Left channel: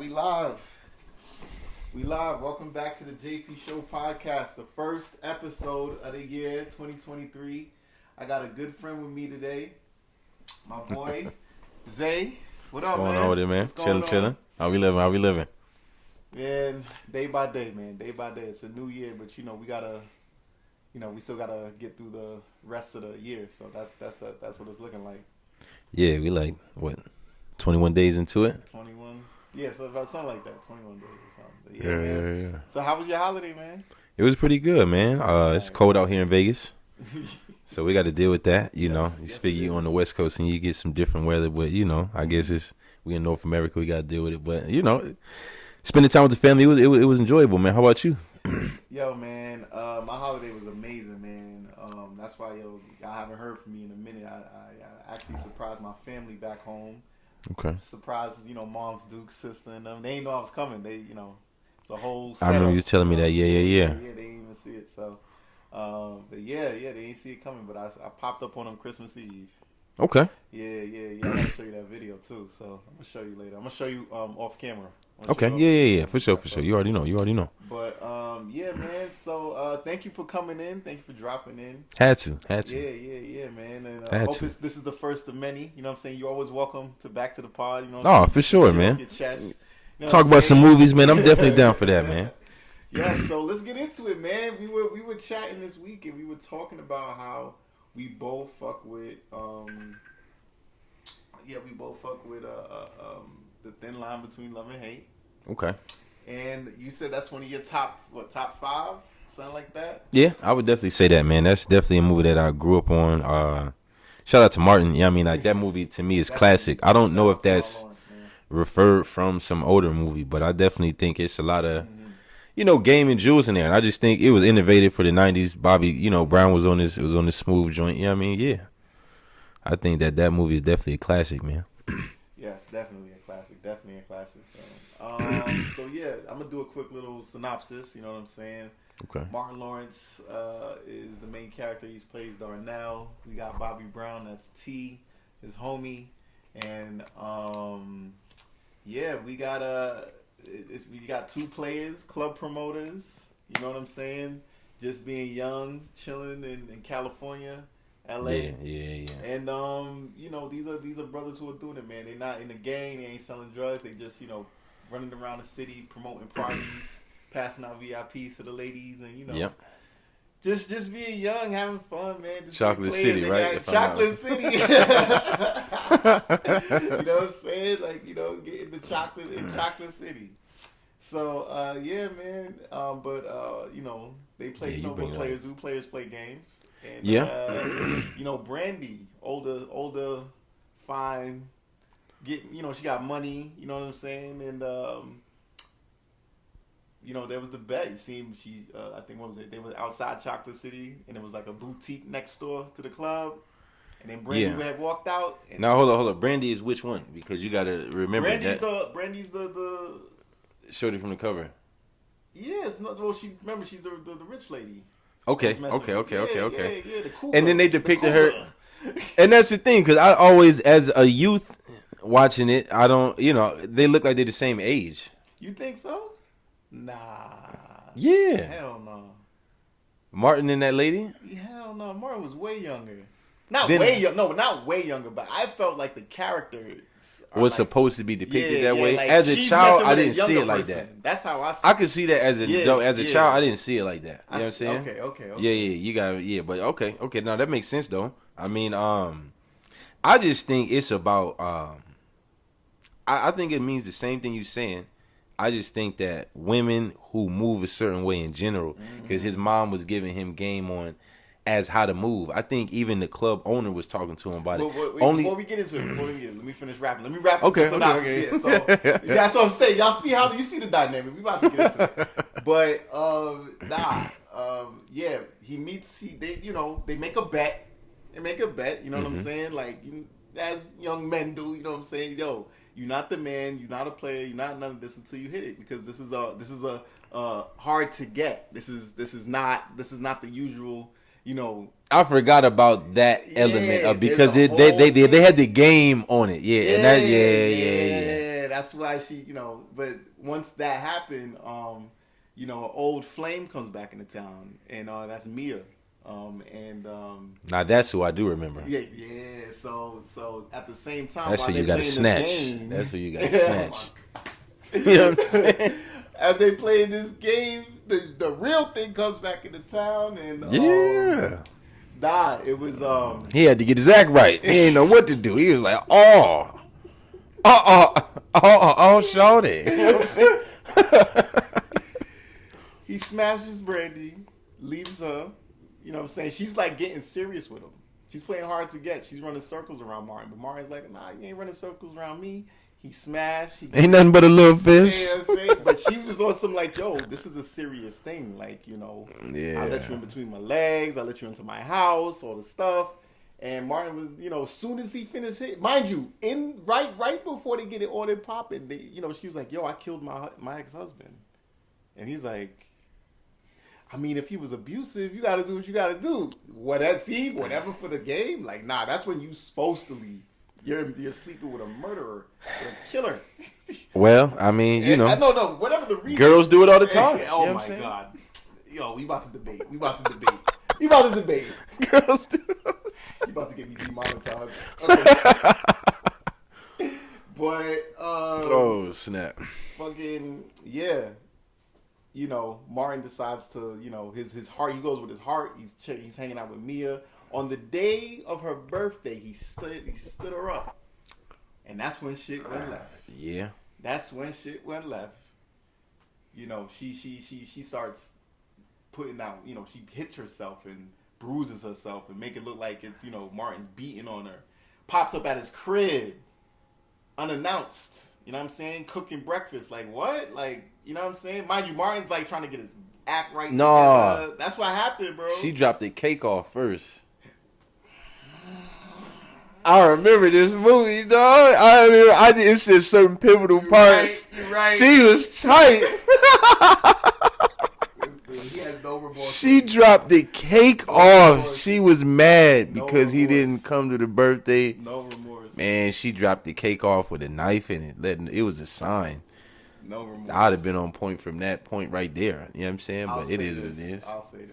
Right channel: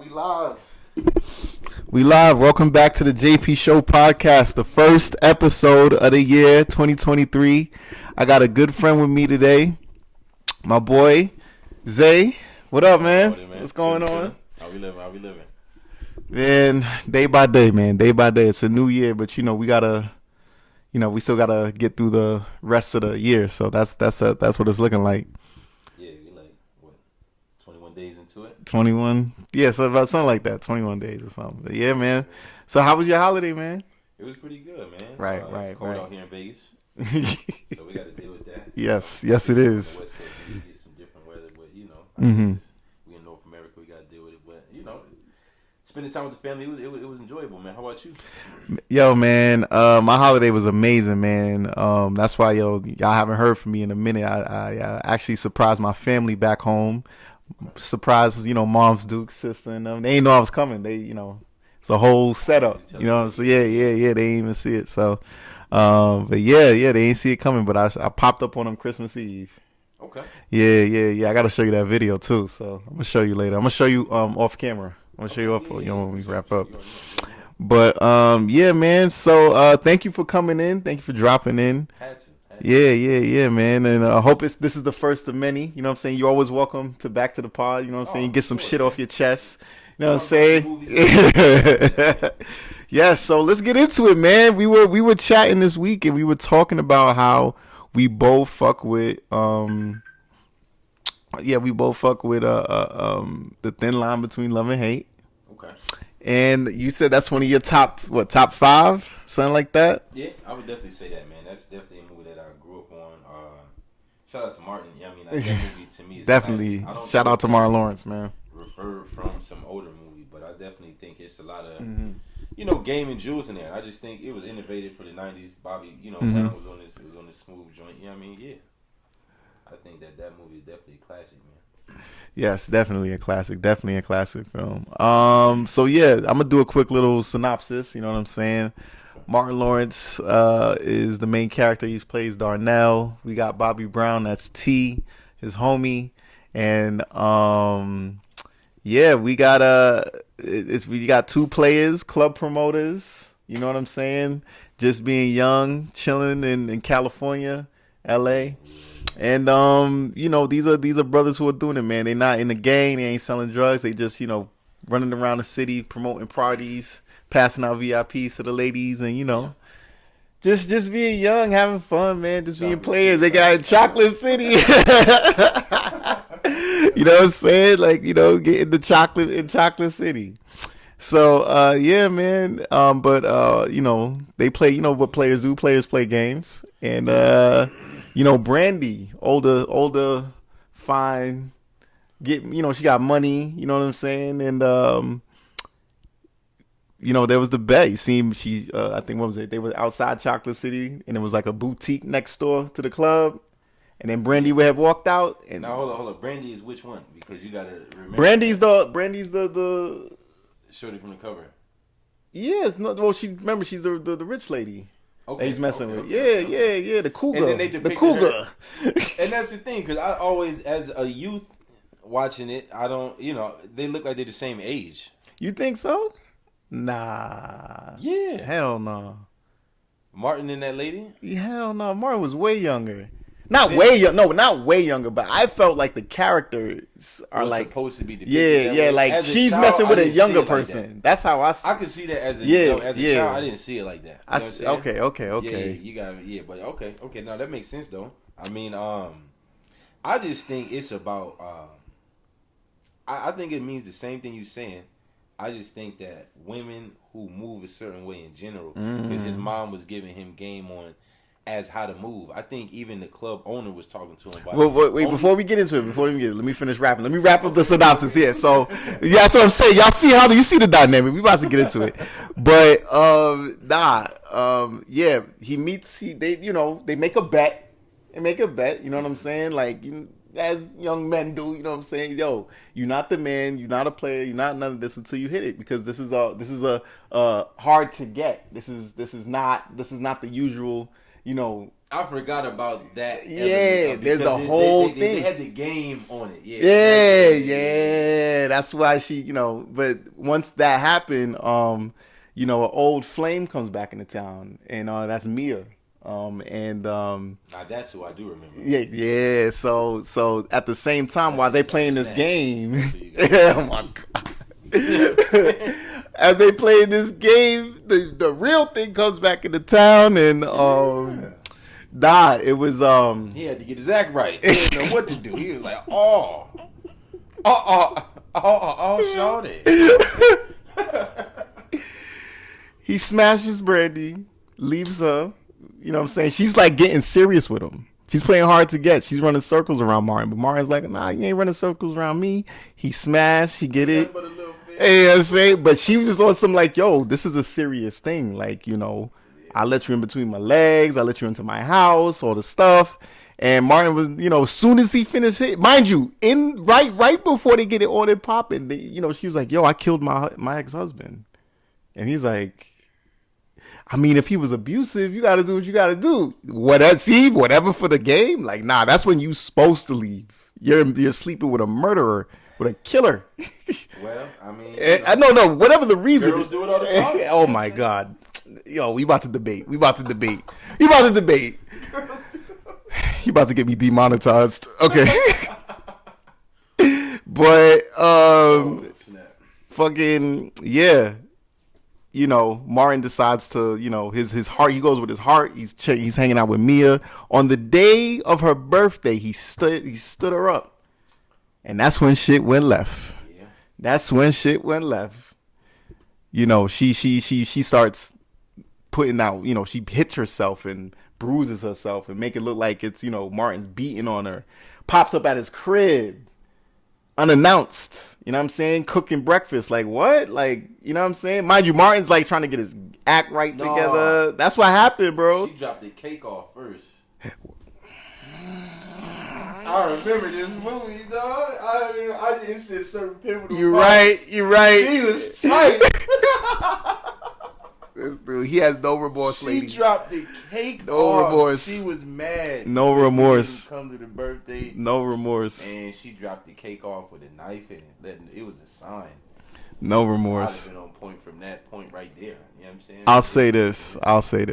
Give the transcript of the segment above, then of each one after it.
We live. Welcome back to the JP Show podcast, the first episode of the year 2023. I got a good friend with me today, my boy Zay. What up, man? What's going on? Chilling. How we living? Man, day by day, man. Day by day. It's a new year, but we still gotta get through the rest of the year. So that's what it's looking like. Yeah, we like what? 21 days into it? 21. Yeah, so about something like that. 21 days or something. But yeah, man. Yeah. So how was your holiday, man? It was pretty good, man. It's cold out here in Vegas. So we got to deal with that. Yes, it is. On the West Coast and you get some different weather, but I guess we in North America, we got to deal with it. But spending time with the family, it was enjoyable, man. How about you? Yo, man, my holiday was amazing, man. That's why, y'all haven't heard from me in a minute. I actually surprised my family back home. Okay. Surprised, Mom's Duke's sister and them. They didn't know I was coming. They, it's a whole setup. You telling me that? Yeah. They didn't even see it. So, but yeah, they didn't see it coming. But I popped up on them Christmas Eve. Okay. Yeah. I got to show you that video too. So I'm gonna show you later. I'm gonna show you off camera. Okay. Yeah. For sure. You already know. But yeah, man. So thank you for coming in. Thank you for dropping in. Had to. Yeah, man. And I hope this is the first of many. You know what I'm saying? You're always welcome back to the pod. You know what I'm saying? Get some shit off your chest. Talk about some movies, man. I'm definitely down for that, man. Yeah, so let's get into it, man. We were chatting this week and we were talking about how we both fuck with the thin line between love and hate. Okay. And you said that's one of your top 5, something like that? Yeah, I would definitely say that, man. That's definitely a movie that I grew up on. Shout out to Martin. Yeah, I mean, like, that movie to me is classic. I don't know if that's Martin Lawrence, man. Referred from some older movie, but I definitely think it's a lot of, gaming jewels in there. And I just think it was innovative for the 90s. Bobby, Brown was on this smooth joint. Yeah, I mean, yeah. I think that movie is definitely a classic, man. Yes, definitely a classic film. So yeah, I'm gonna do a quick little synopsis. You know what I'm saying? Okay. Martin Lawrence is the main character. He plays Darnell. We got Bobby Brown. That's T, his homie, and we got 2 players, club promoters. You know what I'm saying? Just being young, chilling in California. LA. Yeah. And these are brothers who are doing it, man. They're not in the gang, they ain't selling drugs, they just, running around the city, promoting parties, passing out VIPs to the ladies, and just being young, having fun, man, just Chocolate being players. City, they got Chocolate City. You know what I'm saying? Like, getting the chocolate in Chocolate City. So yeah, man. But they play. You know what players do? Players play games, and Brandy, older, fine. She got money. You know what I'm saying? And there was the bet. You see, I think what was it? They were outside Chocolate City, and it was like a boutique next door to the club. And then Brandy would have walked out. And now hold on. Brandy is which one? Because you got to remember. Brandy's the Shorty from the cover. Yes, no. Well, she's the rich lady. Okay. Yeah. The cougar. And then they depicted her. And that's the thing, because I always, as a youth watching it, I don't. They look like they're the same age. You think so? Nah. Yeah. Hell no. Martin and that lady? Hell no. Martin was way younger. Not way younger, but I felt like the characters was supposed to be depicted that way. Like as she's child, messing with a younger person. Like That's how I see it. I could see that as a child. I didn't see it like that. Okay. Yeah, you got it. But okay. No, that makes sense though. I mean, I just think it's about. I think it means the same thing you're saying. I just think that women who move a certain way in general, because his mom was giving him game on as how to move. I think even the club owner was talking to him about it. Wait, before we get into it, let me finish rapping. Let me wrap up the synopsis here. So, that's what I'm saying. Y'all see you see the dynamic. We about to get into it. But, he meets, they make a bet. You know what I'm saying? Like, as young men do, you know what I'm saying? Yo, you're not the man, you're not a player, you're not none of this until you hit it, because this is a hard to get. This is not the usual you know. I forgot about that element of, there's because a whole they had thing. the game on it. Yeah, Yeah. That's why she, you know. But once that happened, you know, an old flame comes back into town, and that's Mia. And Now that's who I do remember. yeah. So at the same time, That's while who they you gotta playing this snatch. game, That's who you gotta oh my god. As they play this game, the real thing comes back into town, and nah, it was He had to get his act right. He didn't know what to do. He was like, shorty. he smashes Brandy, leaves her. You know what I'm saying? She's like getting serious with him. She's playing hard to get. She's running circles around Martin, but Martin's like, nah, you ain't running circles around me. He smashed. He get Ain't nothing but a little fish. Yeah, I'm saying, but she was on some like, yo, this is a serious thing. Like, you know, Yeah. I let you in between my legs. I let you into my house, all the stuff. And Martin was, you know, as soon as he finished it, mind you, in right before they get it all in popping, you know, she was like, yo, I killed my ex-husband. And he's like, I mean, if he was abusive, you got to do what you got to do. Whatever for the game. Like, nah, that's when you supposed to leave. You're sleeping with a murderer, with a killer. Well, I mean, you know, No, whatever the reason. girls do it all the time. Oh my god, yo, we about to debate. We about to debate. Girls do. You about to get me demonetized? Okay. But oh snap! fucking yeah. You know, Martin decides to, you know, his heart. He goes with his heart. He's hanging out with Mia on the day of her birthday. He stood her up, and that's when shit went left. Yeah, That's when shit went left. You know, she starts putting out. You know, she hits herself and bruises herself and make it look like it's, you know, Martin's beating on her. Pops up at his crib unannounced. You know what I'm saying? Cooking breakfast. Like, what? Like, you know what I'm saying? Mind you, Martin's like trying to get his act right together. That's what happened, bro. she dropped the cake off first. I remember this movie, dog. I didn't see certain pivotal You're parts. You're right. She was tight. Dude, he has no remorse. She lady. dropped the cake No off. remorse. She was mad. No because remorse. He didn't come to the birthday. No remorse. Man, she dropped the cake off with a knife in it. It was a sign. No remorse. I'd have been on point from that point right there. You know what I'm saying? I'll But say it was- this. yeah. I'll say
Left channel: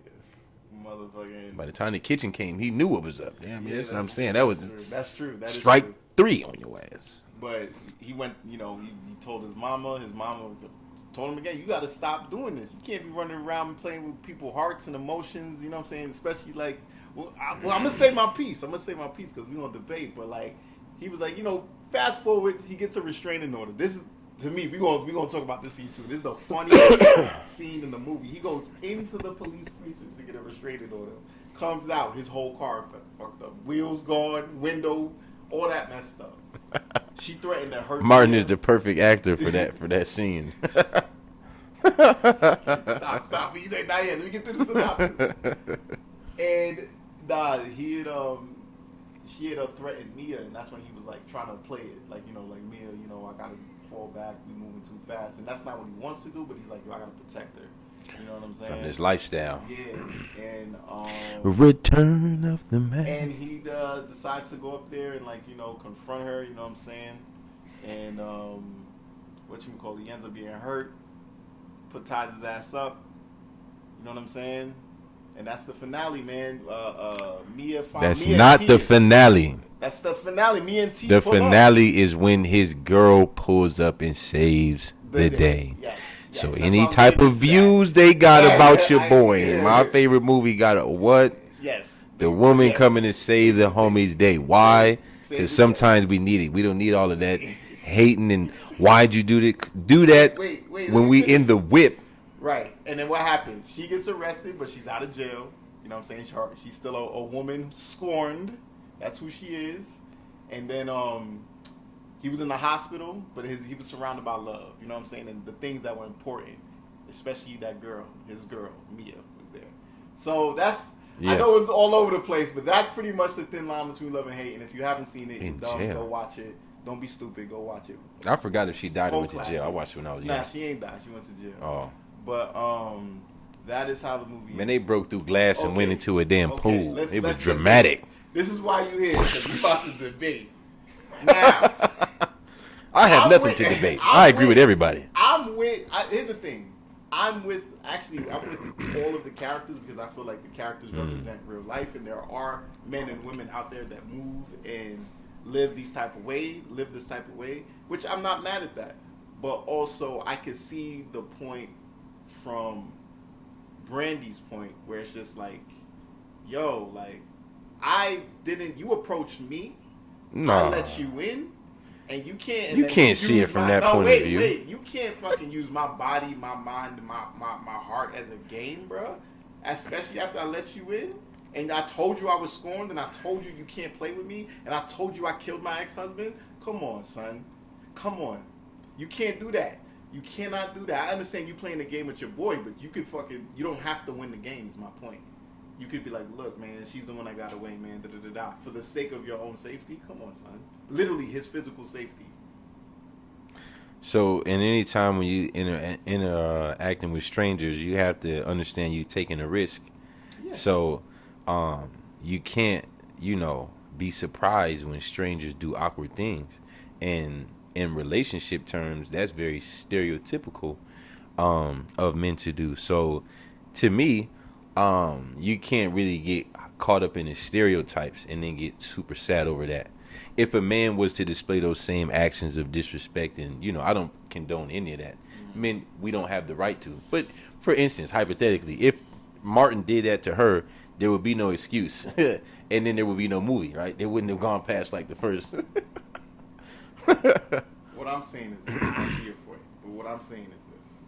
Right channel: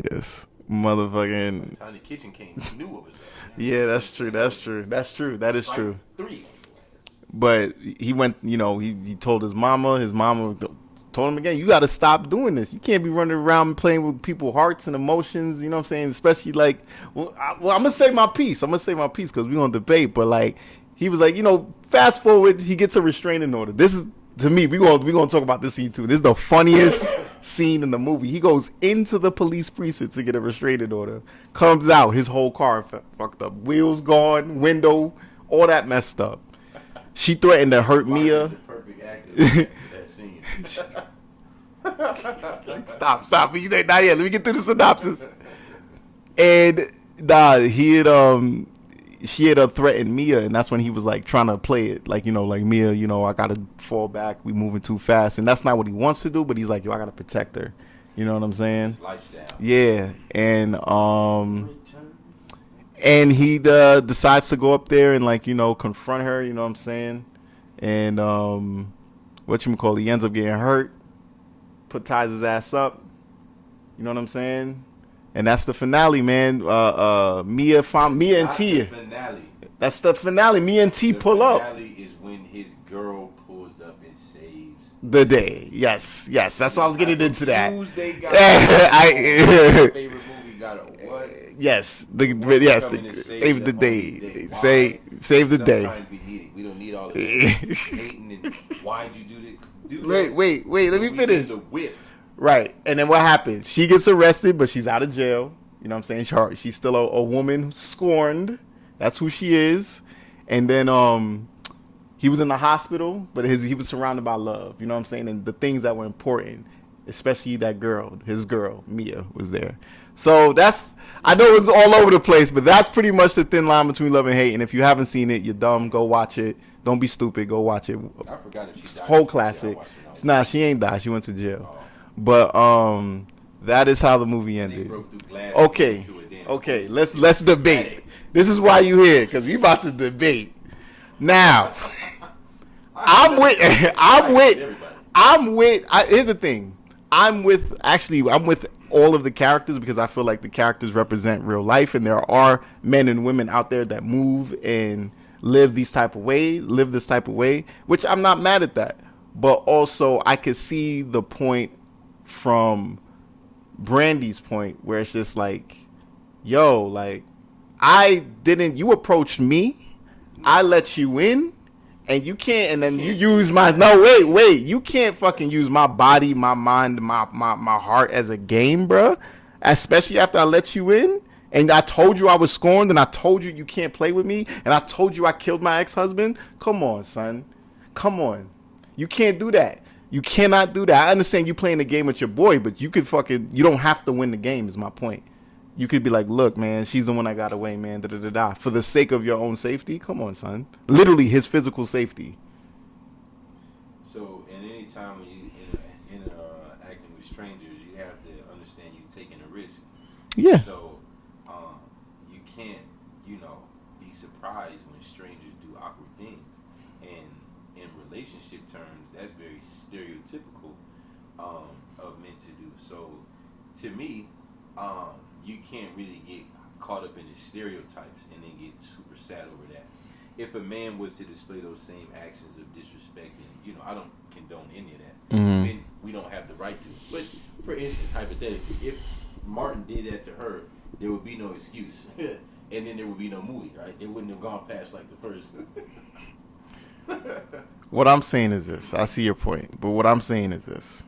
this. By the Motherfucking. time the kitchen came, he knew what was up. Man. Yeah, what I'm that's true. saying. That's true. That's true. That is Strike true. 3 on your ass. But he went, you know, he told his mama told him again, you got to stop doing this. You can't be running around playing with people's hearts and emotions, you know what I'm saying? Especially like, I'm going to say my piece. I'm going to say my piece because we're going to debate. But like, he was like, you know, fast forward, he gets a restraining order. This is, to me, we're going to talk about this scene too. This is the funniest scene in the movie. He goes into the police precinct to get a restraining order. Comes out, his whole car fucked up. Wheels gone, window, all that messed up. She threatened to hurt Martin Mia. is the perfect actor for that scene. Stop. Not yet. Let me get through the synopsis. And she had threatened Mia, and that's when he was like trying to play it, like, you know, like, Mia, you know, I gotta fall back. We moving too fast, and that's not what he wants to do. But he's like, yo, I gotta protect her. You know what I'm saying? His lifestyle. Yeah, and Return of the Man. and he decides to go up there and, like, you know, confront her. You know what I'm saying? And whatchamacallit, he ends up getting hurt. Ties his ass up. You know what I'm saying? And that's the finale, man. Mia found That's Mia not and T. the finale. That's the finale. Mia and T The pull up. finale is when his girl pulls up and saves the day. Yes. So That's any what I'm type getting of into that. views they got about your boy. My favorite movie got a what? Yes. The woman yes, coming to save the homie's day. Why? Save the Sometimes day. we need it. We don't need all of that hating and why'd you do that? Wait. Let when me we finish. in the whip. Right. And then what happens? She gets arrested, but she's out of jail. You know what I'm saying? She's still a woman scorned. That's who she is. And then he was in the hospital, but he was surrounded by love. You know what I'm saying? And the things that were important, especially that girl, his girl, Mia, was there. So that's, I know it was all over the place, but that's pretty much the thin line between love and hate. And if you haven't seen it, you're dumb. jail. Go watch it. Don't be stupid. Go watch it. I forgot if she died. Whole in jail. classic. I watched it when I was Nah, young. she ain't died. She went to jail. Oh. But That is how the movie And ended. they broke through glass and went Okay. into a damn Okay, pool. let's It let's was debate. dramatic. This is why you here, because we about to debate. Now, I have I'm nothing with- to debate. I'm I agree with- with everybody. Here's the thing. I'm with all of the characters because I feel like the characters represent real life, and there are men and women out there that move and live this type of way, which I'm not mad at that. But also I could see the point from Brandy's point where it's just like, yo, like you approached me, I Nah. let you in, and you can't, and You then can't you see it use from my that no point of wait, view. you can't fucking use my body, my mind, my heart as a game, bruh. Especially after I let you in, and I told you I was scorned, and I told you can't play with me, and I told you I killed my ex-husband. Come on, son, come on, you can't do that. You cannot do that. I understand you playing the game with your boy, but you don't have to win the game. Is my point. You could be like, look, man, she's the one that got away, man. Da da da da. For the sake of your own safety, come on, son. Literally, his physical safety. So, in any time when you interacting with strangers, you have to understand you taking a risk. Yeah. So, you can't, be surprised when strangers do awkward things, and in relationship terms, that's very stereotypical of men to do. So, to me, you can't really get caught up in the stereotypes and then get super sad over that. If a man was to display those same actions of disrespect, and I don't condone any of that. Men, we don't have the right to. But for instance, hypothetically, if Martin did that to her, there would be no excuse, and then there would be no movie, right? It wouldn't have gone past like the first. What I'm saying is this. I see your point, but what I'm saying is this.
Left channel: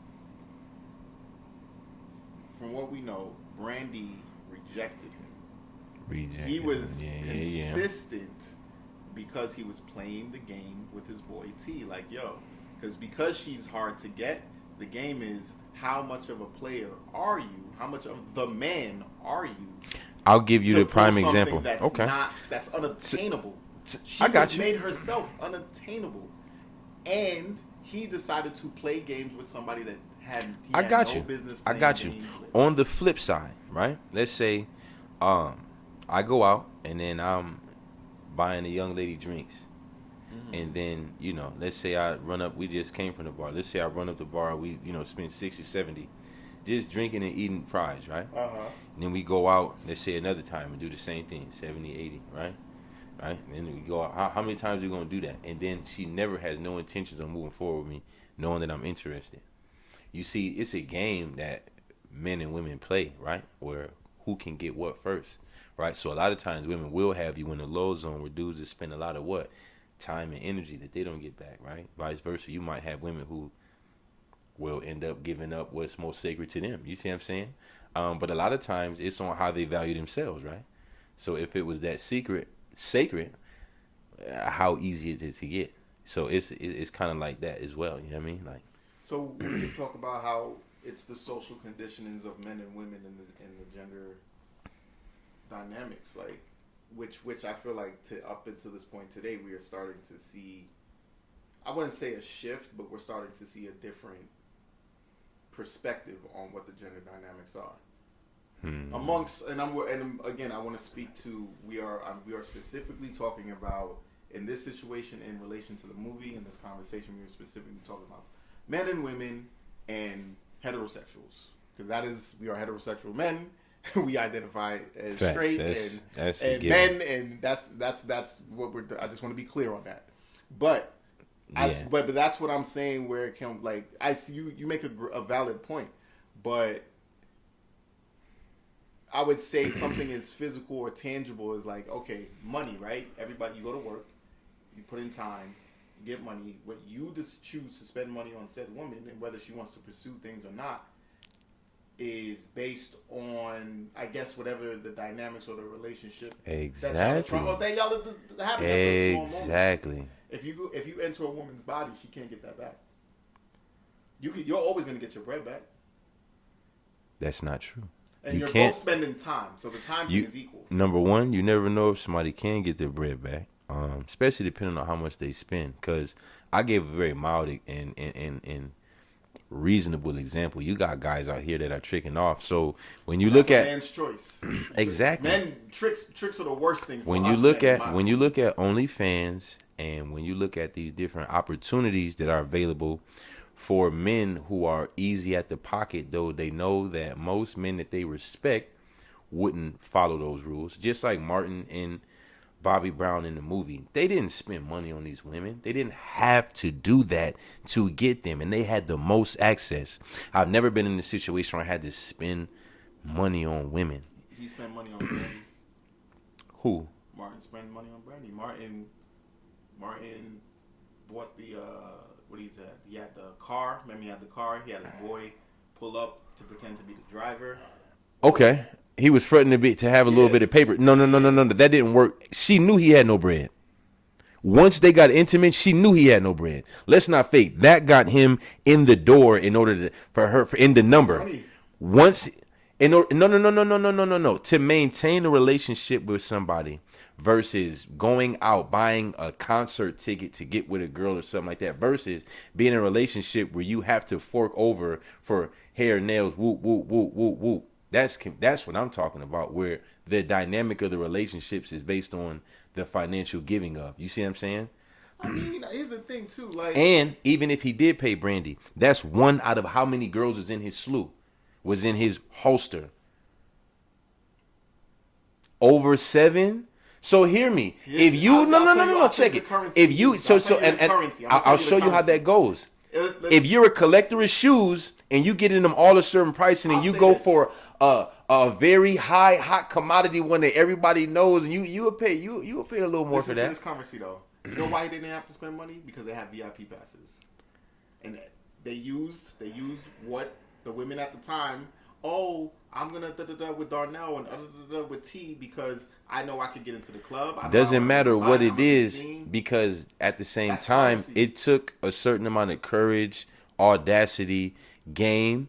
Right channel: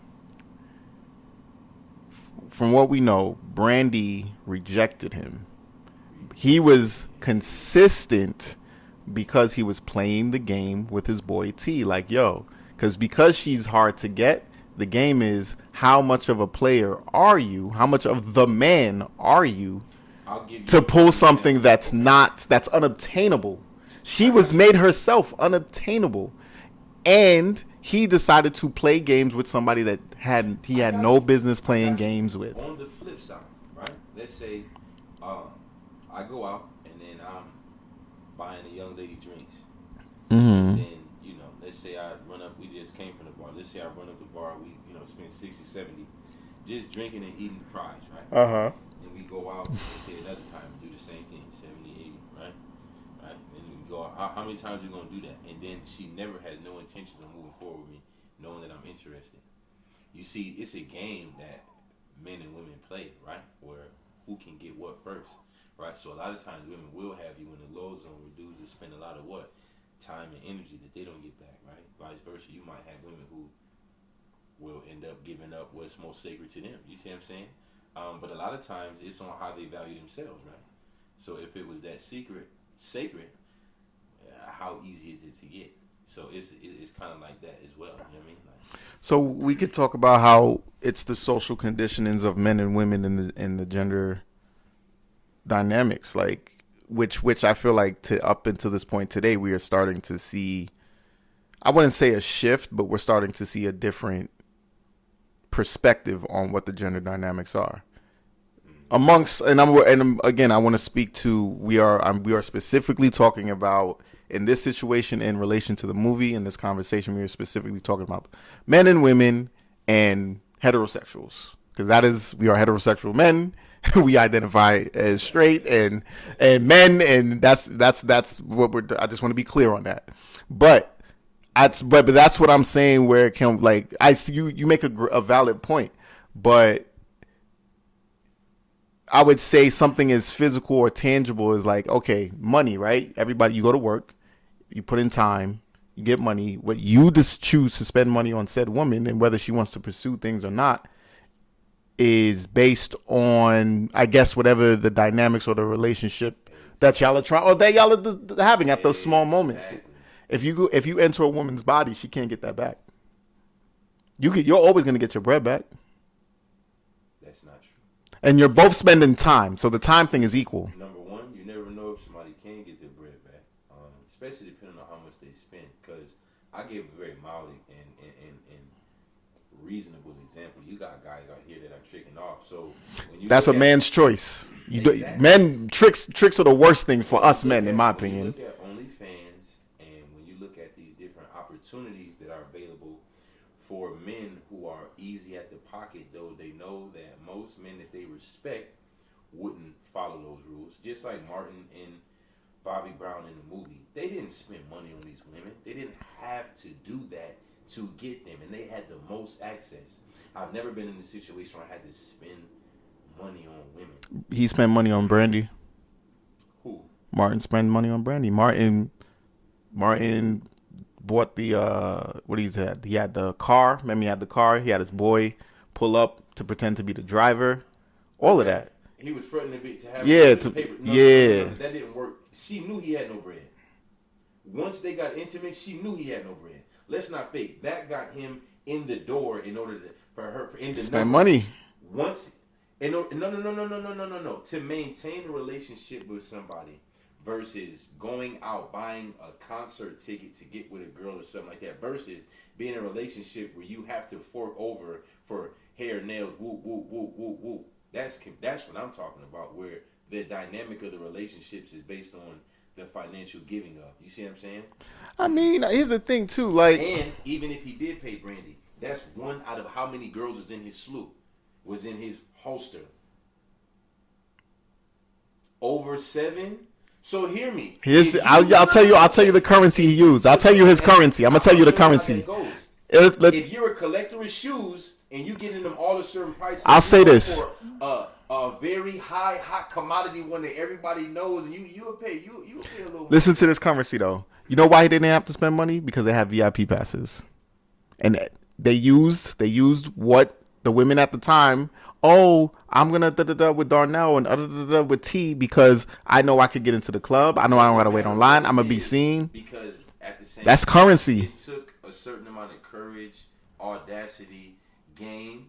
From what we know, Brandy rejected him. He was consistent because he was playing the game with his boy T. Like, yo, because she's hard to get, the game is how much of a player are you? How much of the man are you I'll give you to the prime pull something example. that's unobtainable? She I got was you. made herself unobtainable. And he decided to play games with somebody that had I got no you. business I playing got you. games with. On the flip side, right? Let's say I go out and then I'm buying a young lady drinks. And then, let's say I run up, we just came from the bar. Let's say I run up the bar, we, spend 60, 70 just drinking and eating fries, right? Uh-huh. And then we go out, let's say another time and do the same thing, 70, 80, right? Right? And then we go out, how many times are we going to do that? And then she never has no intentions of moving forward with me, knowing that I'm interested. You see, it's a game that men and women play, right? Where who can get what first, right? So a lot of times women will have you in the low zone where dudes just spend a lot of what? Time and energy that they don't get back, right? Vice versa, you might have women who will end up giving up what's most sacred to them. You see what I'm saying? But a lot of times it's on how they value themselves, right? So if it was that sacred, how easy is it to get? So it's kind of like that as well. You know what I mean? Like, So we could talk about how it's the social conditionings of men and women in the gender dynamics, like which I feel like up until this point today we are starting to see. I wouldn't say a shift, but we're starting to see a different perspective on what the gender dynamics are. Amongst, and again, I want to speak to we are specifically talking about in this situation in relation to the movie. In this conversation, we are specifically talking about men and women and heterosexuals, because we are heterosexual men. We identify as straight and men, and that's what we're. I just want to be clear on that. But but that's what I'm saying. Where it can, like, I see you make a valid point, but I would say something as physical or tangible as, like, okay, money, right? Everybody, you go to work, you put in time, you get money. What you just choose to spend money on said woman, and whether she wants to pursue things or not, is based on, I guess, whatever the dynamics or the relationship that y'all are trying, or that y'all are having at those small moments. Exactly. If you enter a woman's body, she can't get that back. You're always gonna get your bread back, That's not true. and you're can't. both spending time, so the time thing is equal. Number one, you never know if somebody can get their bread back, especially depending on how much they spend. Because I gave a very mild and reasonable example. You got guys out here that are tricking off. So when you That's look a at, man's choice. Exactly. Men tricks are the worst thing for when us you look men. In at my when you opinion. look at OnlyFans and when you look at these different opportunities that are available for men who are easy at the pocket, though they know that most men that they respect wouldn't follow those rules. Just like Martin and Bobby Brown in the movie, they didn't spend money on these women. They didn't have to do that to get them, and they had the most access. I've never been in a situation where I had to spend money on women. He spent money on Brandy. Who? Martin spent money on Brandy. Martin bought the what he had. He had the car. Remember, he had the car. He had his boy pull up to pretend to be the driver. All of that. He was fronting to have a Yeah, little bit of paper. No. That didn't work. She knew he had no bread. Once they got intimate, she knew he had no bread. Let's not fake. That got him in the door in order for in the number. Money. Once in order, no. To maintain a relationship with somebody versus going out buying a concert ticket to get with a girl or something like that versus being in a relationship where you have to fork over for hair, nails, whoop, whoop, whoop, whoop, whoop. That's what I'm talking about, where the dynamic of the relationships is based on the financial giving of. You see what I'm saying? I mean, here's the thing too. Like, And even if he did pay Brandy, that's one out of how many girls was in his slew, was in his holster. Over 7. So hear me. I'll tell you the currency he used. I'll tell you his currency. I'm gonna tell you the currency. How that goes. If you're a collector of shoes and you getting them all a certain price, and I'll you say go this. for a very hot commodity one that everybody knows, and you will pay a little more. Listen for to that. this currency though. You know why he didn't have to spend money? Because they have VIP passes, and they used what the women at the time. Oh, I'm gonna with Darnell and with T because I know I could get into the club. I know I Doesn't don't gotta wait matter in what line. it I'm gonna be is, seen. because at the same That's time, currency. It took a certain amount of courage, audacity, game.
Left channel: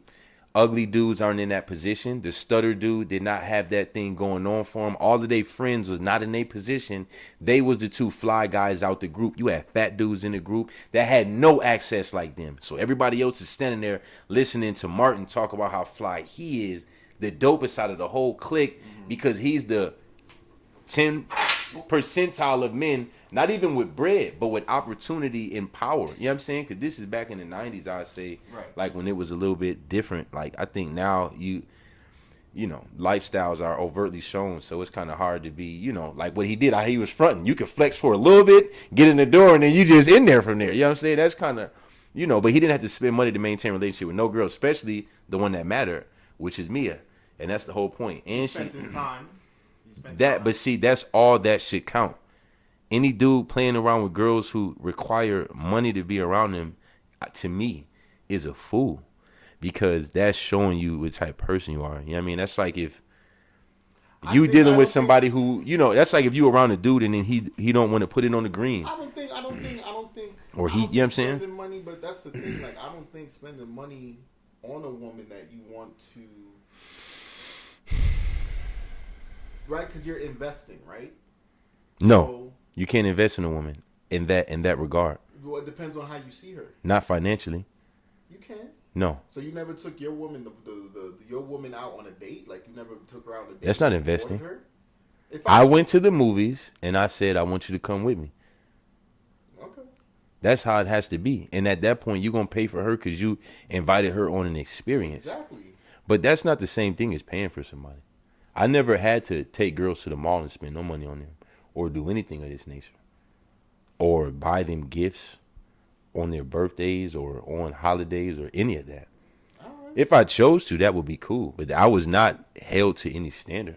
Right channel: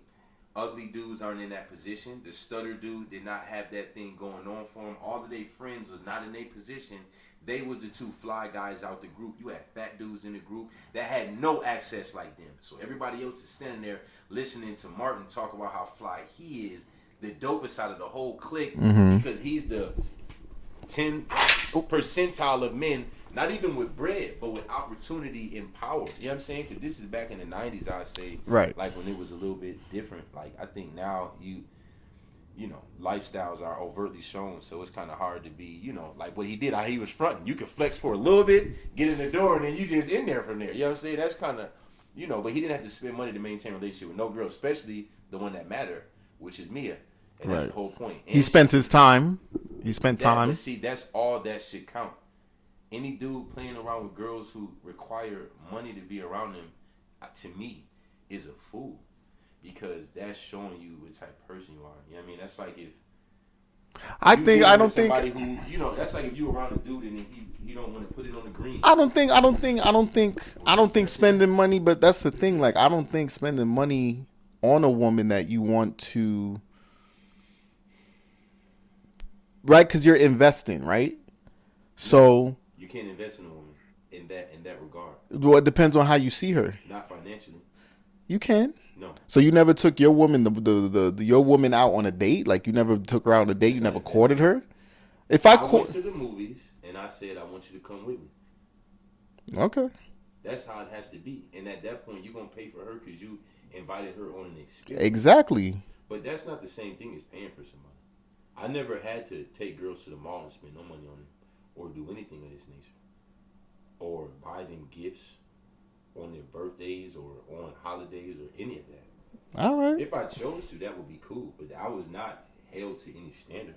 Ugly dudes aren't in that position. The stutter dude did not have that thing going on for him. All of their friends was not in their position. They was the two fly guys out the group. You had fat dudes in the group that had no access like them. So everybody else is standing there listening to Martin talk about how fly he is, the dopest out of the whole clique, because he's the 10 percentile of men, not even with bread, but with opportunity and power. You know what I'm saying? Because this is back in the 90s, I say. Right. Like when it was a little bit different. Like I think now you know, lifestyles are overtly shown, so it's kind of hard to be, you know, like what he did. He was fronting. You could flex for a little bit, get in the door, and then you just in there from there. You know what I'm saying? That's kind of, you know, but he didn't have to spend money to maintain a relationship with no girl, especially the one that mattered, which is Mia. And that's the whole point. And He spent his time. He spent that, time. but see, that's all that should count. Any dude playing around with girls who require money to be around them, to me, is a fool, because that's showing you what type of person you are. You know what I mean? That's like if you dealing with somebody who, you know, that's like if you around a dude and then he don't want to put it on the green. I don't think Or you know what I'm saying? spending money, but that's the thing. Like, I don't think spending money on a woman that you want to, right? Because you're investing, right? No. So, You can't invest in a woman in that regard. well, it depends on how you see her. Not financially. You can. No. So you never took your woman, your woman out on a date? Like, you never took her out on a date? That's you not never courted investing. her? If I went to the movies and I said, I want you to come with me. Okay. That's how it has to be. And at that point, you're going to pay for her because you invited her on an experience. Exactly. But that's not the same thing as paying for somebody. I never had to take girls to the mall and spend no money on them or do anything of this nature or buy them gifts on their birthdays or on holidays or any of that. All right. If I chose to, that would be cool. But I was not held to any standard.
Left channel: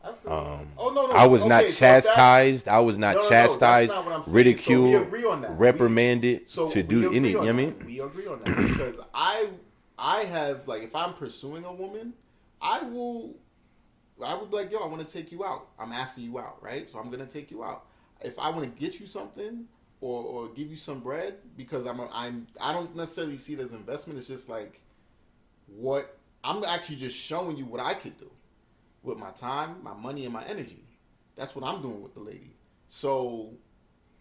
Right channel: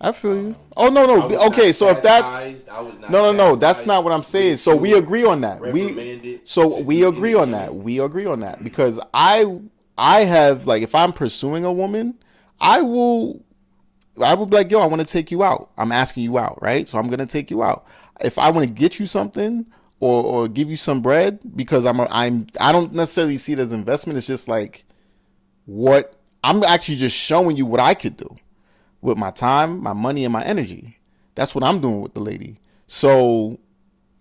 I feel you. Oh, no. I was Okay, not so if that's... chastised. I was not No, chastised. that's not what I'm saying. So we ridiculed, agree on that. Reprimanded. So to we do agree any- on you know what I that. mean? We agree on that because I have, like, if I'm pursuing a woman, I will be like, yo, I want to take you out. I'm asking you out, right? So I'm gonna take you out. If I want to get you something or give you some bread, because I don't necessarily see it as investment. It's just like what I'm actually just showing you what I could do with my time, my money, and my energy. That's what I'm doing with the lady. So,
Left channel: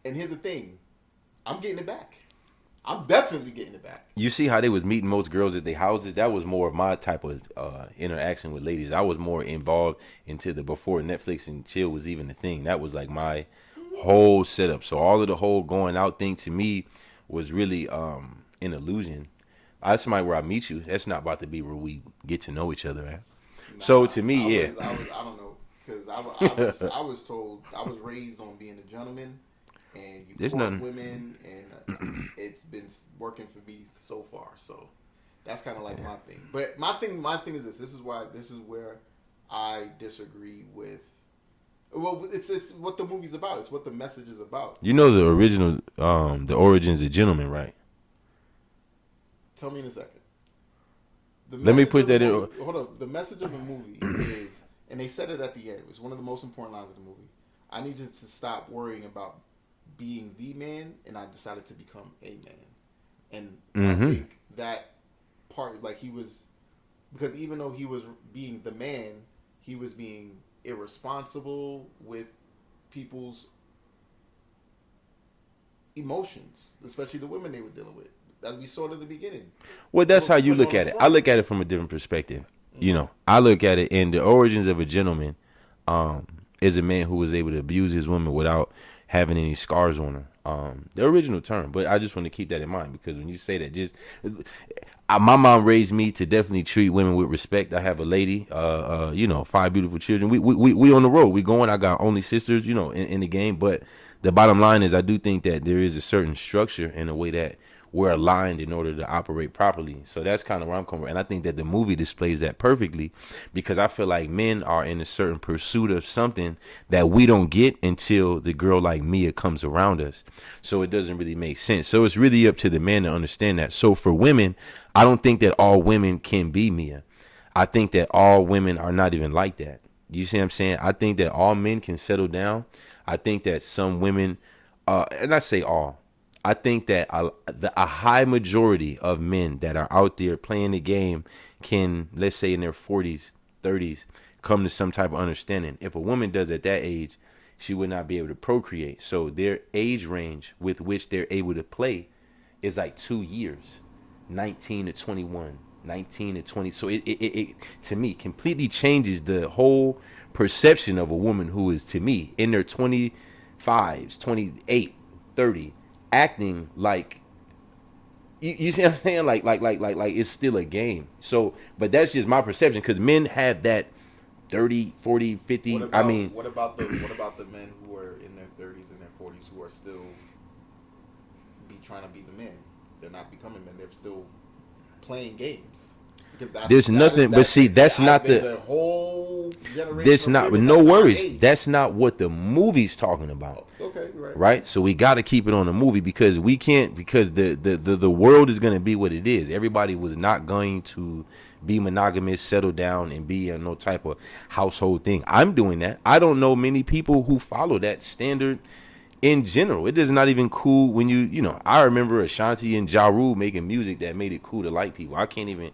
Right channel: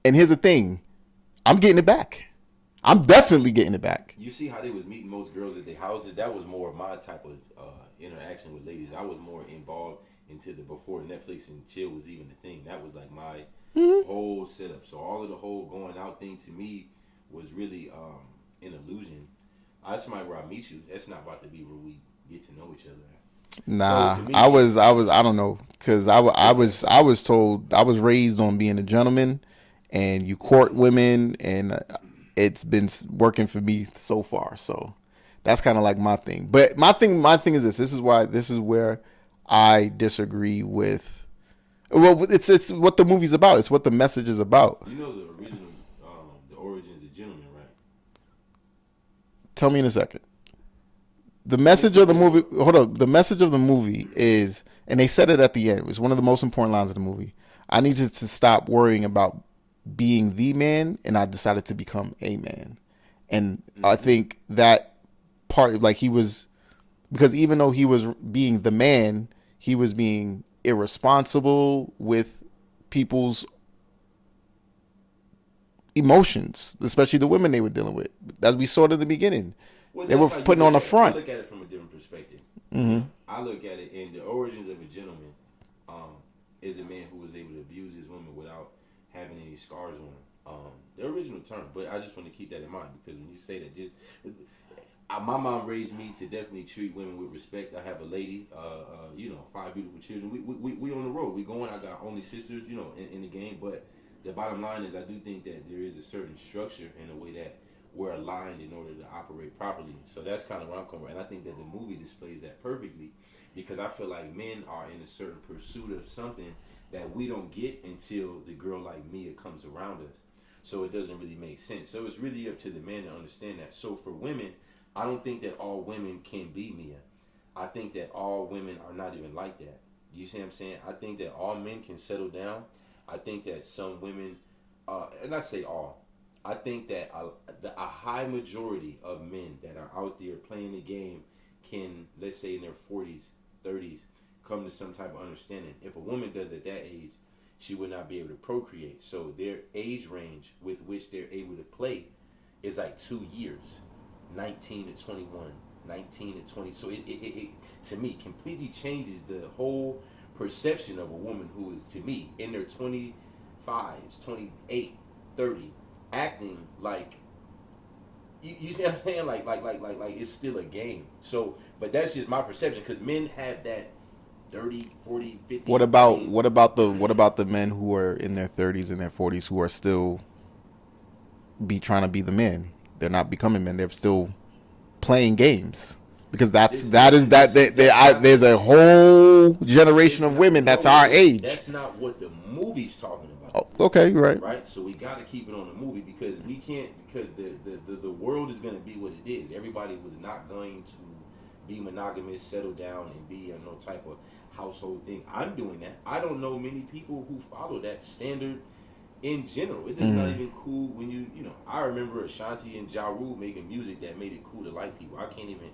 and here's the thing, I'm getting it back. I'm definitely getting it back. You see how they was meeting most girls at their houses? That was more of my type of interaction with ladies. I was more involved into the before Netflix and chill was even a thing. That was like my whole setup. So all of the whole going out thing to me was really an illusion. That's somebody where I meet you. That's not about to be where we get to know each other at. Nah, So to me, I don't know, because I was told, I was raised on being a gentleman, and you court women, and it's been working for me so far. So that's kind of like my thing. But my thing is this. This is where I disagree with. Well, it's what the movie's about. It's what the message is about. You know the original, the origins of gentlemen, right? Tell me in a second. The message of the movie. Hold up. The message of the movie is, and they said it at the end. It's one of the most important lines of the movie. I need you to stop worrying about being the man, and I decided to become a man. And I think that part, like, he was, because even though he was being the man, he was being irresponsible with people's emotions, especially the women they were dealing with, as we saw it in the beginning. Well, that's how you look at it. I look at it from a different perspective. You know, I look at it in the origins of a gentleman is a man who was able to abuse his woman without having any scars on her. The original term, but I just want to keep that in mind, because when you say that, just my mom raised me to definitely treat women with respect. I have a lady, 5 beautiful children. We on the road. We going. I got only sisters, in the game. But the bottom line is, I do think that there is a certain structure in a way that we're aligned in order to operate properly. So that's kind of where I'm coming from. And I think that the movie displays that perfectly, because I feel like men are in a certain pursuit of something that we don't get until the girl like Mia comes around us. So it doesn't really make sense. So it's really up to the man to understand that. So for women, I don't think that all women can be Mia. I think that all women are not even like that. You see what I'm saying? I think that all men can settle down. I think that some women, and I say all, I think that a high majority of men that are out there playing the game can, let's say in their 40s, 30s, come to some type of understanding. If a woman does at that age, she would not be able to procreate. So their age range with which they're able to play is like 2 years, 19 to 21, 19 to 20. So it to me completely changes the whole perception of a woman who is, to me, in their 25s, 28, 30, acting like, you see what I'm saying? Like it's still a game. So, but that's just my perception, because men have that 30, 40, 50. What about the men who are in their 30s and their 40s who are still trying to be the man? They're not becoming men. They're still playing games. Because there's a whole generation of women that's our age. That's not what the movie's talking about. Oh, okay, right. Right? So we got to keep it on the movie, because we can't, because the world is going to be what it is. Everybody was not going to be monogamous, settle down, and be no type of household thing. I'm doing that. I don't know many people who follow that standard in general. It is not even cool when I remember Ashanti and Ja Rule making music that made it cool to like people. I can't even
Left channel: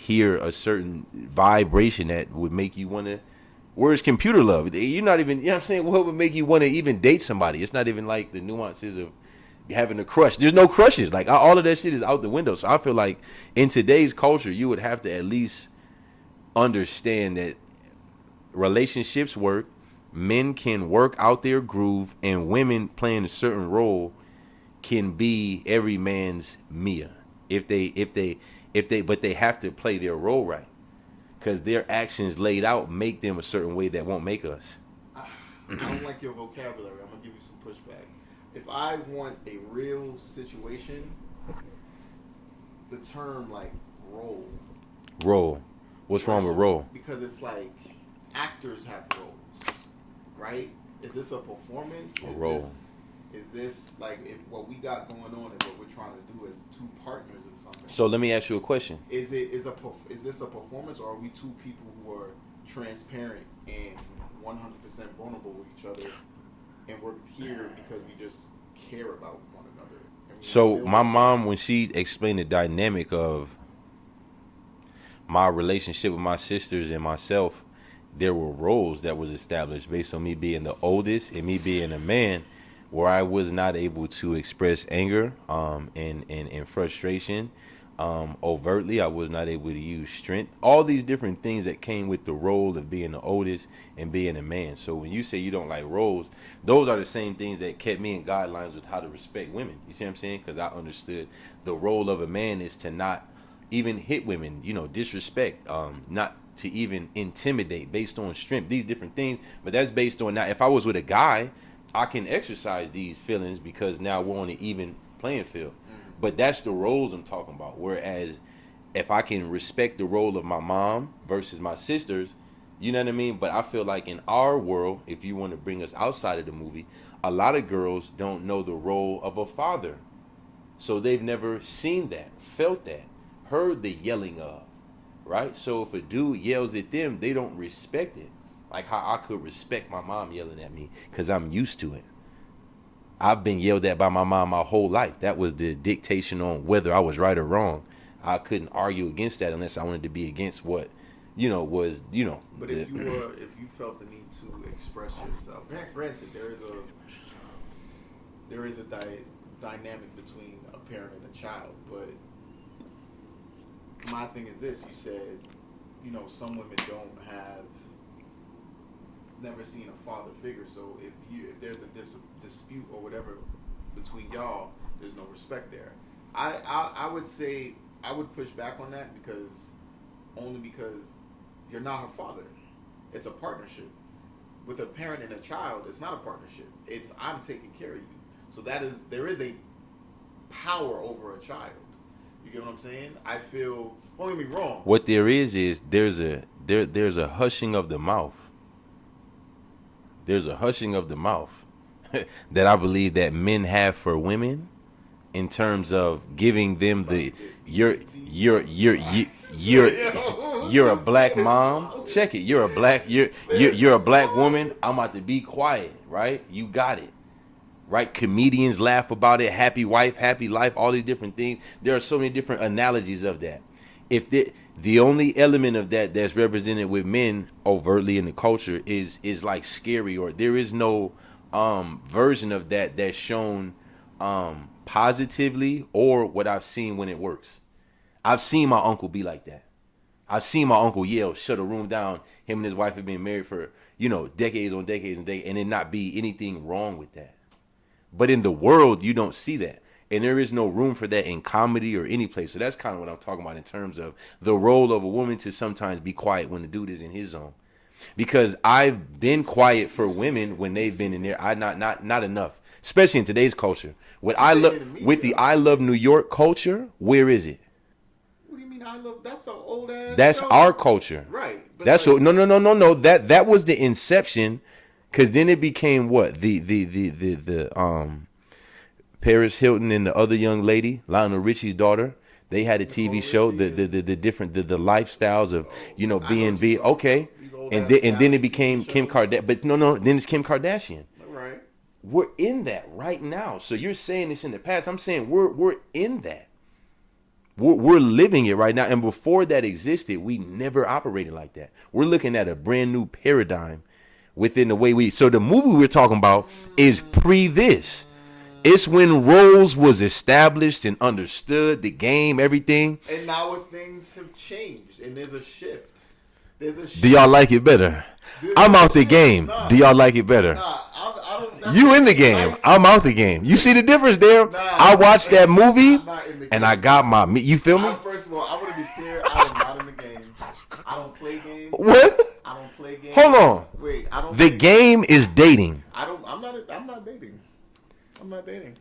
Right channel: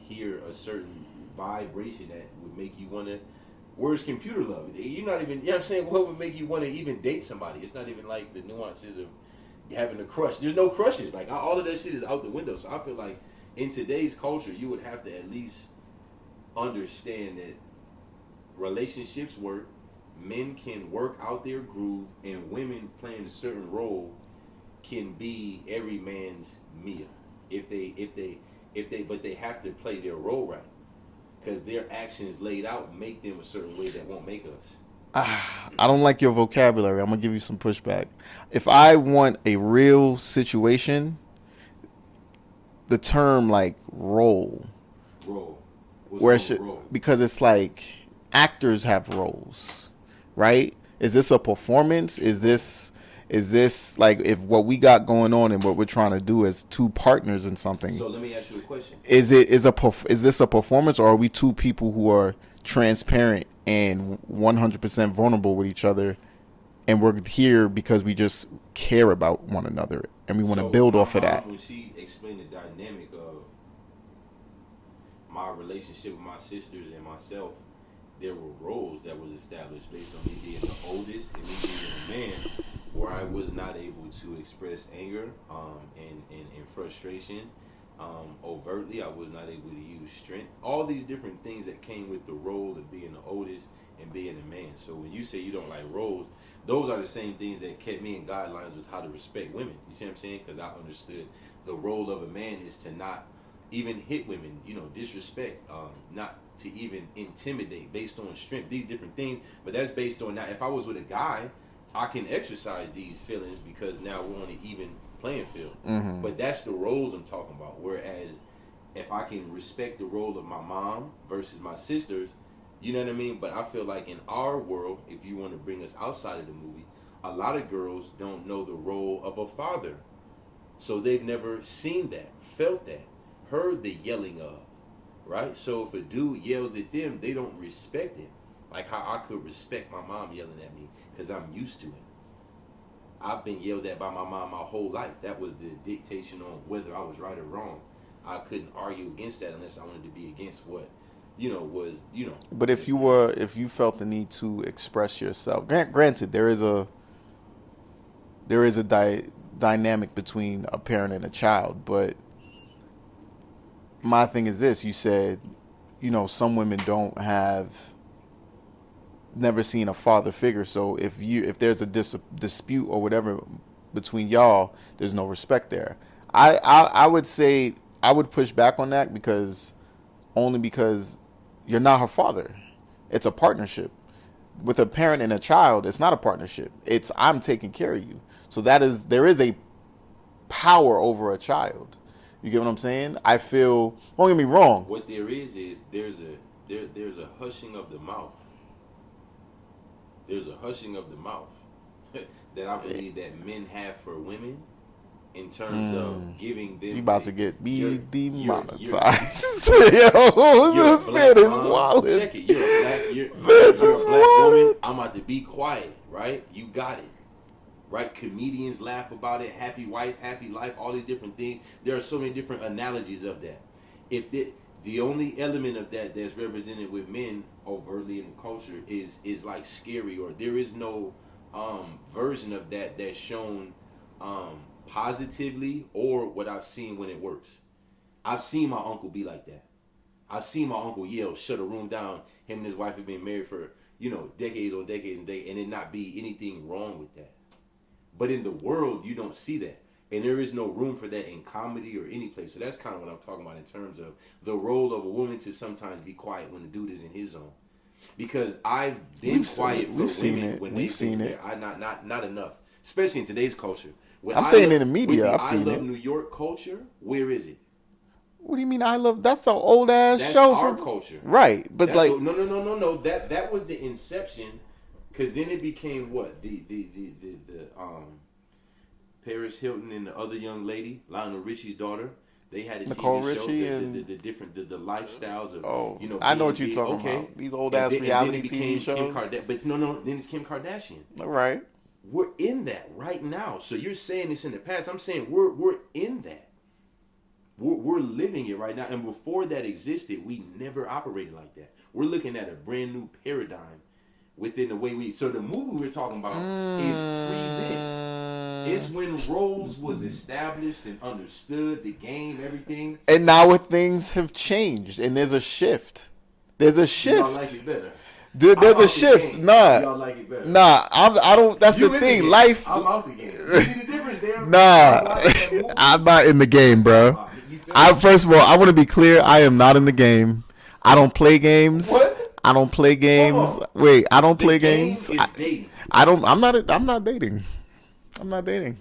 hear a certain vibration that would make you want to, where's computer love? You're not even, what I'm saying, what would make you want to even date somebody? It's not even like the nuances of having a crush. There's no crushes. Like, all of that shit is out the window. So I feel like in today's culture, you would have to at least understand that relationships work, men can work out their groove, and women playing a certain role can be every man's Mia but they have to play their role right, because their actions laid out make them a certain way that won't make us. I don't like your vocabulary. I'm gonna give you some pushback. If I want a real situation, the term like role. What's wrong with role? Because it's like actors have roles, right? Is this a performance? Is this like, if what we got going on and what we're trying to do is two partners in something? So let me ask you a question. Is this a performance, or are we two people who are transparent and 100% vulnerable with each other, and we're here because we just care about one another and we want to build off of that? My mom, when she explained the dynamic of my relationship with my sisters and myself, there were roles that was established based on me being the oldest and me being a man. where I was not able to express anger and frustration overtly. I was not able to use strength. All these different things that came with the role of being the oldest and being a man. So when you say you don't like roles, those are the same things that kept me in guidelines with how to respect women. You see what I'm saying? Because I understood the role of a man is to not even hit women, disrespect, not to even intimidate based on strength, these different things. But that's based on, now if I was with a guy, I can exercise these feelings because now we're on an even playing field. Mm-hmm. But that's the roles I'm talking about. Whereas if I can respect the role of my mom versus my sisters, you know what I mean? But I feel like in our world, if you want to bring us outside of the movie, a lot of girls don't know the role of a father. So they've never seen that, felt that, heard the yelling of, right? So if a dude yells at them, they don't respect it. Like how I could respect my mom yelling at me because I'm used to it. I've been yelled at by my mom my whole life. That was the dictation on whether I was right or wrong. I couldn't argue against that unless I wanted to be against what, was. But if you felt the need to express yourself, granted, there is a dynamic between a parent and a child. But my thing is this: you said, some women never seen a father figure. So if there's a dispute or whatever between y'all, there's no respect there. I would say I would push back on that because you're not her father. It's a partnership. With a parent and a child, it's not a partnership. It's I'm taking care of you. So there is a power over a child. You get what I'm saying? I feel, don't get me wrong. What there is there's a hushing of the mouth. There's a hushing of the mouth that I believe that men have for women in terms of giving them you're a black mom. Check it. You're a black woman. I'm about to be quiet, right? You got it. Right? Comedians laugh about it. Happy wife, happy life, all these different things. There are so many different analogies of that. If the only element of that that's represented with men overtly in the culture is like scary, or there is no version of that that's shown positively, or what I've seen when it works. I've seen my uncle be like that. I've seen my uncle yell, shut a room down. Him and his wife have been married for, decades on decades and it not be anything wrong with that. But in the world, you don't see that. And there is no room for that in comedy or any place. So that's kind of what I'm talking about in terms of the role of a woman to sometimes be quiet when the dude is in his zone. Because I've been quiet for women when they've been in there. Not enough, especially in today's culture. With I Love New York culture, where is it? What do you mean I love? That's an old ass. That's show. Our culture, right? But that's no. That was the inception, because then it became what the Paris Hilton and the other young lady, Lionel Richie's daughter. They had a TV show, the different lifestyles of B&B. Okay, and then it became Kim Kardashian. But no, then it's Kim Kardashian. All right. We're in that right now. So you're saying this in the past. I'm saying we're in that. We're living it right now. And before that existed, we never operated like that. We're looking at a brand new paradigm within the way so the movie we're talking about is pre this. It's when roles was established and understood, the game, everything. And now things have changed and there's a shift. Do y'all like it better? I'm out the game. Nah. Do y'all like it better? Nah, I don't. That's you the in thing. the game. Life. I'm out the game. You see the difference there? Nah, I watched that movie. I'm not in the game, bro. You feel me? First of all, I want to be clear. I am not in the game. I don't play games. What? I don't play games. Hold on. Wait, I don't play games. The game is dating. I'm not dating. I'm not dating.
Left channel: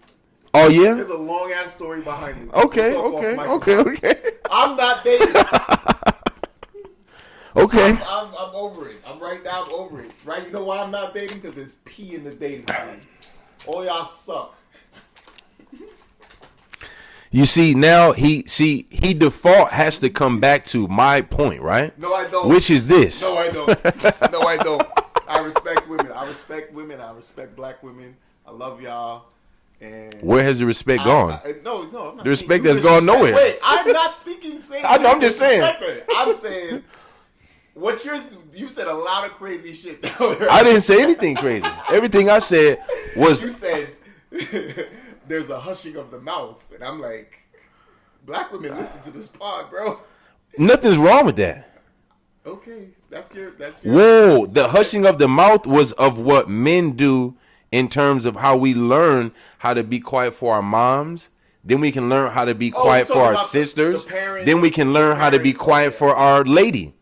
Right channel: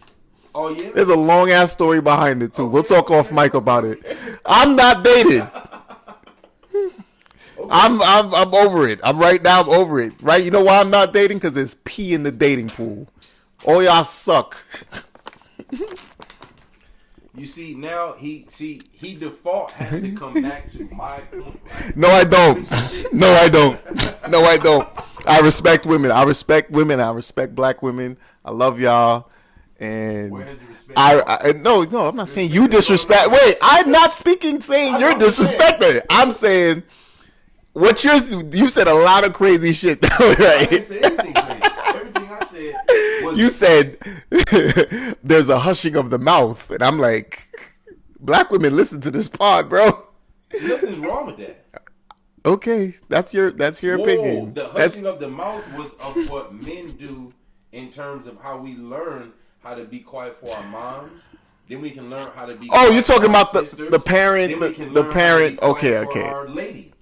Oh yeah? There's a long ass story behind it too. Okay, we'll talk off mic about it. I'm not dating. Okay. I'm over it. I'm over it. Right? You know why I'm not dating? Because there's pee in the dating pool. All y'all suck. You see, now he default has to come back to my point, right? No, I don't. Which is this? No, I don't. No, I don't. I respect women. I respect black women. I love y'all. And where has the respect gone? No, I'm not saying you disrespect. Wait, I'm not saying you're disrespecting. I'm saying you said a lot of crazy shit. I didn't say anything crazy. Everything I said was You said there's a hushing of the mouth, and I'm like, black women listen to this pod, bro. nothing's wrong with that. Okay, that's your Whoa, opinion. the hushing of the mouth was of what men do in terms of how we learn how to be quiet for our moms. Then we can learn how to be quiet you're for talking our about sisters. the parent. Then we can the learn how to be parent- quiet for okay. our lady.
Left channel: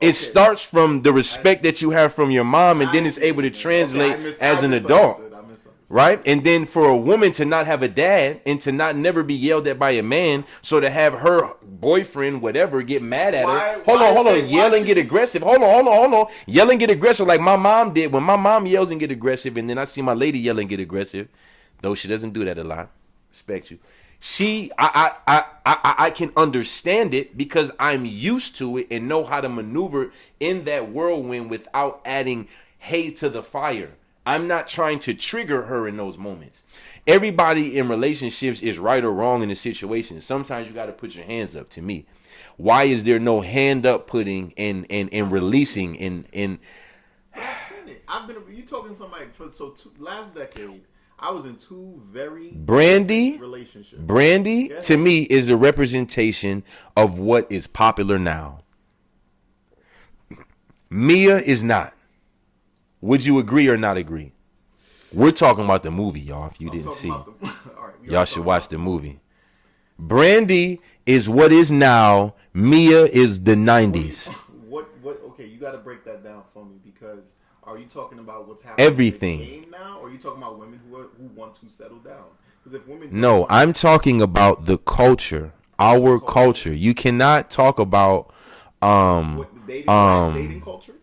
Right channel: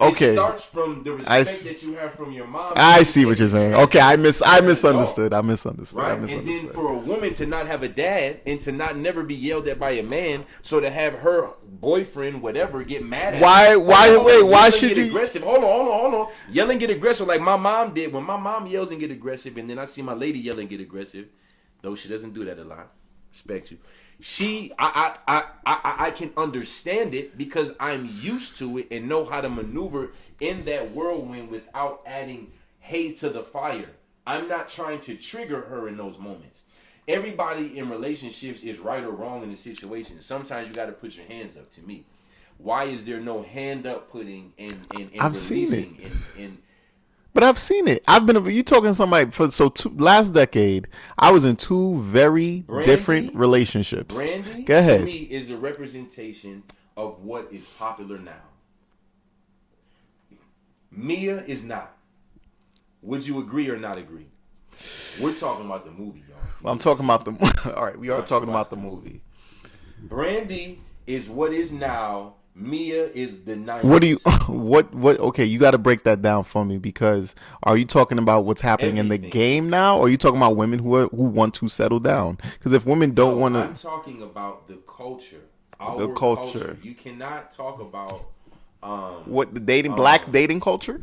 It Okay. starts from the I respect s- that you have from your mom. And I then it's see what able you're to saying. translate Okay, I as an misunderstood. adult. I misunderstood. Right? And then for a woman to not have a dad and to not never be yelled at by a man, so to have her boyfriend, whatever, get mad at Why- her. why- Hold on, wait, yell why and should get you- aggressive. Hold on. Yell and get aggressive like my mom did. When my mom yells and get aggressive, and then I see my lady yell and get aggressive, though she doesn't do that a lot. Respect you. I can understand it because I'm used to it and know how to maneuver in that whirlwind without adding hay to the fire. I'm not trying to trigger her in those moments. Everybody in relationships is right or wrong in a situation. Sometimes you got to put your hands up. To me, why is there no hand up putting and I've releasing seen and But I've seen it. You talking to somebody last decade. I was in two very different relationships. Brandy, Go ahead. to me, is a representation of what is popular now. Mia is not. Would you agree or not agree? We're talking about the movie, y'all. If you I'm didn't talking see about it. the. All right, we Y'all are should talking watch about the movie. Brandy is what is now. Mia is the 90s. What do you? What? Okay, you got to break that down for me because are you talking about what's happening in Everything. the game now, or are you talking about women who want to settle down? Because if women don't No, want, I'm talking about the culture. Our culture. culture. You cannot talk about what the black dating culture?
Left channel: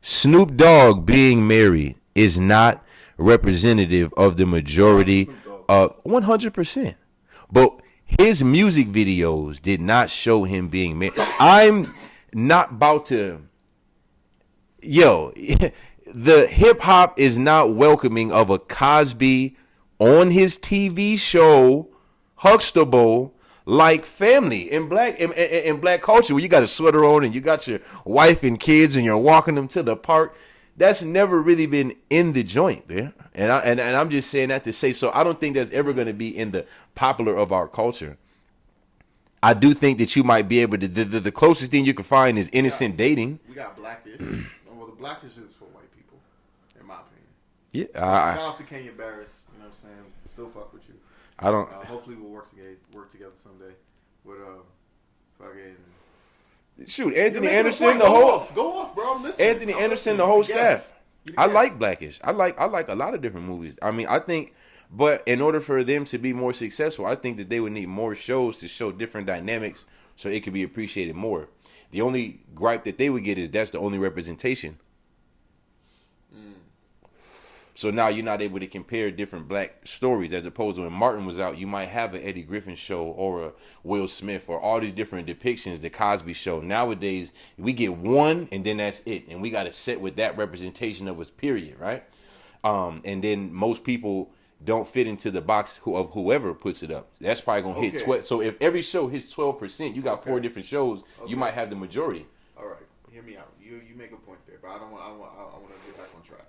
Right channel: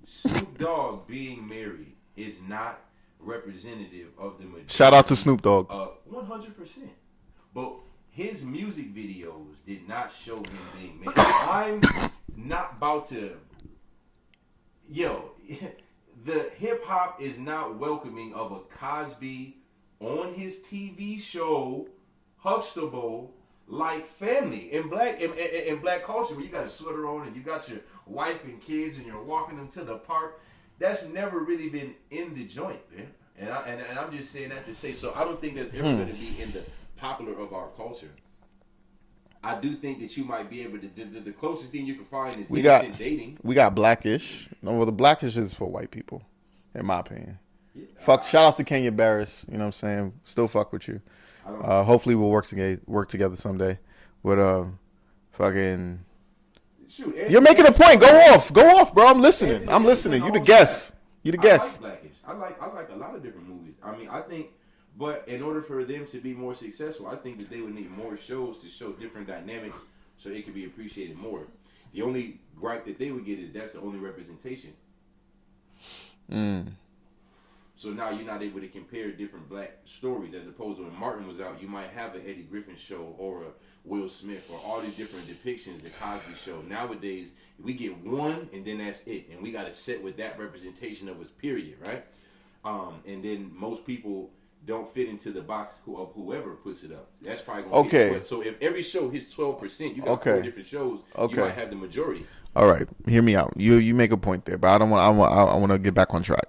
Snoop Dogg being married is not representative of the majority. Shout out to Snoop Dogg. 100%. But his music videos did not show him being married. I'm not about to. Yo, the hip hop is not welcoming of a Cosby on his TV show, Huxtable, like Family in black culture, where you got a sweater on and you got your wife and kids and you're walking them to the park. That's never really been in the joint, man. And I'm just saying that to say, so I don't think that's ever going to be in the popular of our culture. I do think that you might be able to. The closest thing you can find is innocent dating. We got Blackish. No, well, the Blackish is for white people, in my opinion. Yeah, Shout out to Kenya Barris. You know what I'm saying? Still fuck with you. I don't. Hopefully we'll work together someday. But fucking. Shoot, Anthony You're making Anderson, a point. the whole- Go off, bro. I'm listening. Anthony I'm Anderson, listening. the You whole the guest. staff. You the I guest. like Blackish. I like a lot of different movies. I mean, I think, but in order for them to be more successful, I think that they would need more shows to show different dynamics so it could be appreciated more. The only gripe that they would get is that's the only representation. So now you're not able to compare different black stories as opposed to when Martin was out, you might have an Eddie Griffin show or a Will Smith or all these different depictions, the Cosby show. Nowadays, we get one and then that's it. And we got to sit with that representation of us, period, right? And then most people don't fit into the box of whoever puts it up. That's probably going to hit 12. So if every show hits 12%, you got 4 different shows, you might have the majority. All right, hear me out. You make a point there, but I don't want. I want to get back on track.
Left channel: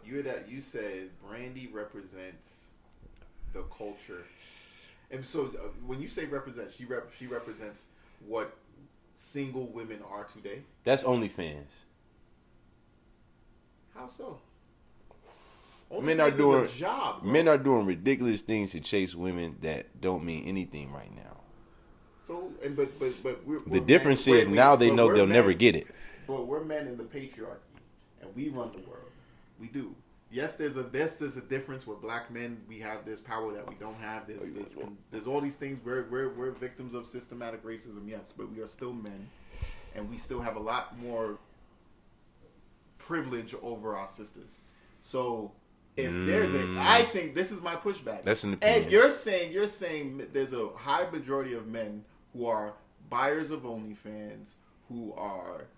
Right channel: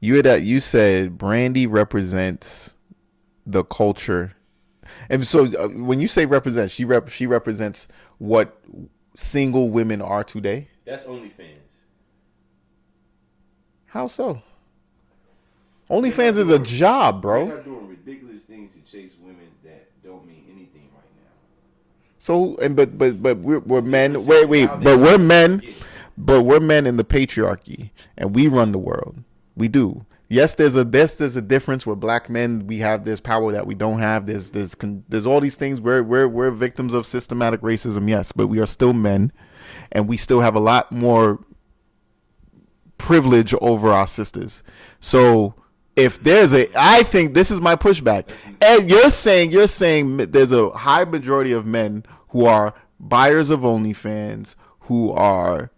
You said Brandy represents the culture, and so when you say represent, she represents what single women are today. That's OnlyFans. How so? Men OnlyFans are is a doing- job, bro. Men are doing ridiculous things to chase women that don't mean anything right now. So but we're men. difference is Wait, now they but know we're they'll never men. get it. But we're men in the patriarchy, and we run the world. We do. Yes, there's a difference where black men, we have this power that we don't have. There's all these things. We're victims of systematic racism. Yes, but we are still men, and we still have a lot more privilege over our sisters. So if there's I think this is my pushback. That's an And opinion. you're saying there's a high majority of men who are buyers of OnlyFans, who are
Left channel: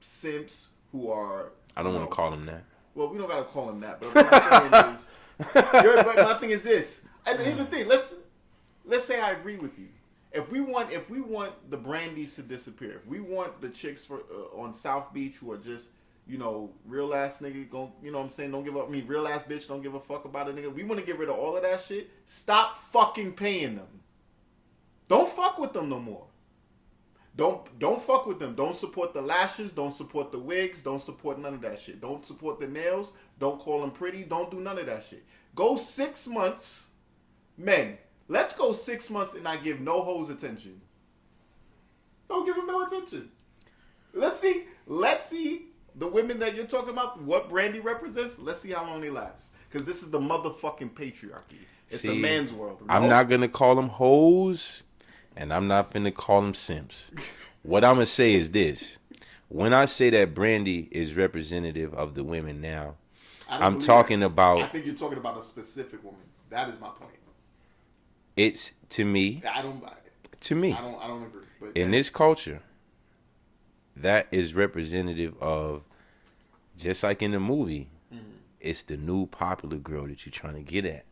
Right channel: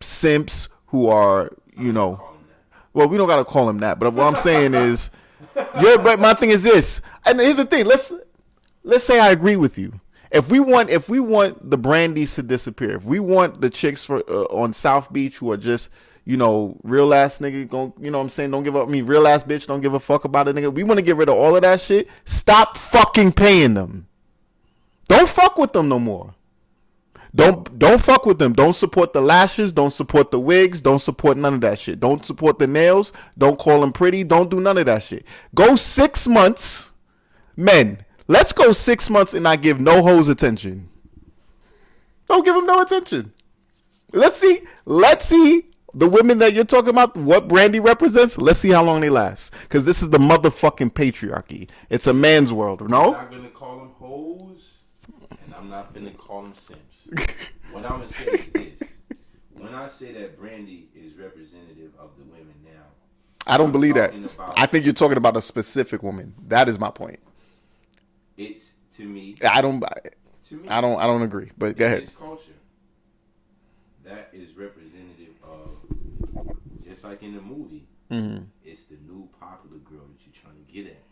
simps, who are I don't know call them that. well, we don't gotta call him that, but what I'm saying is, but my thing is this, and here's the thing. Let's say I agree with you, If we want the Brandies to disappear, if we want the chicks for on South Beach who are just, real ass nigga, what I'm saying, don't give up. I mean, real ass bitch, don't give a fuck about a nigga. We want to get rid of all of that shit. Stop fucking paying them. Don't fuck with them no more. Don't fuck with them. Don't support the lashes. Don't support the wigs. Don't support none of that shit. Don't support the nails. Don't call them pretty. Don't do none of that shit. Go 6 months, men. Let's go 6 months and not give no hoes attention. Don't give them no attention. Let's see the women that you're talking about, what Brandy represents. Let's see how long they last. Because this is the motherfucking patriarchy. It's a man's world. No? I'm not going to call them hoes, and I'm not going to call them simps. What I'm going to say is this. When I say that Brandy is representative of the women now, I'm believe talking that. about. I think you're talking about a specific woman. That is my point. It's to me. I don't agree. But in this culture, that is representative of, just like in the movie, it's the new popular girl that you're trying to get at.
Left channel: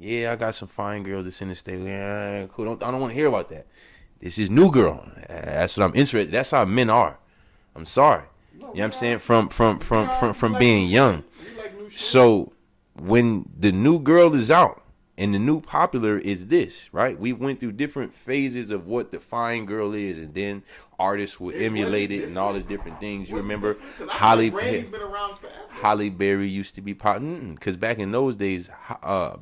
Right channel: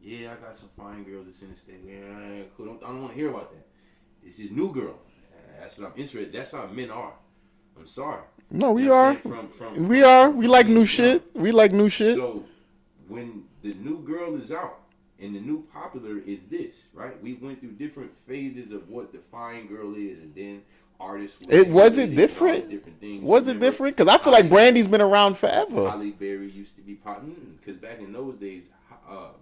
Yeah, I got some fine girls that's in the state. Yeah, cool. I don't want to hear about that. This is new girl. That's what I'm interested. That's how men are. I'm sorry. No, we you know what are. I'm saying? From we like being new young. Shit. We like new shit. So when the new girl is out and the new popular is this, right? We went through different phases of what the fine girl is, and then artists would emulate it and all the different things. Was it different? Because I feel like Brandy's been around forever. Halle Berry used to be because back in those days,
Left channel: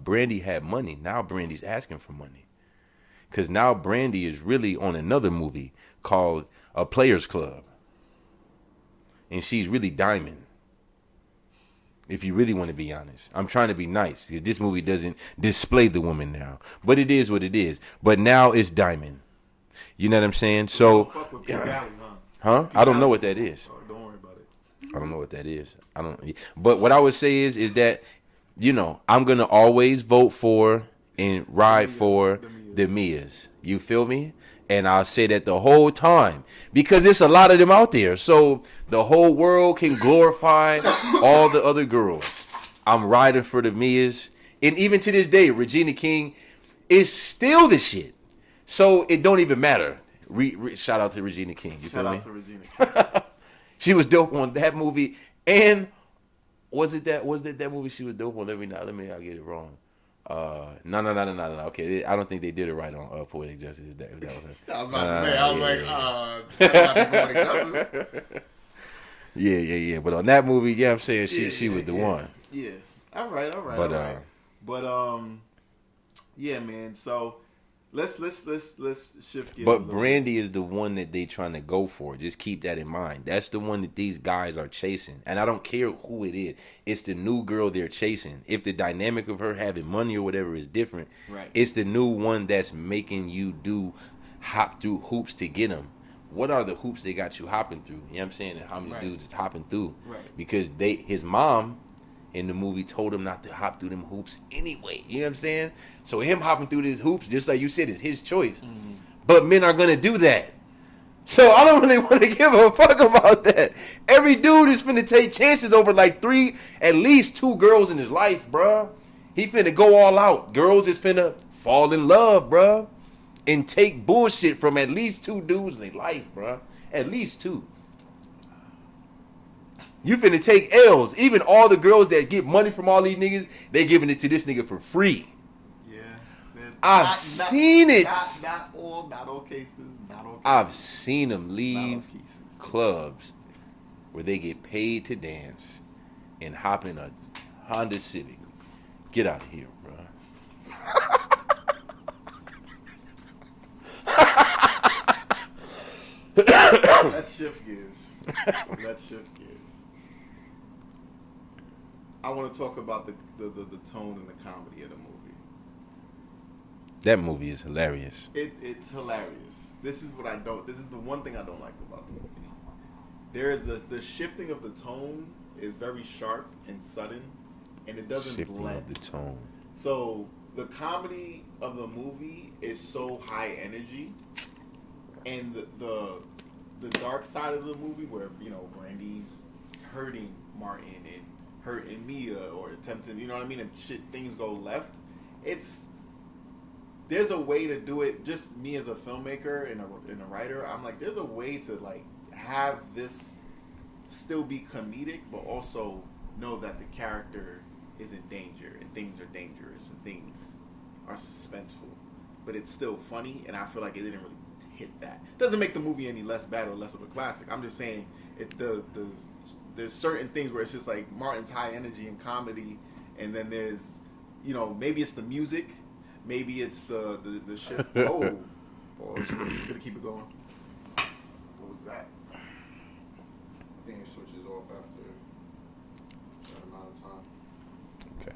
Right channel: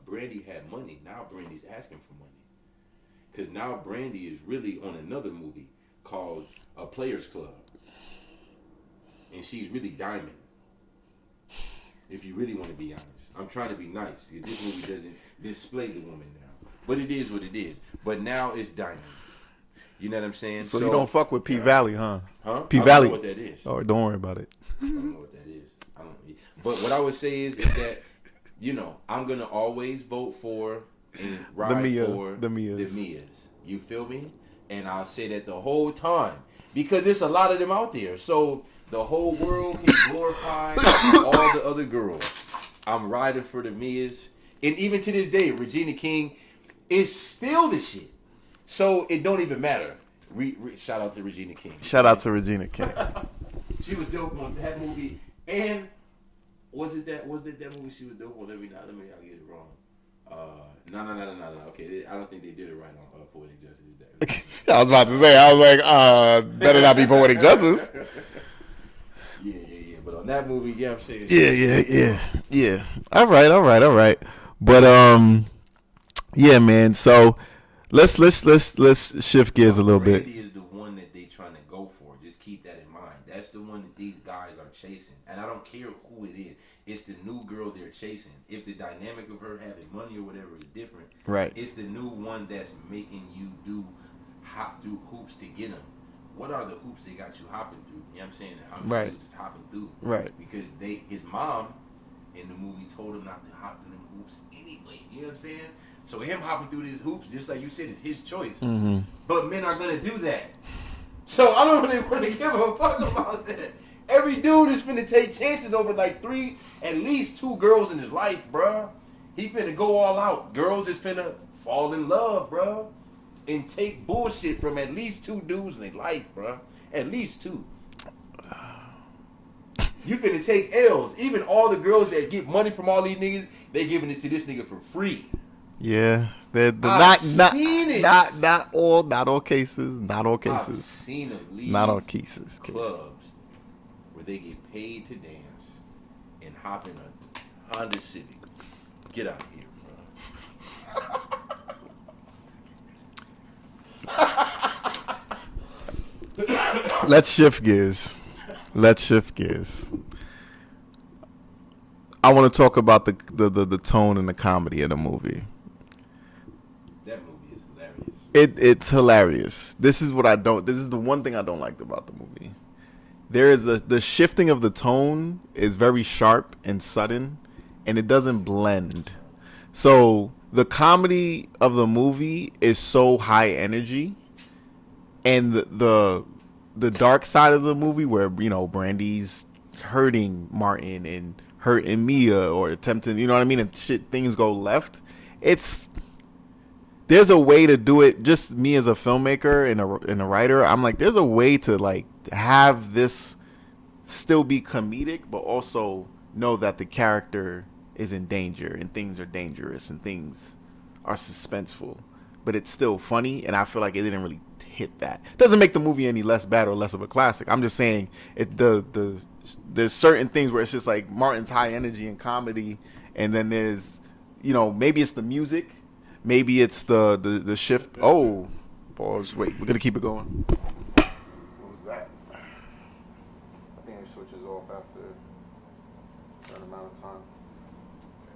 Brandy had money. Now Brandy's asking for money. Because now Brandy is really on another movie called A Players Club. And she's really Diamond. If you really want to be honest. I'm trying to be nice. This movie doesn't display the woman now. But it is what it is. But now it's Diamond. You know what I'm saying? So you don't fuck with P Valley, huh? Huh? P I Valley. don't know what that is. Oh, don't worry about it. I don't know what that is. I don't. But what I would say is that, I'm going to always vote for and ride for the Mias. You feel me? And I'll say that the whole time because there's a lot of them out there. So the whole world can glorify all the other girls. I'm riding for the Mias. And even to this day, Regina King is still the shit. So it don't even matter. Shout out to Regina King. Shout out to Regina King. She was dope on that movie. And was it that movie she was dope on? Let me not get it wrong. No. Okay, I don't think they did it right on Poetic Justice. I was about to say, better not be Poetic Justice. Yeah. But on that movie, yeah, I'm saying, yeah. All right. But yeah, man. So let's shift gears a little bit. Brandy is the one that they trying to go for. Just keep that in mind. That's the one that these guys are chasing. And I don't care who it is. It's the new girl they're chasing. If the dynamic of her having money or whatever is different, right? It's the new one that's making you hop through hoops to get them. What are the hoops they got you hopping through? You know what I'm saying? And how many dudes is hopping through? Right. Because his mom in the movie told him not to hop through them hoops anyway. You know what I'm saying? So him hopping through these hoops, just like you said, is his choice. Mm-hmm. But men are going to do that. So I don't really want to give a fuck about that. Every dude is finna take chances over like at least 2 girls in his life, bruh. He finna go all out. Girls is finna fall in love, bruh. And take bullshit from at least 2 dudes in their life, bruh. At least 2. You finna take L's. Even all the girls that get money from all these niggas, they giving it to this nigga for free. Yeah. I've seen it. Not all cases. I've seen them leave not all cases. clubs where they get paid to dance and hop in a Honda Civic. Get out of here, bro. Let's shift gears. I want to talk about the tone and the comedy of the movie. That movie is hilarious. It's hilarious. This is the one thing I don't like about the movie. There is the shifting of the tone is very sharp and sudden, and it doesn't blend. So the comedy of the movie is so high energy, and the dark side of the movie where Brandy's hurting Martin and hurting Mia or attempting, you know what I mean, and things go left. there's a way to do it. Just me as a filmmaker and a writer, I'm like, there's a way to like have this still be comedic, but also know that the character is in danger and things are dangerous and things are suspenseful, but it's still funny. And I feel like it didn't really hit that. Doesn't make the movie any less bad or less of a classic. I'm just saying there's certain things where it's just like Martin's high energy and comedy, and then there's, you know, maybe it's the music, maybe it's the shift. Oh, boys, wait, we're gonna keep it going. What was that? I think it switches off after a certain amount of time. Okay.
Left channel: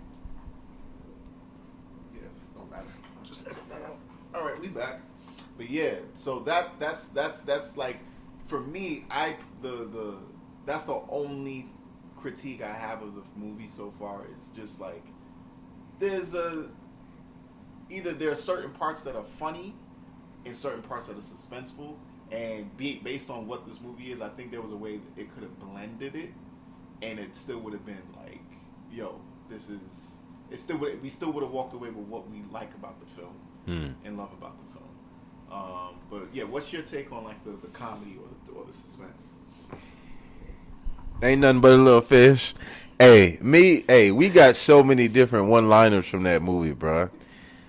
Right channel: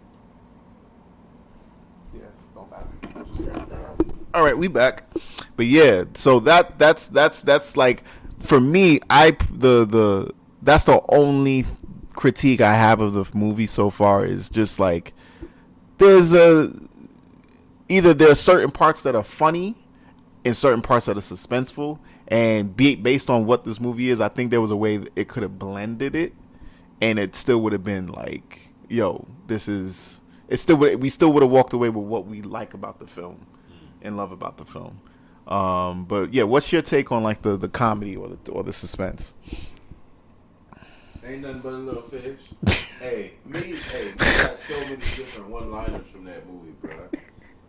Yeah, don't matter. Just edit that out. All right, we back. But yeah, so that's like, for me, that's the only critique I have of the movie so far, is just like either there are certain parts that are funny and certain parts that are suspenseful, and based on what this movie is, I think there was a way that it could have blended it, and it still would have been like, yo, we still would have walked away with what we like about the film and love about the film. But yeah, what's your take on like the comedy or the suspense? Ain't nothing but a little fish. we got so many different one-liners from that movie, bro.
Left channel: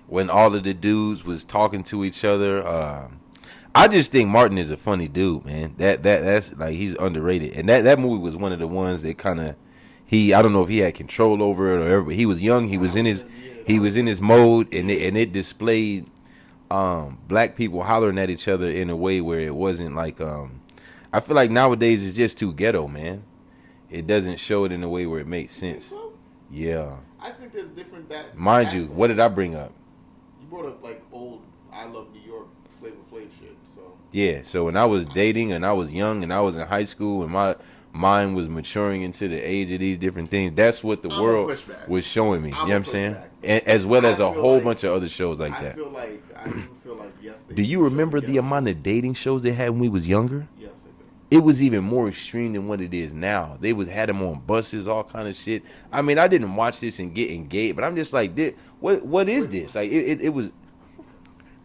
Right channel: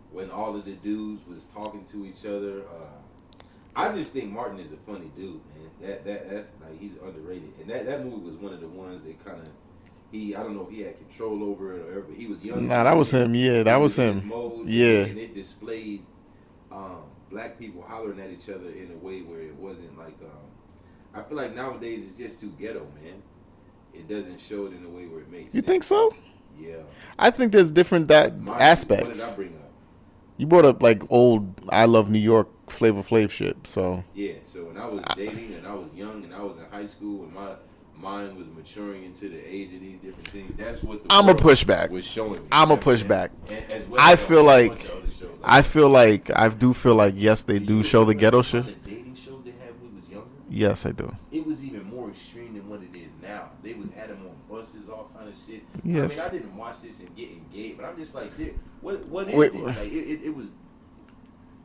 When all of the dudes was talking to each other, I just think Martin is a funny dude, man. That's like, he's underrated, and that movie was one of the ones that kind of I don't know if he had control over it or whatever, but he was young. He was in his mode, and it displayed black people hollering at each other in a way where it wasn't like I feel like nowadays it's just too ghetto, man. It doesn't show it in a way where it makes sense. You think so? Yeah. I think there's different aspects. What did I bring up? You brought up like old I Love New York Flavor Flav shit. So yeah. So when I was dating and I was young and I was in high school and my mind was maturing into the age of these different things, that's what the world was showing me. I'm a pushback. As well as a whole bunch of other shows like that. I do feel like, yes, they do show the ghetto shit. Do you remember the amount of dating shows they had when we was younger? Yes, I do. It was even more extreme than what it is now. They had them on buses, all kind of shit. Yes. I mean, I didn't watch this and get engaged, but I'm just like, what is this? Like, it was...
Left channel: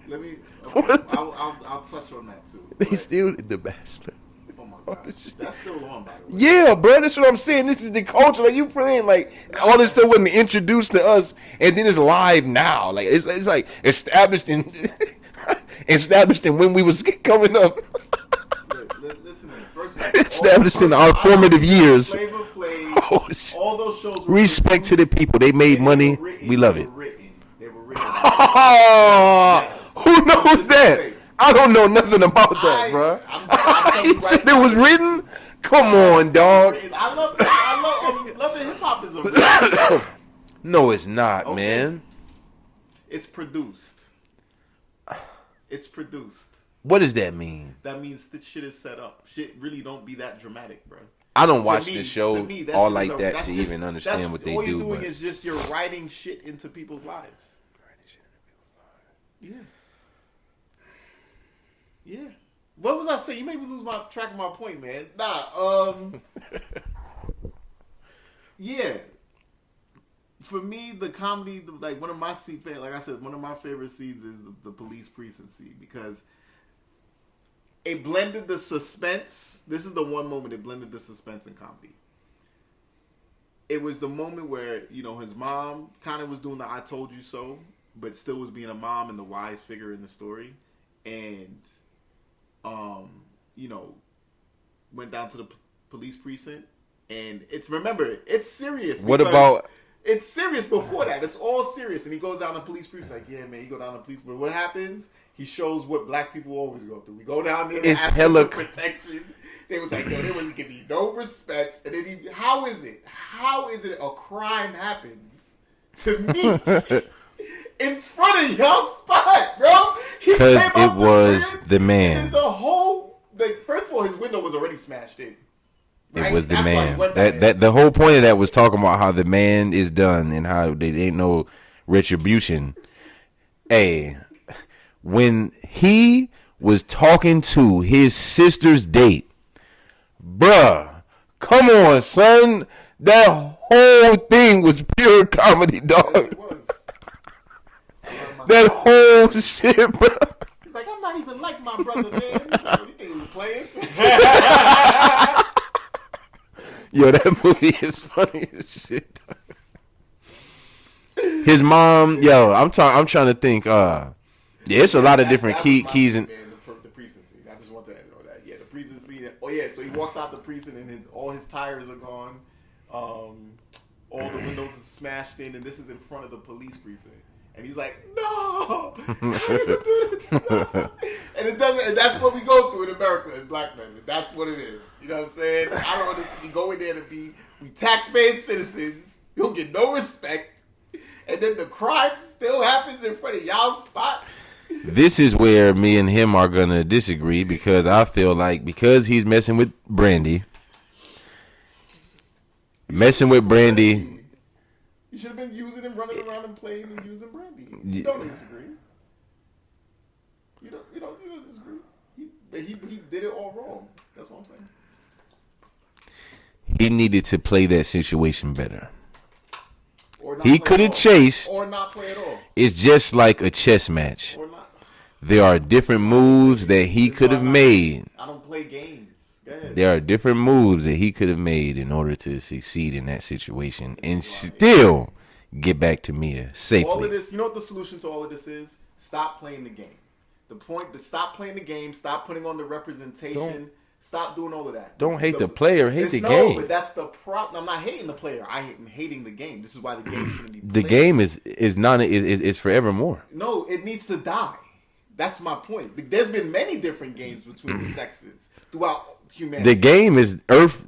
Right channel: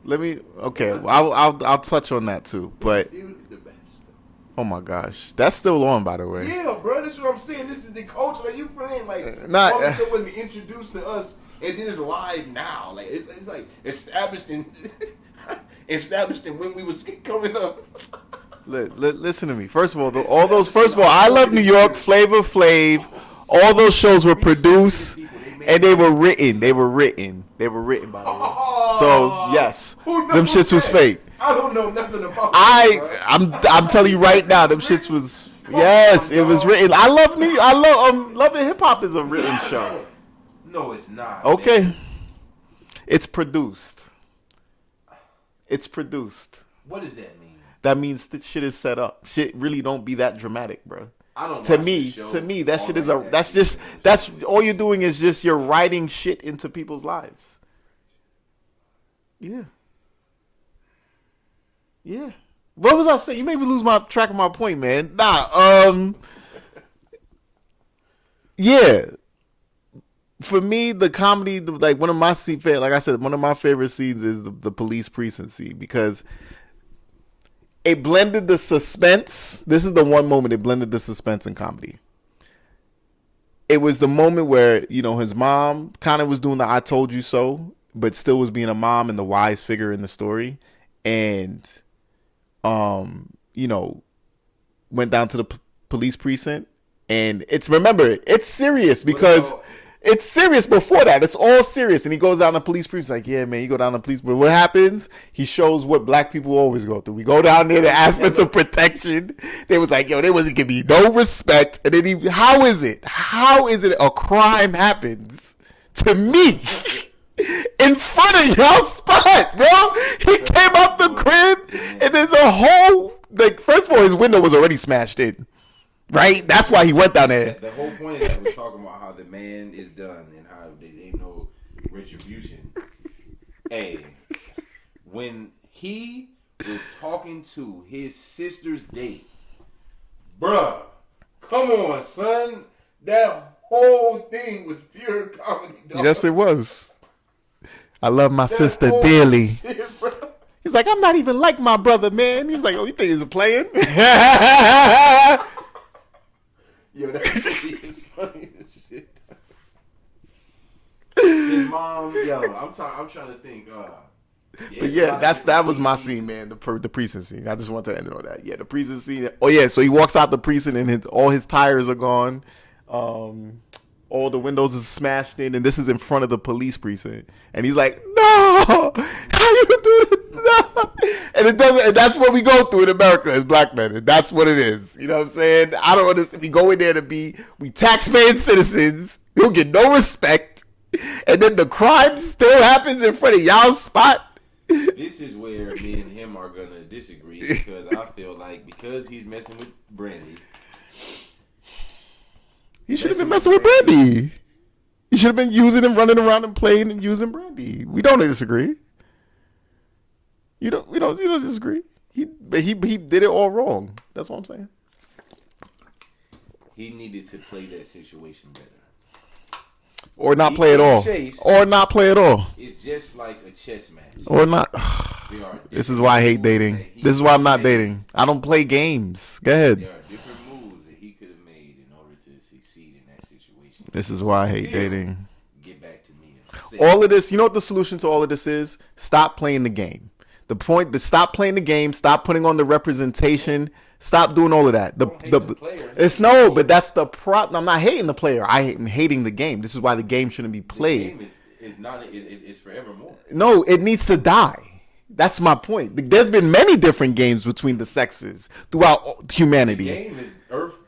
Let me... Okay, I'll touch on that too. But still The Bachelor. Oh my gosh, that's still on, by the way. Yeah, bro, that's what I'm saying. This is the culture. Like, you playing like all this stuff wasn't introduced to us, and then it's live now. Like it's like established in when we was coming up. Listen to me. First of all, I Love New York, Flavor Flav, all those shows were produced. To the people, they made and money. They were written. So yes, who knows them shits was fake. I don't know nothing about that, bro. I'm telling you right now, it was written. Come on, dog. It was written. I love Love and Hip Hop is a real show. No, it's not. Okay, man. It's produced. What does that mean? That means the shit is set up. Shit really don't be that dramatic, bro. I don't watch the show. To me, that shit is that's all you're doing is just you're writing shit into people's lives. Yeah. Yeah. What was I saying? You made me lose my track of my point, man. Yeah. For me, the comedy, like one of my favorite scenes is the police precinct scene, because it blended the suspense. This is the one moment it blended the suspense and comedy. It was the moment where, you know, his mom kind of was doing the I told you so, but still was being a mom and the wise figure in the story. And, you know, went down to the police precinct. And it's serious because it's serious before that. It's all serious. And he goes down to the police precinct. Like, yeah, man, you go down to the police. But what happens? He shows what black people always go through. We go down there, they ask for some protection. They was like, yo, there wasn't giving me no respect. And then how is it a crime happens to me in front of y'all spot, bro? He came out the crib. The man. And there's a whole, like, first of all, his window was already smashed in. Right? That's why he went down there. The whole point of that was talking about how the man is done and how there ain't no retribution. Hey, when he was talking to his sister's date, bruh, come on, son. That whole thing was pure comedy, dog. Yes, it was. I love my That sister whole dearly. shit, bro. He's like, I'm not even like my brother, man. He was like, oh, you think he's playing? Yo, that movie is funny as shit. His mom, yo, I'm trying to think. Yeah, it's a lot of different that was my keys scene, and man. The precinct scene. I just want to end it on that. Yeah, the precinct scene. Oh yeah, so he walks out the precinct and all his tires are gone. All the windows is smashed in, and this is in front of the police precinct. And he's like, "No, how you do this?" No. And it doesn't. And that's what we go through in America as black men. And that's what it is. You know what I'm saying? I don't understand. If you go in there we taxpaying citizens, you'll get no respect, and then the crime still happens in front of y'all's spot. this is where me and him are gonna disagree because I feel like because he's messing with Brandy, messing with Brandy. He should have been using and running around and playing and using Brandy. We don't disagree. We don't disagree. He did it all wrong. That's what I'm saying. He needed to play that situation better. Or not He play at could've all. chased. Or not play at all. It's just like a chess match. Or not. There are This is different why I hate moves dating. that he This is could why have I'm not made. dating. I don't play games. Go ahead. There are different moves that he could have made in order to succeed in that situation. This and is why I hate still dating. get back to Mia. Safely. All of this, you know what the solution to all of this is? Stop playing the game. The point to stop playing the game, stop putting on the representation, stop doing all of that. Don't hate the player, hate it's the no, game. but that's the problem. I'm not hating the player. I'm hating the game. This is why the game shouldn't be the played. game is forevermore. No, it needs to die. That's my point. There's been many different games between the sexes throughout humanity. The game is Earth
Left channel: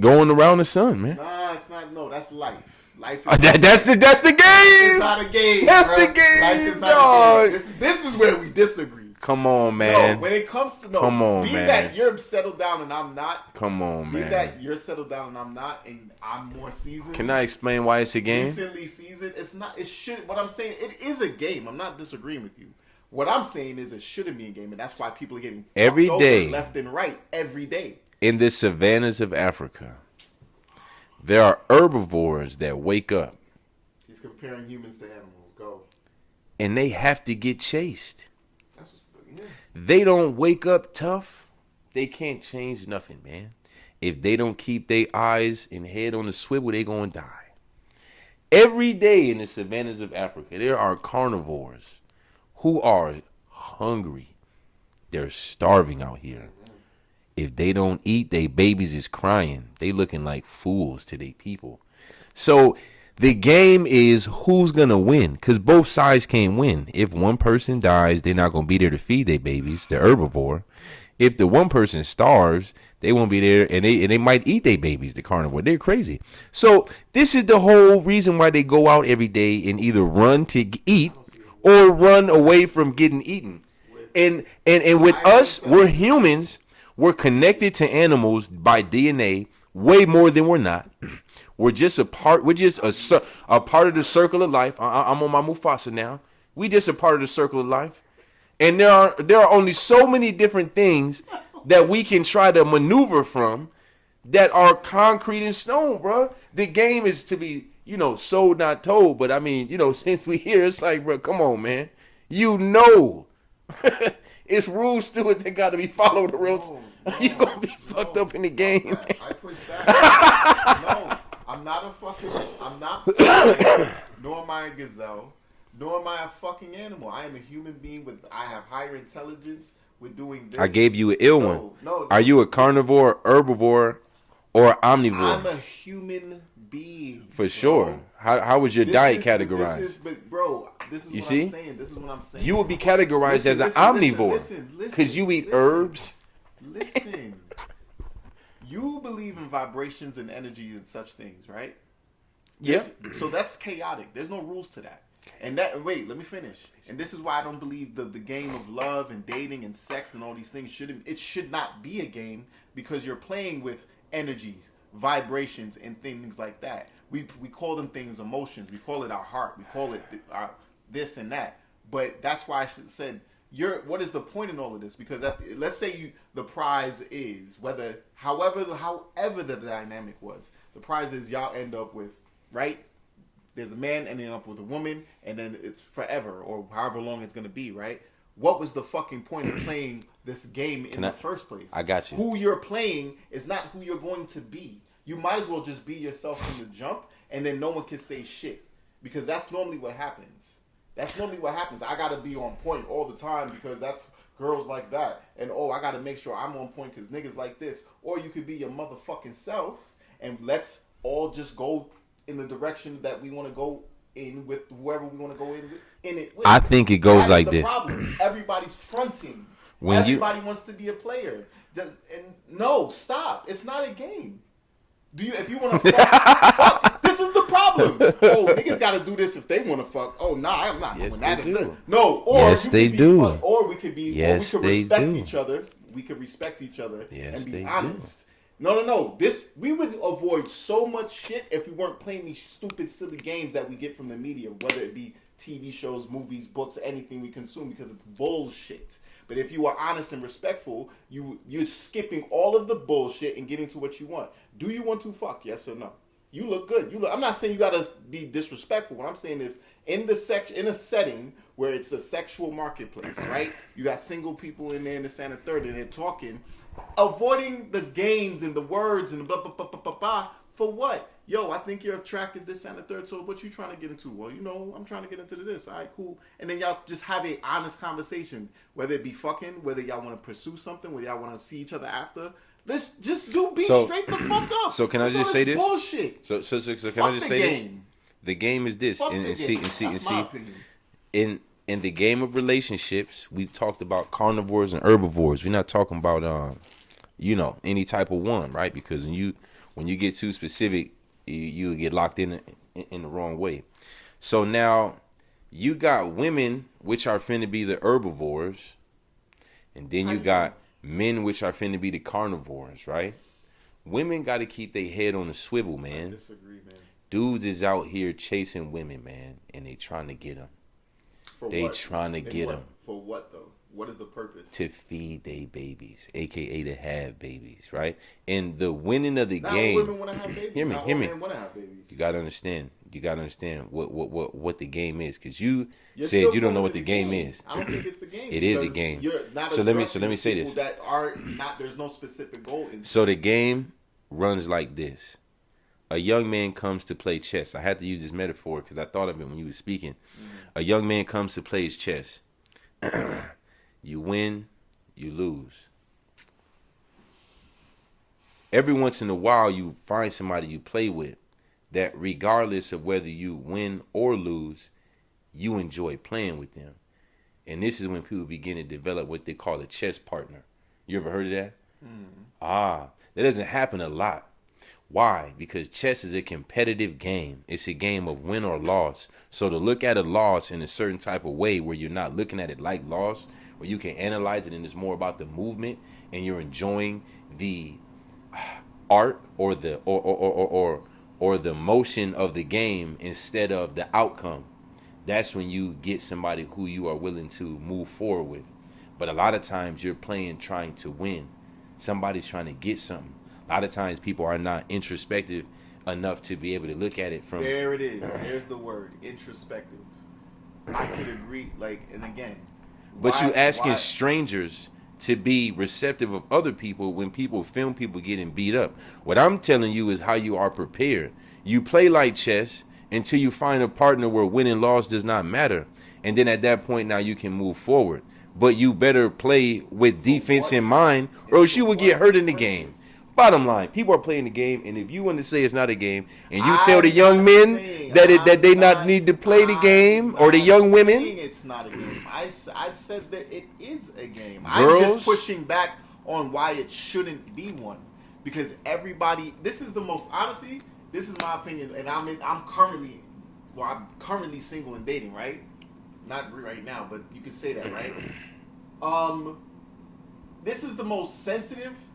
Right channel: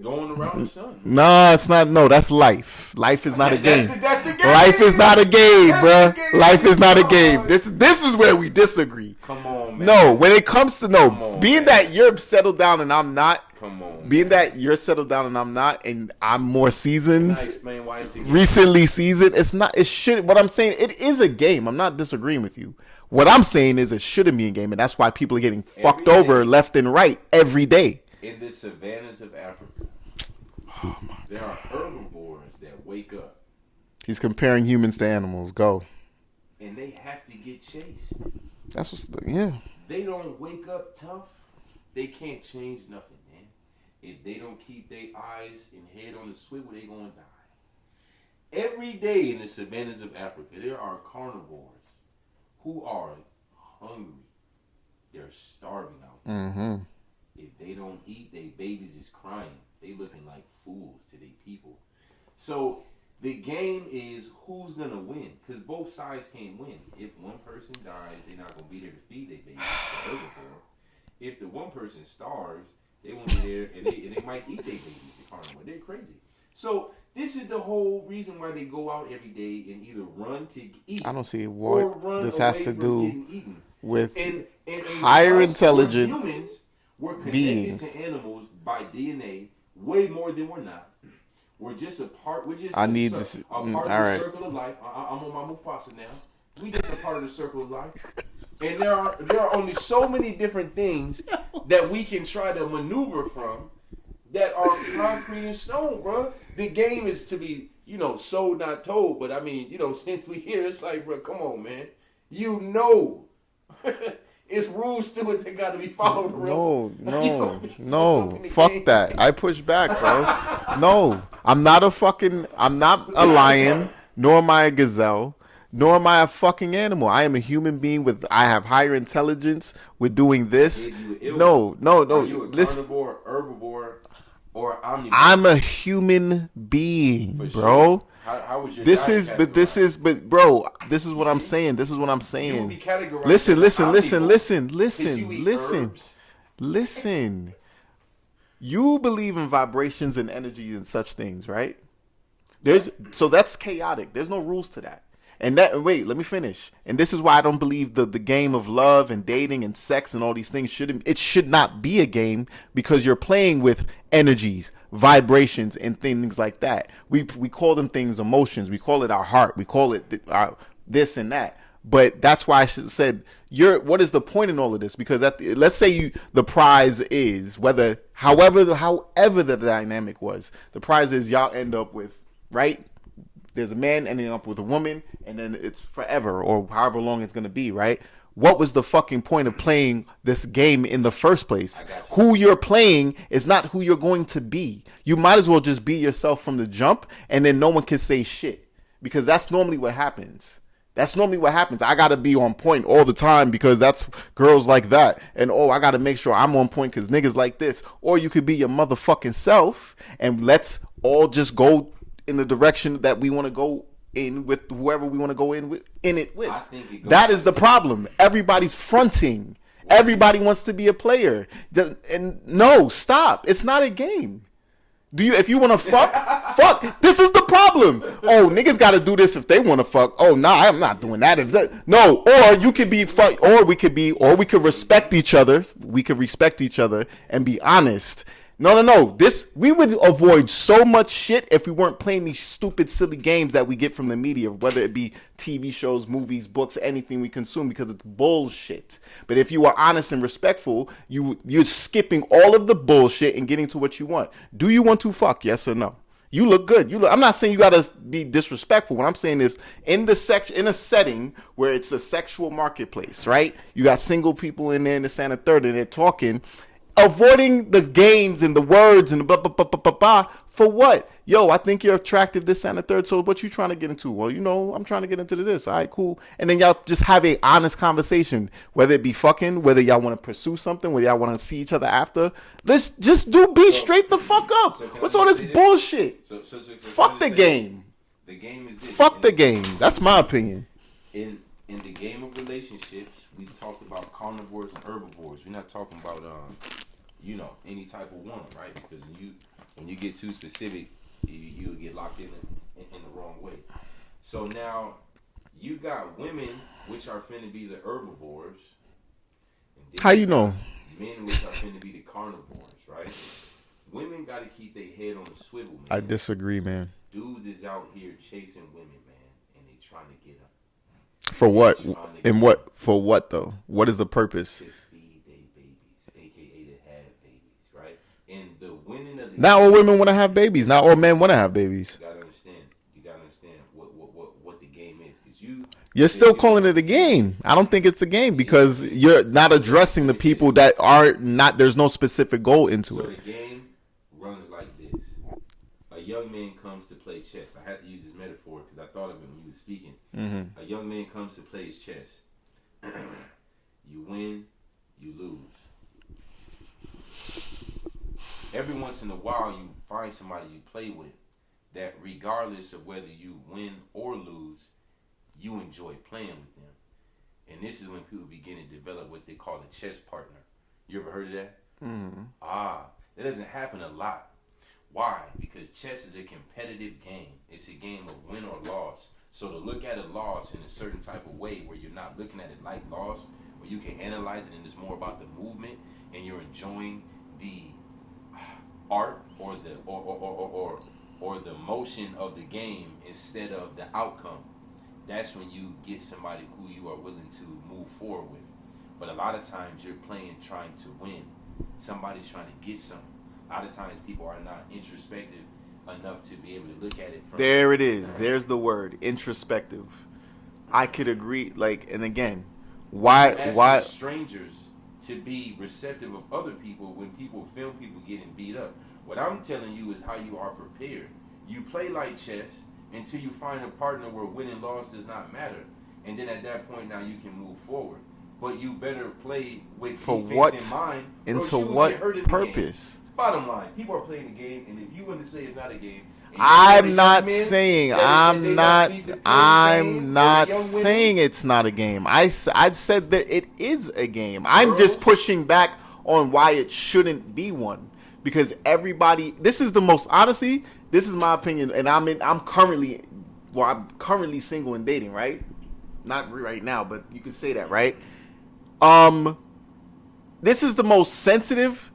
going around the sun, man. No, it's not. No, that's life. Life is not a game. That's the game. Life is not a game, That's bro. the game, Life is not a dog. game. This is where we disagree. Come on, man. No, when it comes to Come on, being man. that you're settled down and I'm not, Come on, being man. that you're settled down and I'm not, and I'm more seasoned, Can I explain why it's a game? recently seasoned. It's not. It should. What I'm saying, it is a game. I'm not disagreeing with you. What I'm saying is it shouldn't be a game, and that's why people are getting Every fucked over day. left and right every day. In the savannas of Africa, there are herbivores that wake up He's comparing humans to animals. Go. and they have to get chased. That's what's yeah. They don't wake up tough. They can't change nothing, man. If they don't keep their eyes and head on the swivel, they gonna die. Every day in the savannas of Africa, there are carnivores who are hungry. They're starving out here. If they don't eat, they babies is crying. They looking like fools to their people. So the game is who's gonna win, because both sides can't win. If one person dies, they're not gonna be there to feed their babies, the herbivore. If the one person starves, they won't be there, and they might eat their babies, the carnivore. They're crazy. So this is the whole reason why they go out every day and either run to eat I don't see what or run this has away to from do getting eaten. with and with higher us, we're intelligence humans. We're connected beings. to animals by DNA way more than we're not. We're just a part. We're just I a, need cir- to- a part of the all right. circle of life. I'm on my Mufasa now. We just a part of the circle of life, and there are only so many different things that we can try to maneuver from that are concrete and stone, bro. The game is to be, sold not told. But I mean, since we here, it's like, bro, come on, man. It's rules to it that got to be followed. Or else you gonna be fucked up in the fuck game. that. I push back, bro. No, I'm not a lion, nor am I a gazelle, nor am I a fucking animal. I am a human being I have higher intelligence. We're doing this. I gave you an ill one. No. Are you a carnivore, herbivore, or omnivore? I'm a human being, for bro. sure. How was your diet categorized? Bro, this is what I'm see? saying. This is what I'm saying. You would be categorized Listen, as an listen, omnivore. listen. Because you eat listen. herbs. Listen. You believe in vibrations and energy and such things, right? So that's chaotic. There's no rules to that. And wait, let me finish. And this is why I don't believe the game of love and dating and sex and all these things should not be a game, because you're playing with energies, vibrations, and things like that. We call them things emotions. We call it our heart. We call it our this and that. But that's why I said what is the point in all of this? Because let's say the prize is however the dynamic was, the prize is y'all end up with, right? there's a man ending up with a woman, and then it's forever or however long it's gonna be, right? What was the fucking point of playing this game in the first place? I got you. Who you're playing is not who you're going to be. You might as well just be yourself from the jump, and then no one can say shit, because that's normally what happens. I gotta be on point all the time because that's girls like that, and I gotta make sure I'm on point because niggas like this. Or you could be your motherfucking self, and let's all just go in the direction that we want to go in with whoever we want to go in with. I think it goes that like is the this. problem. Everybody's fronting. When Everybody wants to be a player. And no, stop. It's not a game. If you want to fuck, this is the problem. Oh, niggas got to do this if they want to fuck. Oh, nah, I'm not doing that. No, or Yes, you they could be do. fuck, or we could be, or we Yes, could they respect do. each other. We could respect each other Yes, and be they do. honest. No. We would avoid so much shit if we weren't playing these stupid, silly games that we get from the media, whether it be TV shows, movies, books, anything we consume, because it's bullshit. But if you are honest and respectful, you're skipping all of the bullshit and getting to what you want. Do you want to fuck? Yes or no? You look good. I'm not saying you gotta be disrespectful. What I'm saying is, in a setting where it's a sexual marketplace, right? You got single people in there in the Santa Third, and they're talking. Avoiding the games and the words and the blah, blah, blah, blah, blah, blah, for what? Yo, I think you're attractive this and the third, so what you trying to get into? Well, I'm trying to get into this. All right, cool. And then y'all just have a honest conversation, whether it be fucking, whether y'all want to pursue something, whether y'all want to see each other after. Let's just be straight the fuck up. So can I What's just all say this this? bullshit? So can I Fuck just the say game. This? The game is this. Fuck And the see- game. and see- That's and my see, opinion. In the game of relationships, we talked about carnivores and herbivores. We're not talking about any type of one, right? Because when you get too specific, you get locked in the wrong way. So now you got women which are finna be the herbivores, and then How you you got know? men which are finna be the carnivores, right? Women got to keep their head on the swivel, man. I disagree, man. Dudes is out here chasing women, man, and they trying to get them. For They what? trying to And get what? 'em. For what though? What is the purpose? To feed their babies, aka to have babies, right? And the winning of the Not game, all women want to have babies. Not all men want to have babies. You gotta understand. You gotta understand what the game is, because you're You're still you don't calling know it what a the game game. is. I don't think it's a game It is a because game. you're not So let me- addressing let the me say people this. that are not. There's no specific goal into So it. the game runs like this: a young man comes to play chess. I had to use this metaphor because I thought of it when you were speaking. A young man comes to play his chess. You win, you lose. Every once in a while, you find somebody you play with that, regardless of whether you win or lose, you enjoy playing with them. And this is when people begin to develop what they call a chess partner. You ever heard of that? That doesn't happen a lot. Why? Because chess is a competitive game. It's a game of win or loss. So to look at a loss in a certain type of way where you're not looking at it like loss, where you can analyze it and it's more about the movement and you're enjoying the art or the or the motion of the game instead of the outcome. That's when you get somebody who you are willing to move forward with. But a lot of times you're playing trying to win. Somebody's trying to get something. A lot of times people are not introspective enough to be able to look at it from There it is. There's the word introspective. I could agree. And again, why asking strangers to be receptive of other people when people film people getting beat up. What I'm telling you is how you are prepared. You play like chess until you find a partner where win and loss does not matter. And then at that point now you can move forward. But you better play with defense what? in mind, And or else to you will what get hurt in the game. purpose? Bottom line, people are playing the game, and if you want to say it's not a game, and you I'm tell the young not men saying- that they I'm not need to play the game, or the young women, saying it's not a game. I said that it is a game. I'm just Girls? pushing back on why it shouldn't be one, because everybody. This is the most honestly. This is my opinion, and I'm currently single and dating, right? Not right now, but you can say that, right? This is the most sensitive,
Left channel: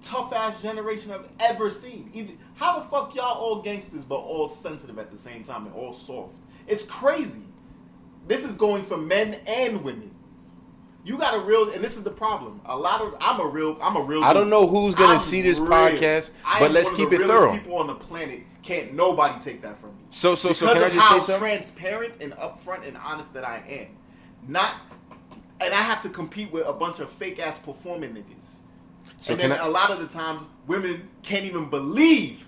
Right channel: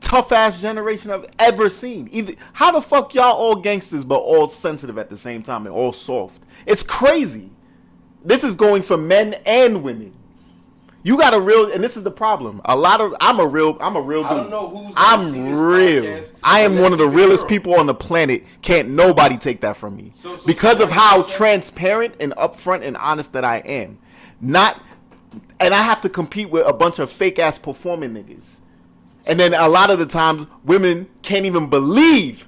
tough ass generation I've ever seen. How the fuck y'all all gangsters but all sensitive at the same time and all soft? It's crazy. This is going for men and women. You got a real, and this is the problem. I'm a real dude. I don't know who's gonna see this podcast. I am but one of the let's keep it realest thorough. people on the planet. Can't nobody take that from me. So because can of I just how say something? transparent and upfront and honest that I am, and I have to compete with a bunch of fake ass performing niggas. And then a lot of the times, women can't even believe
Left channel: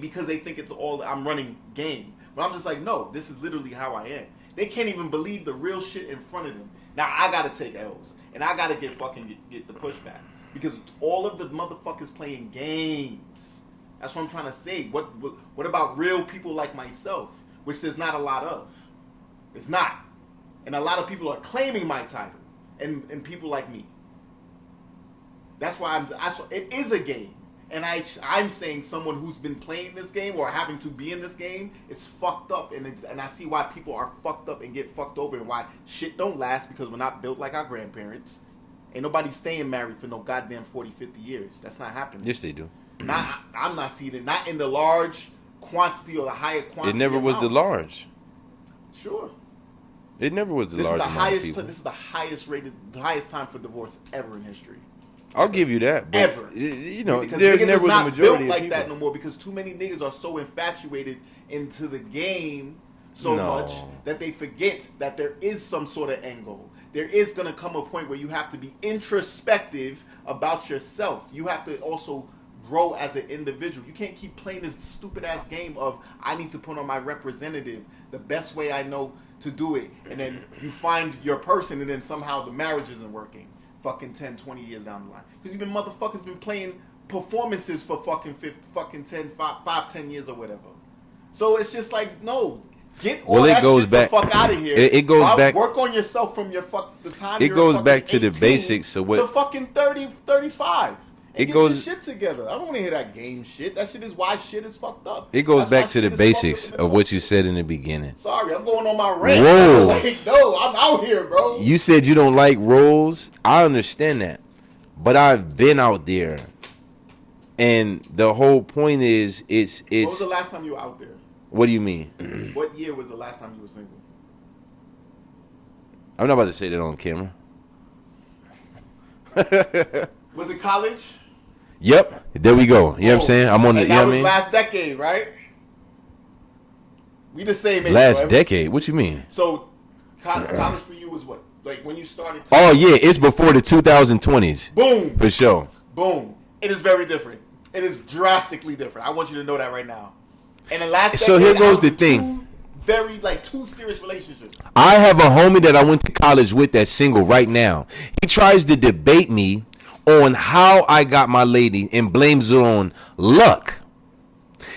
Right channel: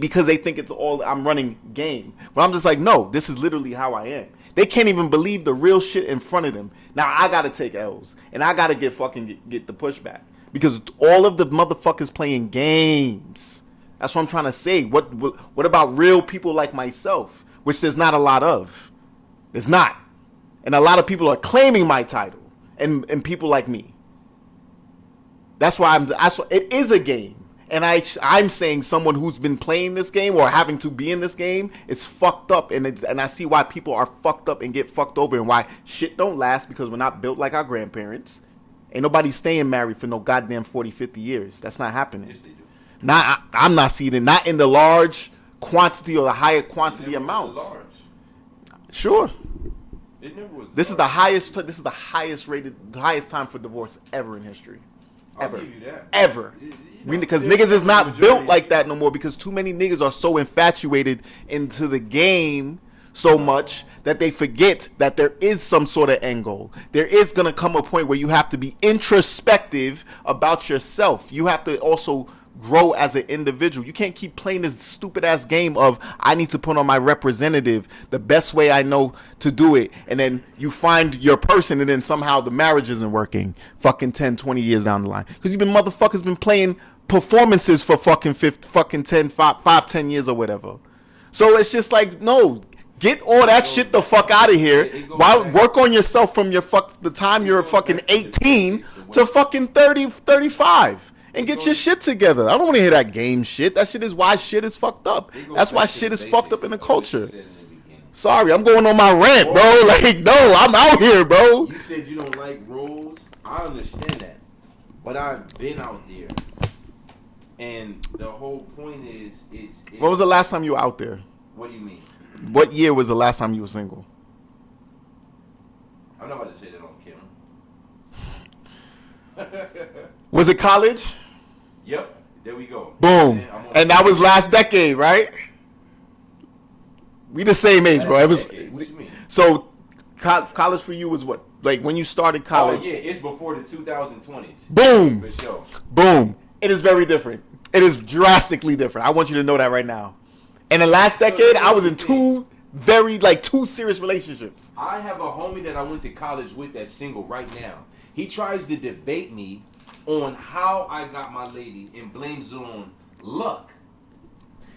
because they think it's all I'm running game. But I'm just like, no, this is literally how I am. They can't even believe the real shit in front of them. Now I gotta take L's and I gotta get the pushback because all of the motherfuckers playing games. That's what I'm trying to say. What about real people like myself, which there's not a lot of. There's not, and a lot of people are claiming my title, and people like me. That's why it is a game. And I'm saying someone who's been playing this game or having to be in this game, it's fucked up. And I see why people are fucked up and get fucked over and why shit don't last because we're not built like our grandparents. Ain't nobody staying married for no goddamn 40, 50 years. That's not happening. Yes, they do. I'm not seeing it. Not in the large quantity or the higher quantity. It never was the amounts. large. Sure. It never was the This is large the amount of highest. people. This is the highest time for divorce ever in history. I'll give you that. but, Ever. You I know, mean, because there niggas never is was a not majority built of like that people. no more because too many niggas are so infatuated into the game so No. much that they forget that there is some sort of end goal. There is going to come a point where you have to be introspective about yourself. You have to also grow as an individual. You can't keep playing this stupid ass game of I need to put on my representative the best way I know to do it, and then you find your person and then somehow the marriage isn't working fucking 10, 20 years down the line because you've been motherfuckers been playing performances for fucking 10 years or whatever. So it's just like, no, get all Well, it that goes shit back- the fuck out of here. It goes Why back- work on yourself from the time It you're goes fucking back to the 18 basics of what- to fucking 30, 35. And It get your goes- shit together. I don't want to hear that game shit. That shit is why shit is fucked up. It goes That's why back to shit the is fucked basics up in the of what you culture. said in the beginning. Sorry, I'm going on my rant, Whoa. bro. Like, no, I'm out here, bro. You said you don't like roles. I understand that. But I've been out there. And the whole point is it's When was the last time you were out there? what do you mean? What year was the last time you were single? I'm not about to say that on camera. Was it college? Yep. There we go. You know what I'm saying? I'm on the And that was last decade, right? We the same age, last bro. It was- decade. What you mean? So, college for you was what? Like when you started Oh college? yeah, it's before the 2020s. Boom. For sure. Boom. It is very different. It is drastically different. I want you to know that right now. In the last So here decade, I goes was the in thing. two serious relationships. I have a homie that I went to college with that's single right now. He tries to debate me on how I got my lady and blames it on luck.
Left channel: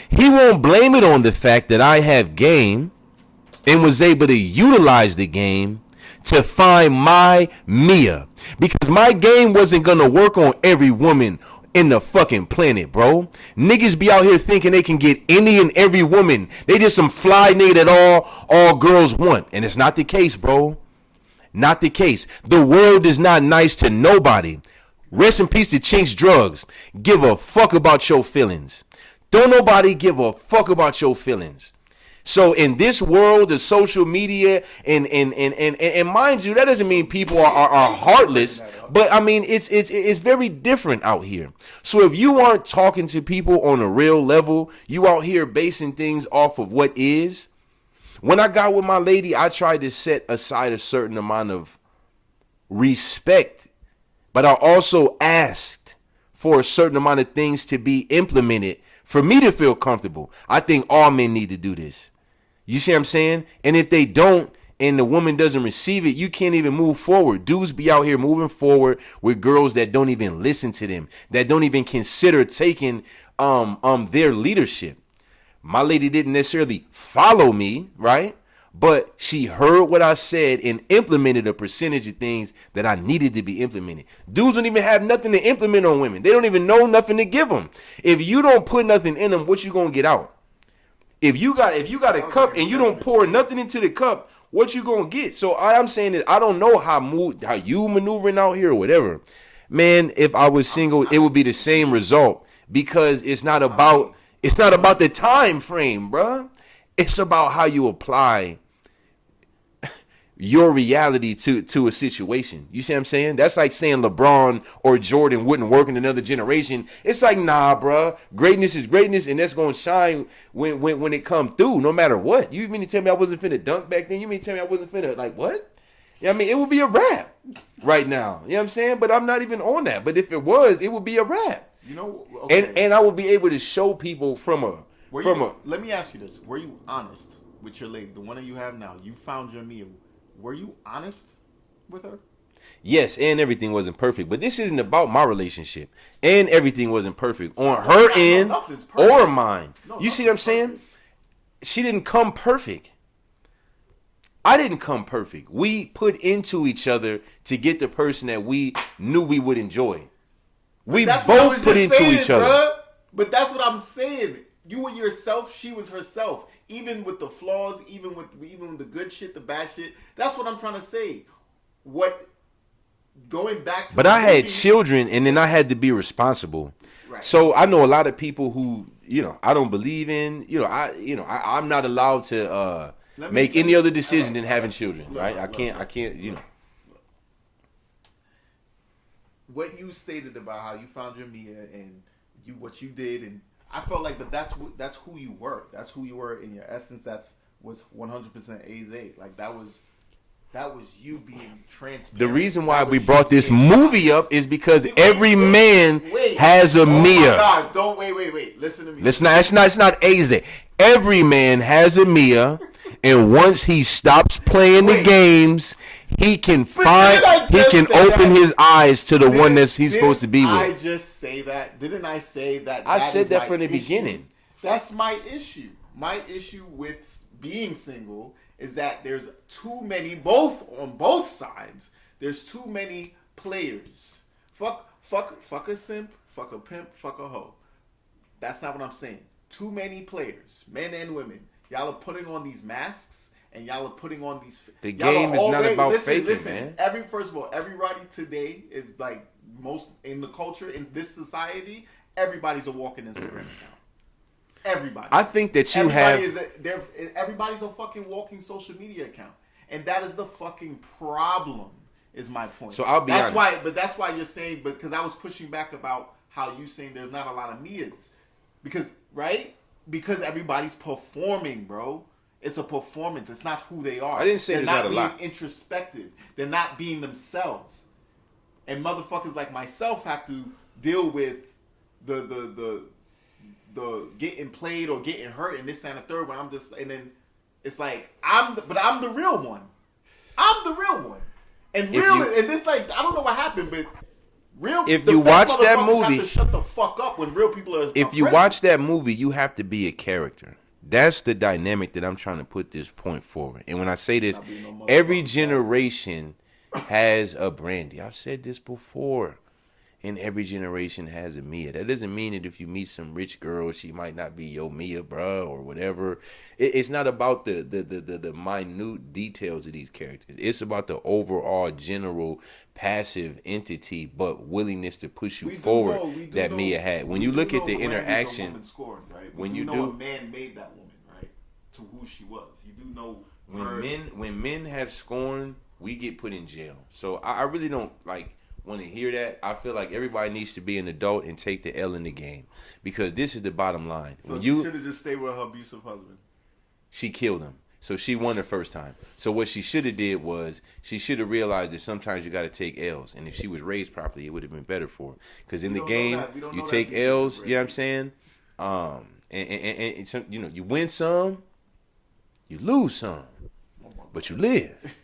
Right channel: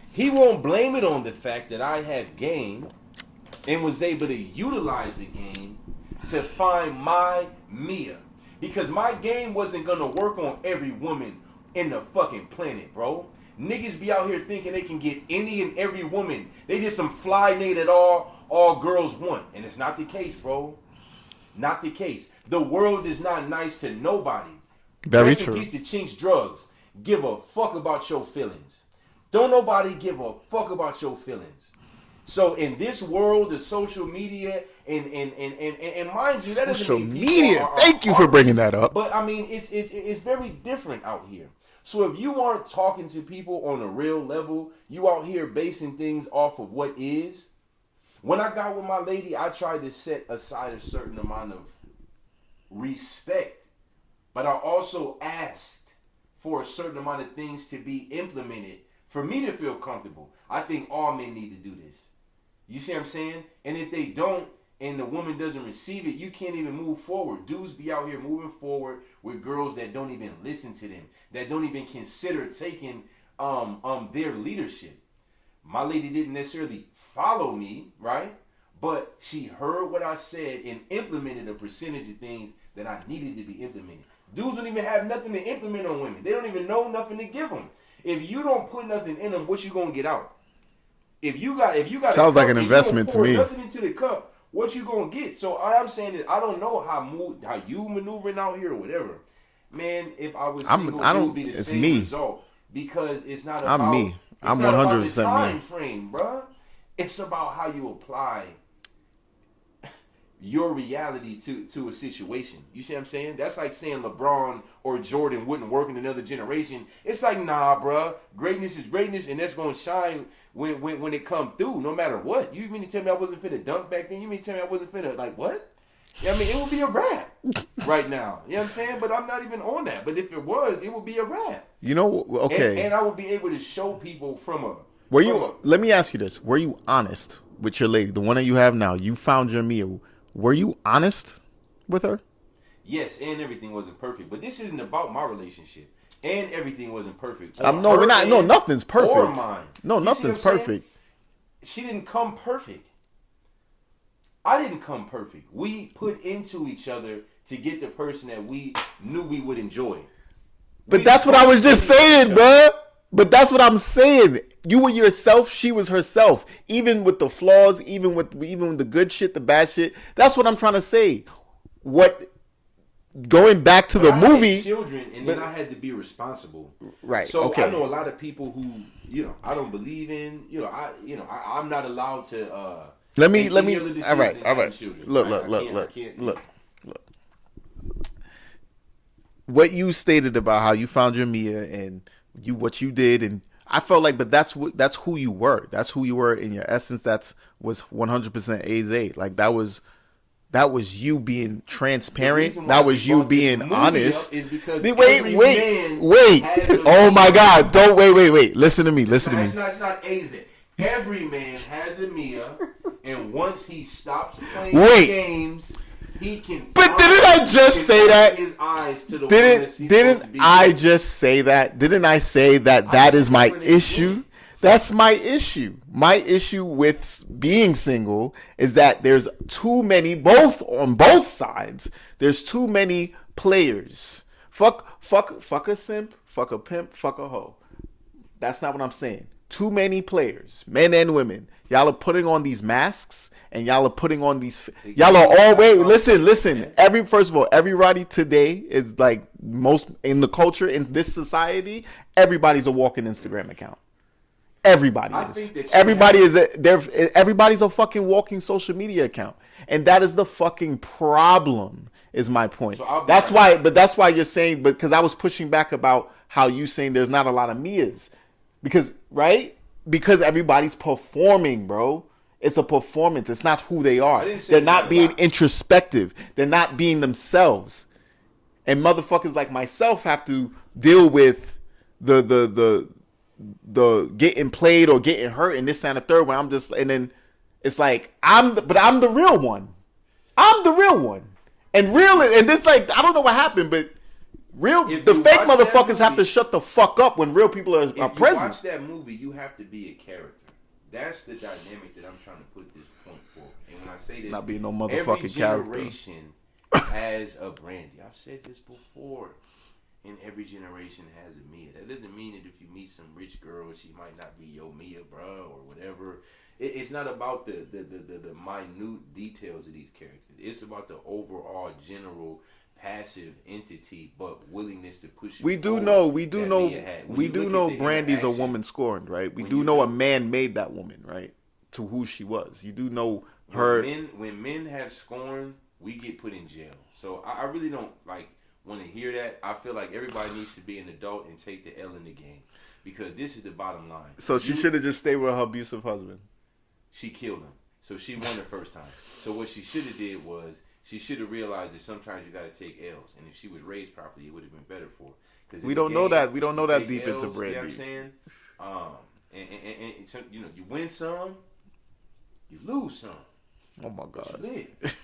He won't blame it on the fact that I have game and was able to utilize the game to find my Mia. Because my game wasn't going to work on every woman in the fucking planet, bro. Niggas be out here thinking they can get any and every woman. They just some fly nigga that all girls want. And it's not the case, bro. Not the case. The world is not nice to nobody. Very Rest in true. peace to Chinks Drugs. Give a fuck about your feelings. Don't nobody give a fuck about your feelings. So in this world of social media and mind you, that doesn't Social mean people media. are Thank you for heartless. bringing that up. But I mean, it's very different out here. So if you aren't talking to people on a real level, you out here basing things off of what is. When I got with my lady, I tried to set aside a certain amount of respect, but I also asked for a certain amount of things to be implemented for me to feel comfortable. I think all men need to do this. You see what I'm saying? And if they don't, and the woman doesn't receive it, you can't even move forward. Dudes be out here moving forward with girls that don't even listen to them, that don't even consider taking their leadership. My lady didn't necessarily follow me, right? But she heard what I said and implemented a percentage of things that I needed to be implemented. Dudes don't even have nothing to implement on women. They don't even know nothing to give them. If you don't put nothing in them, what you gonna get out? If you got Sounds a cup like an and you investment don't to pour me. nothing into the cup, what you gonna get? So all I'm saying is I don't know how you maneuvering out here or whatever. Man, if I was single, it would be the it's same me. result because it's not I'm about me. it's I'm not about the 100% me. time frame, bruh. It's about how you apply. your reality to a situation. You see what I'm saying? That's like saying LeBron or Jordan wouldn't work in another generation. It's like, nah, bruh. Greatness is greatness, and that's gonna shine when it come through, no matter what. You mean to tell me I wasn't finna dunk back then? You mean to tell me I wasn't finna like what? I mean, it would be a rap right now. You know what I'm saying? But I'm not even on that. But if it was, it would be a rap. You know, okay. And I would be able to show people from a. Let me ask you this: were you honest with your lady, the one that you have now? You found your Mia. Were you honest with her? Yes, and everything wasn't perfect. But this isn't about my relationship. And everything wasn't perfect on No, her end, nothing's perfect. or mine. No, you see what I'm nothing's saying? perfect. She didn't come perfect. I didn't come perfect. We put into each other to get the person that we knew we would enjoy. But that's what I was just saying, bro. But that's what I'm saying. You were yourself. She was herself. Even with the flaws, even with the good shit, the bad shit. That's what I'm trying to say. Going back to but the I movie, had children, and then I had to be responsible. Right. So okay. I know a lot of people who, I don't believe in. I'm not allowed to make any other decision than having children. I can't. Look. What you stated about how you found your Mia and what you did, and I felt like, but that's who you were. That's who you were in your essence. Was 100% Aze. Like that was you being transparent. The reason why we you brought this being movie honest. up is because every man has a Mia. Oh my God! Don't wait. Listen to me. It's not Aze. Every man has a Mia, and once he stops playing the games, he can open his eyes to the one that he's supposed to be with. I just say that? Didn't I say that is my issue? That's my issue. My issue with being single is that there's too many, on both sides. There's too many players. Fuck a simp, fuck a pimp, fuck a hoe. That's not what I'm saying. Too many players, men and women. Y'all are putting on these masks, and y'all are putting on these. Y'all are all listen. First of all, everybody today is like most in the culture in this society. Everybody's a walking Instagram account. Everybody. I think that everybody's a fucking walking social media account, and that is the fucking problem. Is my point. So that's why you're saying, because I was pushing back about how you saying there's not a lot of Mias, because everybody's performing, bro. It's a performance. It's not who they are. They're not being introspective. They're not being themselves. And motherfuckers like myself have to deal with the getting played or getting hurt and this and the third one. And then it's like I'm the real one. I'm the real one. And this, like, I don't know what happened, but the fake motherfuckers have to shut the fuck up when real people are If you watch that movie, you have to be a character. That's the dynamic that I'm trying to put this point forward. And when I say this, every generation has a Brandy. I've said this before. And every generation has a Mia. That doesn't mean that if you meet some rich girl, she might not be your Mia, bro, or whatever. It's not about the minute details of these characters. It's about the overall general passive entity, but willingness to push you forward. We do know Mia had. When you look at the Brandy's a woman scorned, right? We do know a man made that woman, right? To who she was. You do know her. When men have scorned, we get put in jail. So I really don't want to hear that. I feel like everybody needs to be an adult and take the L in the game, because this is the bottom line. So she should have just stayed with her abusive husband. She killed him, so she won the first time. So what she should have did was she should have realized that sometimes you got to take L's, and if she was raised properly, it would have been better for her. Because we don't know that. We don't know that. Take L's. You know what I'm saying? And you win some, you lose some. Oh my God. But you live.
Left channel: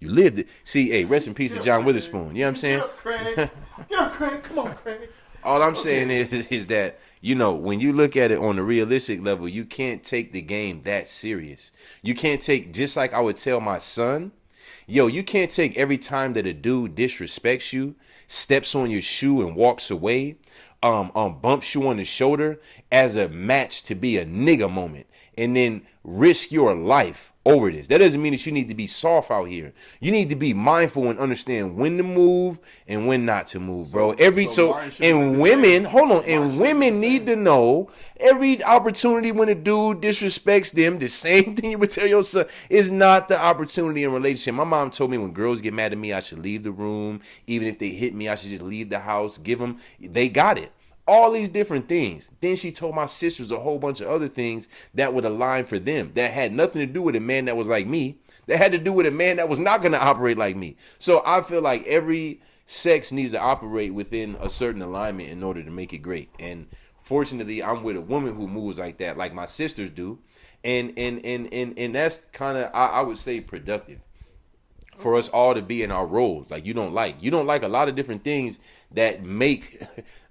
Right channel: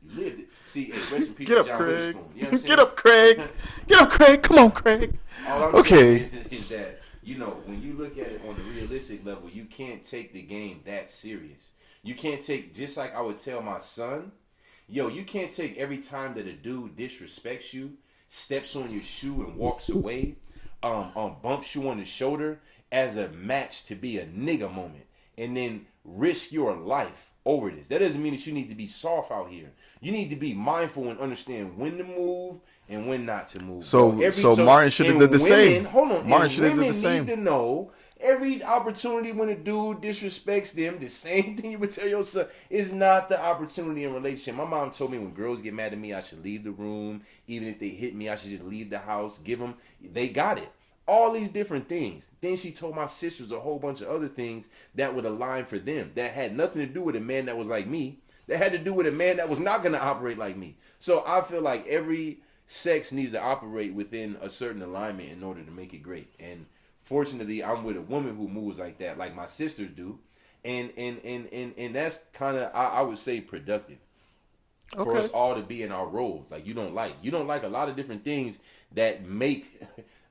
You lived it. See, hey, rest in peace to John Witherspoon. You know what I'm saying? Get up, Craig. Get up, Craig. Come on, Craig. All I'm saying is that, when you look at it on the realistic level, you can't take the game that serious. You can't take, just like I would tell my son, you can't take every time that a dude disrespects you, steps on your shoe and walks away, bumps you on the shoulder as a match to be a nigga moment, and then risk your life over this. That doesn't mean that you need to be soft out here. You need to be mindful and understand when to move and when not to move. So, bro. Martin should have done the women, same. Hold on, Martin and should have did women the same. need to know every opportunity when a dude disrespects them, the same thing you would tell your son is not the opportunity in a relationship. My mom told me when girls get mad at me, I should leave the room. Even if they hit me, I should just leave the house. Give them, they got it. All these different things. Then she told my sisters a whole bunch of other things that would align for them. That had nothing to do with a man that was like me. That had to do with a man that was not going to operate like me. So I feel like every sex needs to operate within a certain alignment in order to make it great. And fortunately, I'm with a woman who moves like that, like my sisters do. And that's kind of, I would say, productive. For us all to be in our roles. Like you don't like a lot of different things that make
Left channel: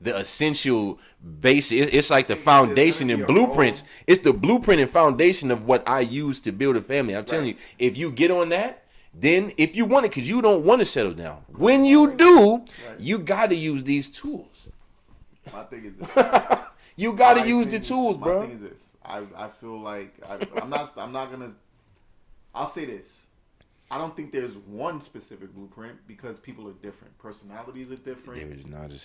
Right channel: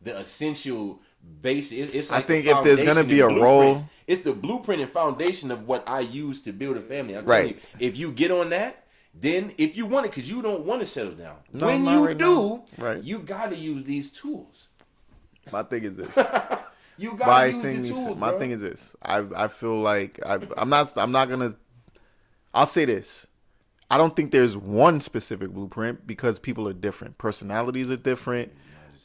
the essential base. It's like the foundation and blueprints. It's the blueprint and foundation of what I use to build a family. I'm telling you, if you get on that, then if you want it, because you don't want to settle down. When you do, you got to use these tools. My thing is this. You got to use the tools, bro. My thing is this. I feel like I'm not gonna. I'll say this. I don't think there's one specific blueprint because people are different. Personalities are different.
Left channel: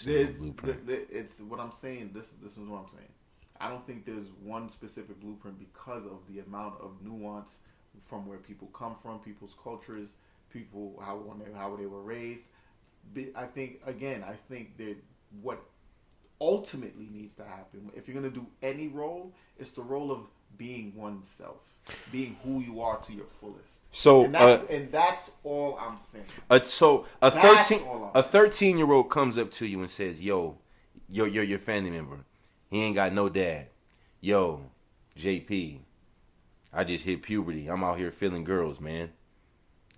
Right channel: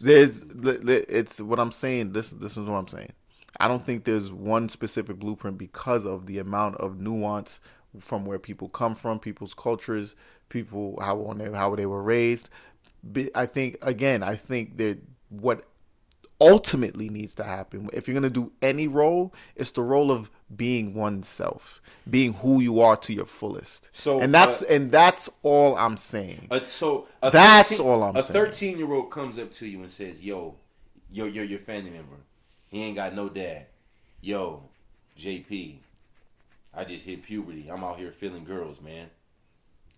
It's what I'm saying. This is what I'm saying. I don't think there's one specific blueprint because of the amount of nuance from where people come from, people's cultures, people how they were raised. I think that what ultimately needs to happen, if you're gonna do any role, it's the role of being oneself, being who you are to your fullest. So that's all I'm saying. That's all I'm saying. A 13-year-old comes up to you and says, "Yo, you're your family member. He ain't got no dad. Yo, JP, I just hit puberty. I'm out here feeling girls, man.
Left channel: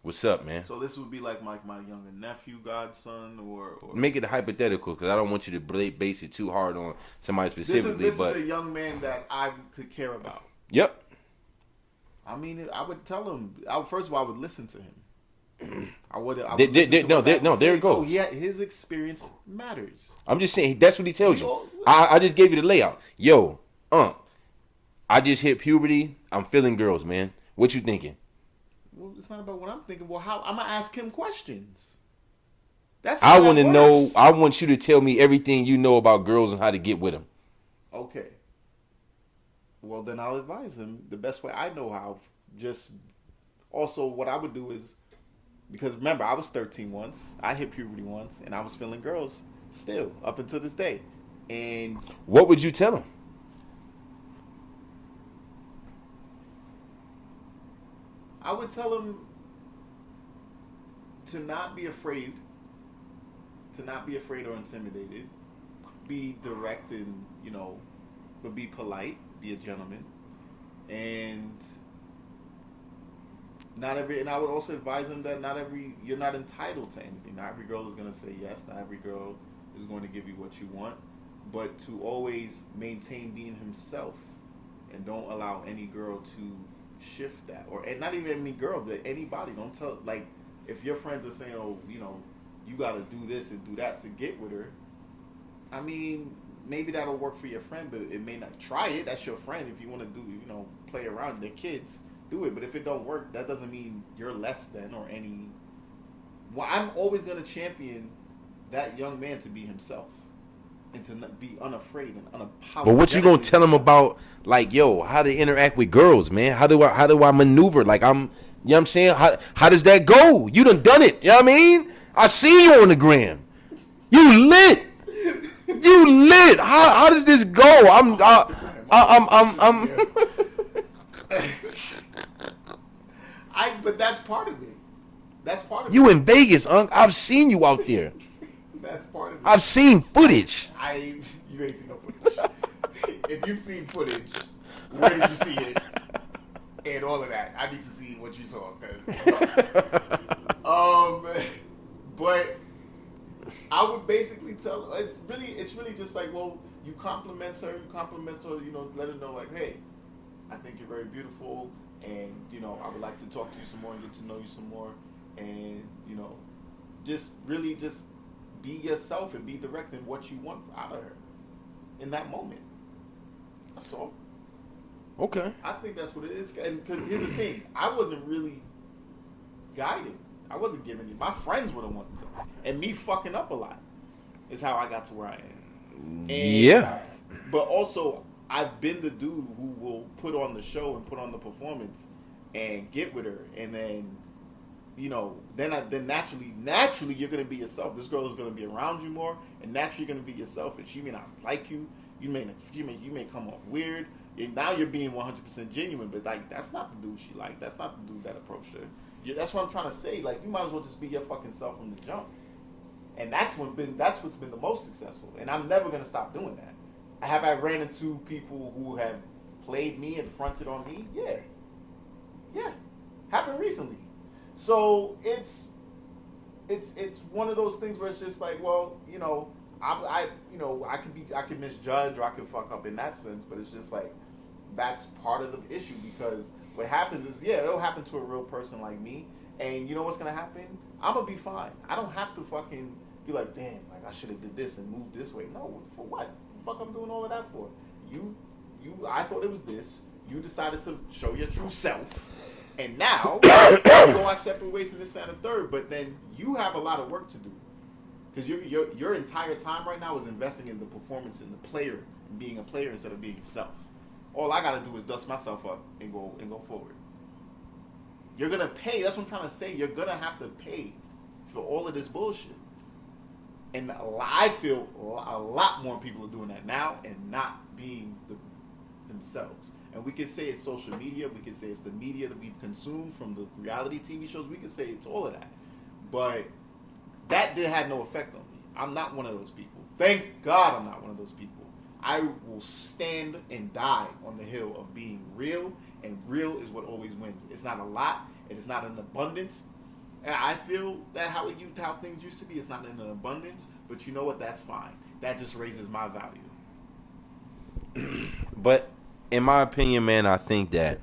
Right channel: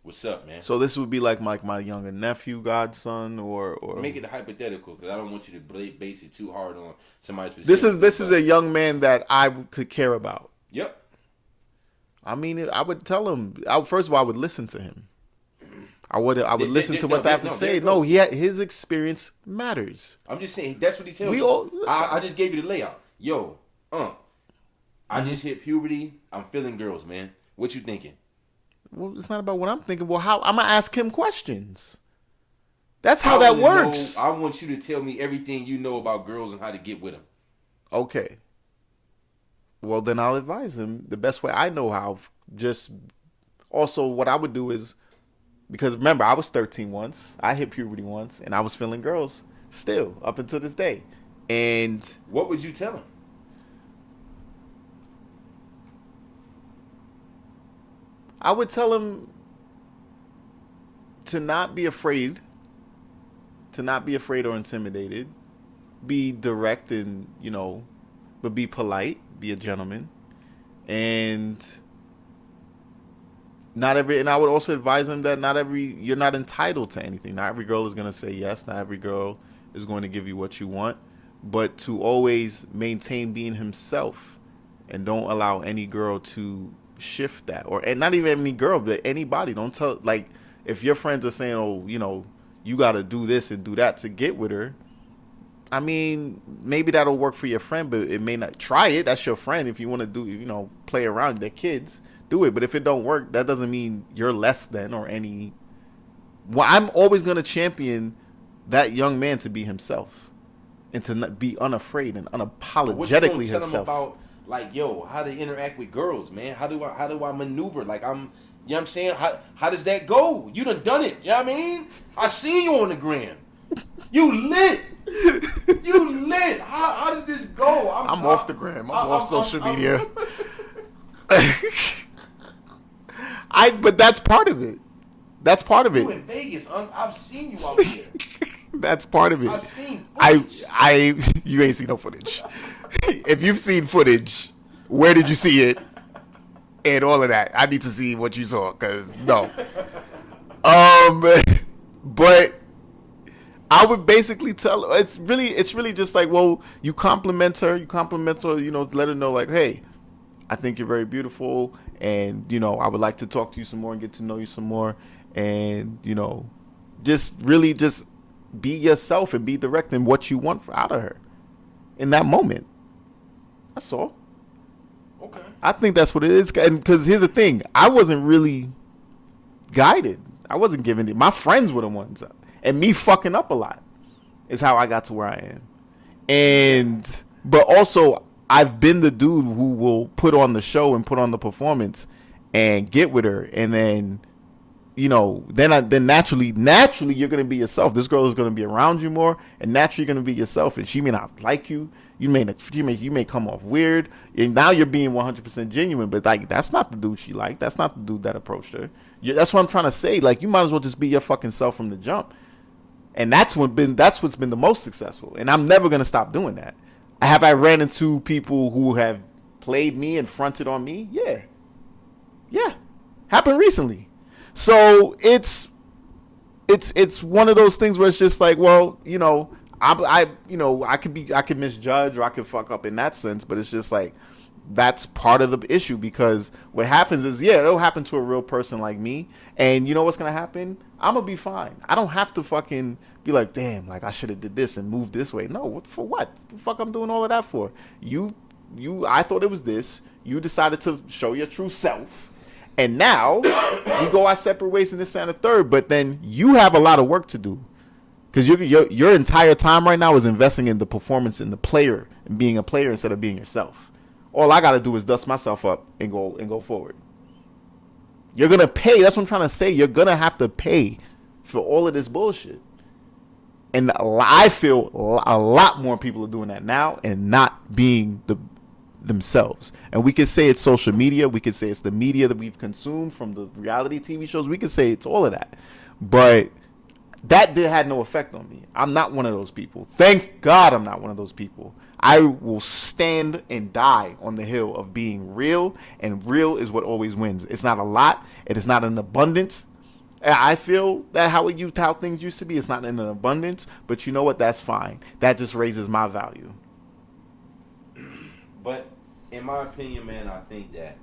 What's up, man?" So this would be like my younger nephew, godson, or make it hypothetical because I don't want you to base it too hard on somebody specific. This is a young man that I could care about. Yep. I mean, I would tell him. First of all, I would listen to him. I would listen to what they have to say. No, his experience matters. I'm just saying that's what he tells you. I just gave you the layout. Yo, I just hit puberty. I'm feeling girls, man. What you thinking? Well, it's not about what I'm thinking. Well, how I'm gonna ask him questions. That's how that works. I want you to tell me everything you know about girls and how to get with them. Okay. Well, then I'll advise him the best way I know how. Just also, what I would do is, because remember, I was 13 once. I hit puberty once, and I was feeling girls still up until this day. And what would you tell him? I would tell him to not be afraid. To not be afraid or intimidated. Be direct and, but be polite. Be a gentleman. And I would also advise him that you're not entitled to anything. Not every girl is going to say yes. Not every girl is going to give you what you want. But to always maintain being himself and don't allow any girl to shift that, and not even any girl, but anybody. Don't tell, like, if your friends are saying, "Oh, you got to do this and do that to get with her." I mean, maybe that'll work for your friend, but it may not. Try it. That's your friend. If you want to do, play around, they're kids, do it. But if it don't work, that doesn't mean you're less than or any. Well, I'm always gonna champion that young man to be himself and to not be unafraid and unapologetically. But what you gonna tell him about? Like, yo, how to interact with girls, man? How do I maneuver? Like, you know what I'm saying? How does that go? You done it. You know what I mean? I see you on the gram. You lit. You lit. How does this go? I'm off the gram. I'm social media. But that's part of it. That's part of it. You in Vegas, Unc. I've seen you out there. That's part of it. I've seen footage. You ain't seen no footage. If you've seen footage, where did you see it? And all of that. I need to see what you saw, because no. But I would basically tell her, it's really just like, well, you compliment her, let her know, like, hey, I think you're very beautiful, and I would like to talk to you some more and get to know you some more, and just really just be yourself and be direct in what you want out of her in that moment. That's all. Okay. I think that's what it is. And because here's the thing, I wasn't really guided. I wasn't given it. My friends were the ones, and me fucking up a lot is how I got to where I am. And but also, I've been the dude who will put on the show and put on the performance and get with her, and then, you know, then naturally you're gonna be yourself. This girl is gonna be around you more, and naturally you're gonna be yourself. And she may not like you. You may come off weird, and now you're being 100% genuine. But like, that's not the dude she liked. That's not the dude that approached her. That's what I'm trying to say. Like, you might as well just be your fucking self from the jump. And that's what's been the most successful. And I'm never gonna stop doing that. Have I ran into people who have played me and fronted on me? Yeah, happened recently. So it's one of those things where it's just like, well, you know, I could misjudge or I could fuck up in that sense, but it's just like, that's part of the issue, because what happens is, it'll happen to a real person like me, and you know what's gonna happen? I'm gonna be fine. I don't have to fucking be like, damn, like I should have did this and moved this way. No, for what? The fuck I'm doing all of that for? I thought it was this. You decided to show your true self, and now we go our separate ways in this and the third. But then you have a lot of work to do, because your entire time right now is investing in the performance and the player and being a player instead of being yourself. All I gotta do is dust myself up and go forward. You're gonna pay. That's what I'm trying to say. You're gonna have to pay for all of this bullshit. And I feel a lot more people are doing that now and not being themselves. And we could say it's social media. We could say it's the media that we've consumed from the reality TV shows. We could say it's all of that. But that had no effect on me. I'm not one of those people. Thank God I'm not one of those people. I will stand and die on the hill of being real, and real is what always wins. It's not a lot. It is not an abundance. I feel that how things used to be, it's not in an abundance, but you know what? That's fine. That just raises my value. But in my opinion, man, I think that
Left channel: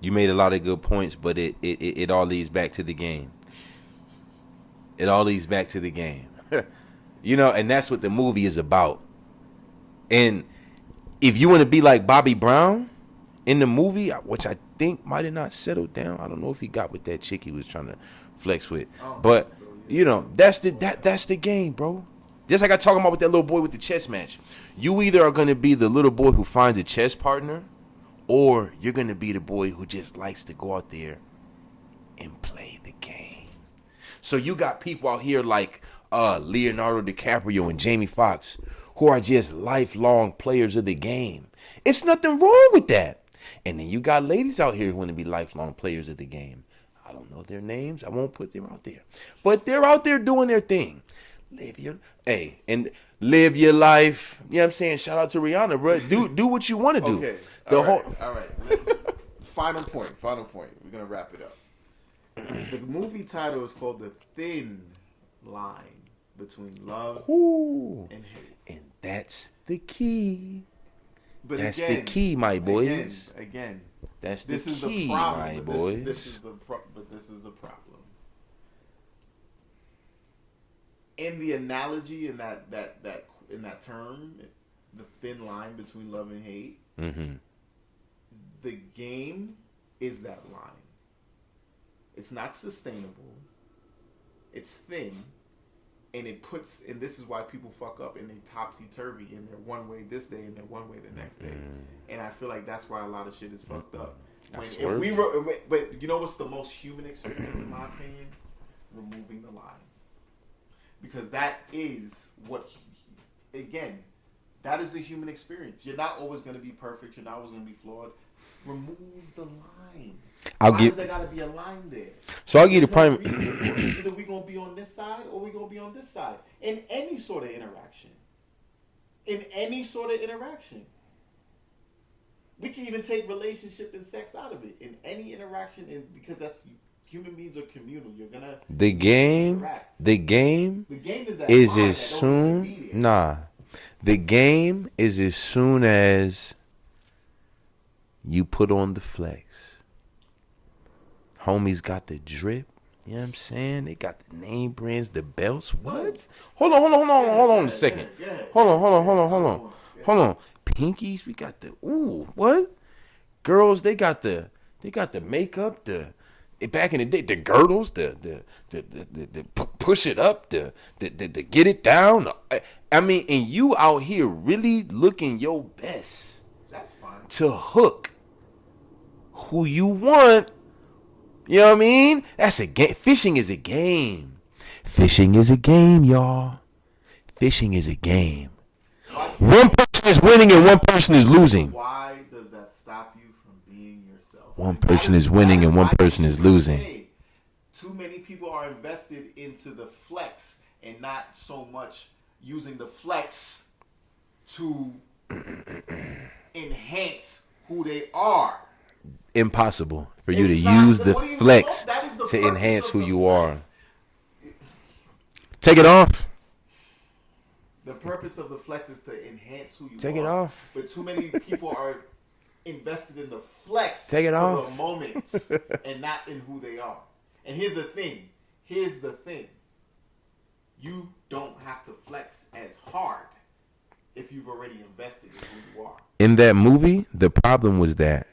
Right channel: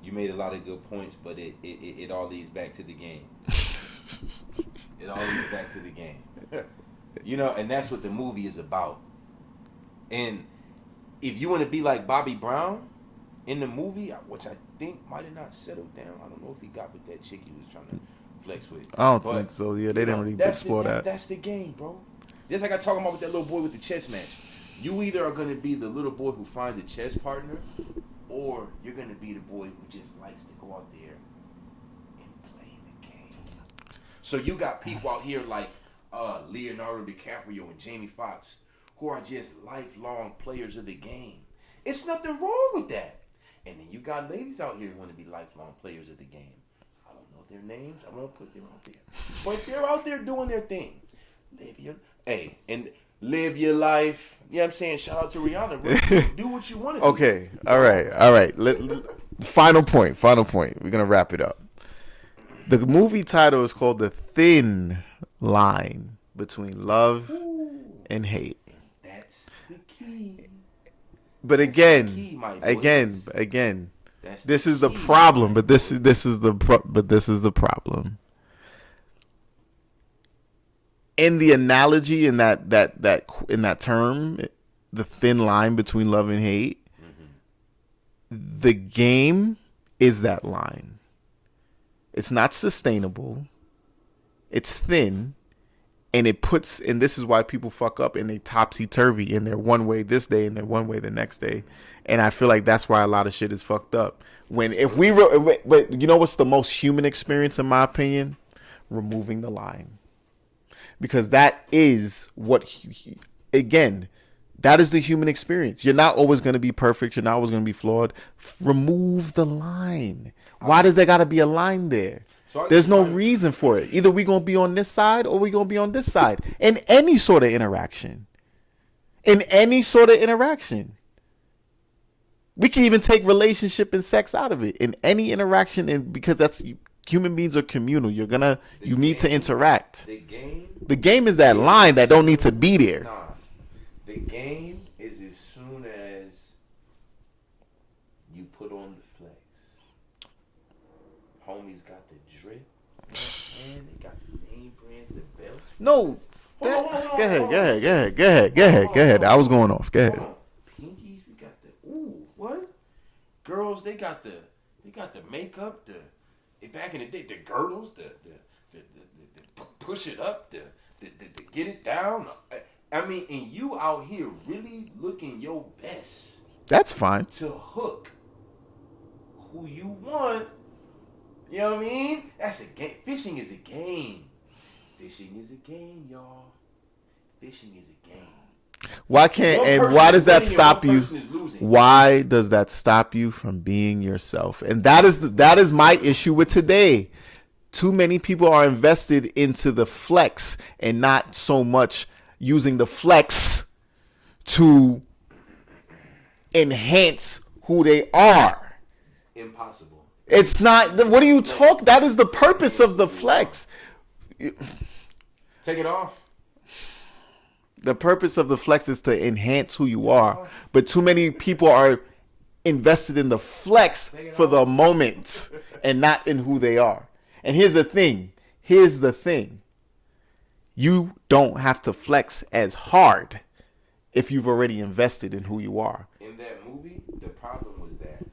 you made a lot of good points, but it all leads back to the game. It all leads back to the game. You know, and that's what the movie is about. And if you want to be like Bobby Brown in the movie, which I think might have not settled down. I don't know if he got with that chick he was trying to flex with. I don't think so. Yeah, you know, that's the game, bro. Just like I talking about with that little boy with the chess match. You either are going to be the little boy who finds a chess partner, or you're going to be the boy who just likes to go out there and play the game. So you got people out here like Leonardo DiCaprio and Jamie Foxx, who are just lifelong players of the game. It's nothing wrong with that. And then you got ladies out here who want to be lifelong players of the game. I don't know their names. I won't put them out there. But they're out there doing their thing. Live your life. You know what I'm saying? Shout out to Rihanna, bro. Do what you want to do. Okay. All right. Final point. We're going to wrap it up. The movie title is called The Thin Line Between Love and Hate. That's the key. But that's again, the key, my boys. Again, this is the problem. But this is the problem. In the analogy, in that term, the thin line between love and hate, the game is that line. It's not sustainable. It's thin. And and this is why people fuck up and they topsy-turvy, and they're one way this day and they're one way the next day. And I feel like that's why a lot of shit is fucked up. But you know what's the most human experience, in my opinion? Removing the line. Because that is that is the human experience. You're not always going to be perfect. You're not always going to be flawed. Remove the line. Why does there got to be a line there? So there's no reason for it. Either we're going to be on this side or we're going to be on this side. In any sort of interaction. We can even take relationship and sex out of it. In any interaction, and because human beings are communal. You need to interact. The game is that line that don't need to be there. Nah. The game is as soon as you put on the flex. Homies got the drip. You know what I'm saying? They got the name brands, the belts. No. Hold on. Go ahead. I was going off. Go ahead. Hold on. Pinkies, we got what? girls, they got the makeup, back in the day, the girdles, the push it up, the get it down. I mean, and you out here really looking your best That's fine. to hook who you want. You know what I mean? That's a game. Fishing is a game. Fishing is a game, y'all. Fishing is a game. Why can't One and person why is does that winning and one stop you? person is losing. Why does that stop you from being yourself? One And that person is is that winning is and one my person issue is with losing. today. Too many people are invested into the flex and not so much using the flex to enhance who they are. Impossible. For you It's to not. use the What are you flex talking? That is the to purpose enhance of the who you flex. are. Take it off. The purpose of the flex is to enhance who you Take it are. off. But too many people are invested in the flex Take it for the off. moment and not in who they are. And here's the thing. Here's the thing. You don't have to flex as hard if you've already invested in who you are. In that movie, the problem was that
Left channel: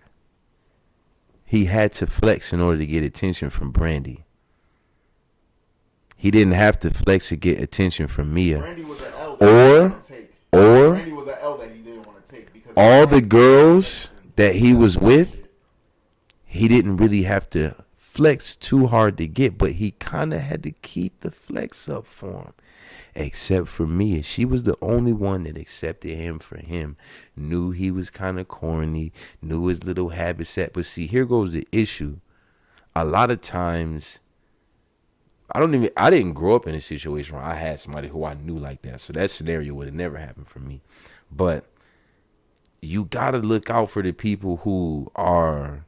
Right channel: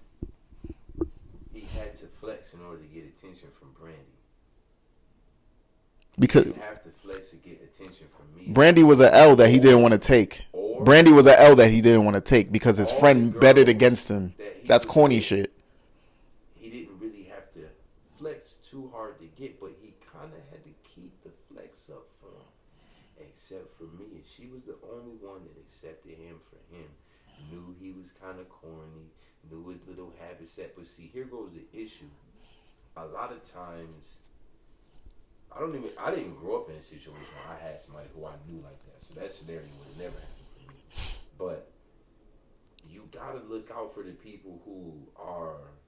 he had to flex in order to get attention from Brandy. He Because- didn't have to flex to get attention from Mia. Brandy was an L that he Or- didn't want to take. or- Brandy was an L that he didn't want to take because his all the friend betted girls against him. that he That's was corny with, shit. he didn't really have to flex too hard to get, but he kind of had to keep the flex up for him. Except for Mia. She was the only one that accepted him for him. Knew he was kind of corny. Knew his little habit set. But see, here goes the issue. A lot of times, I didn't grow up in a situation where I had somebody who I knew like that. So that scenario would have never happened for me. But you got to look out for the people who are,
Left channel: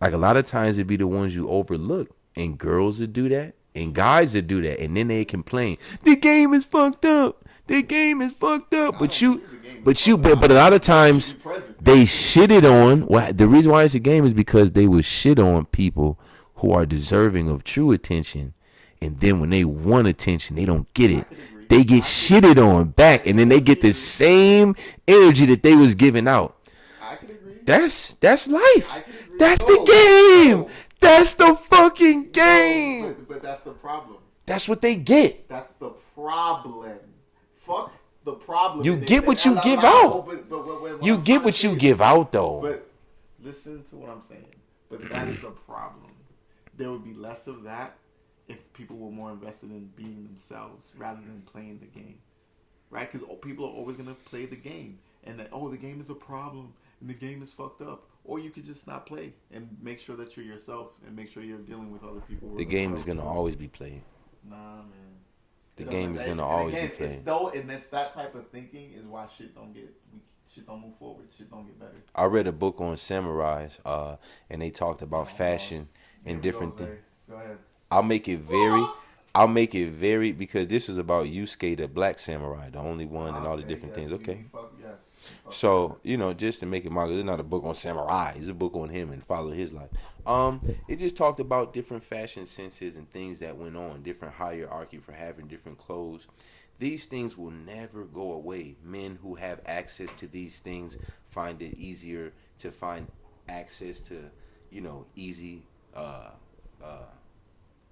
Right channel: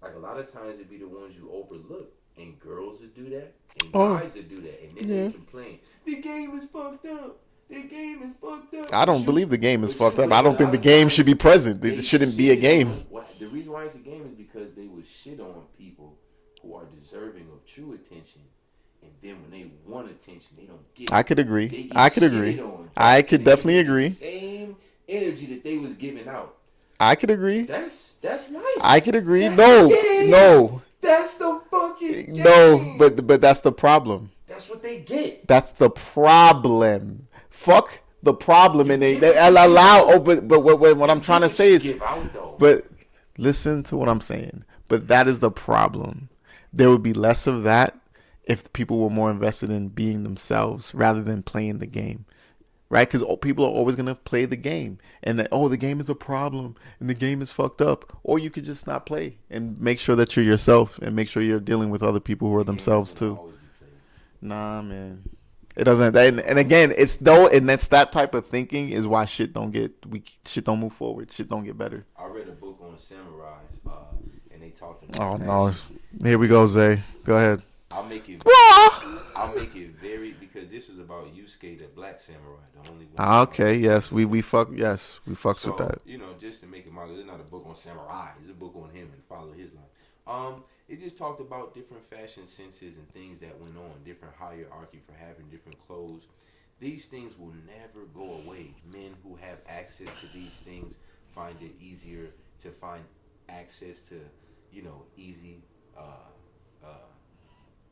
like, a lot of times it'd be the ones you overlook. And girls that do that. And guys that do that. And then they complain. The game is fucked up. The game is fucked up. I But don't you- believe the game is but fucked you- up. but I a don't lot think of the game times should be present. They It shouldn't be a shitted game. on. Well, the reason why it's a game is because they would shit on people who are deserving of true attention. And then when they want attention, they don't get it. I could agree. They get I could shitted agree. on back, I could and then they get definitely the agree. same energy that they was giving out. I could agree. That's life. I could agree. That's No, the game. no. That's the fucking game. No, but that's the problem. that's what they get. That's the problem. Fuck the problem. You and get they what you give allow. out. Oh, but what You I'm trying get to what say you is, give out though. but listen to what I'm saying. But that is the problem. There would be less of that if people were more invested in being themselves rather than playing the game. Right? Because people are always going to play the game. And that, the game is a problem and the game is fucked up. Or you could just not play and make sure that you're yourself and make sure you're dealing with other people who are the game themselves is gonna too. always be played. Nah, man. It doesn't. game's And, gonna and always again, be it's played. and that's that type of thinking is why shit don't move forward. Shit don't get better. I read a book on samurais, and they talked about Oh, no. fashion. Here we go, Zay. Go ahead. I'll make it very because this is about Yusuke, the black samurai, the only one. Okay. Yes, we fucked with So that. just to make it mark, it's not a book on samurai. It's a book on him and follow his life. It just talked about different fashion senses and things that went on, different hierarchy for having different clothes. These things will never go away. Men who have access to these things find it easier to find access to, easy,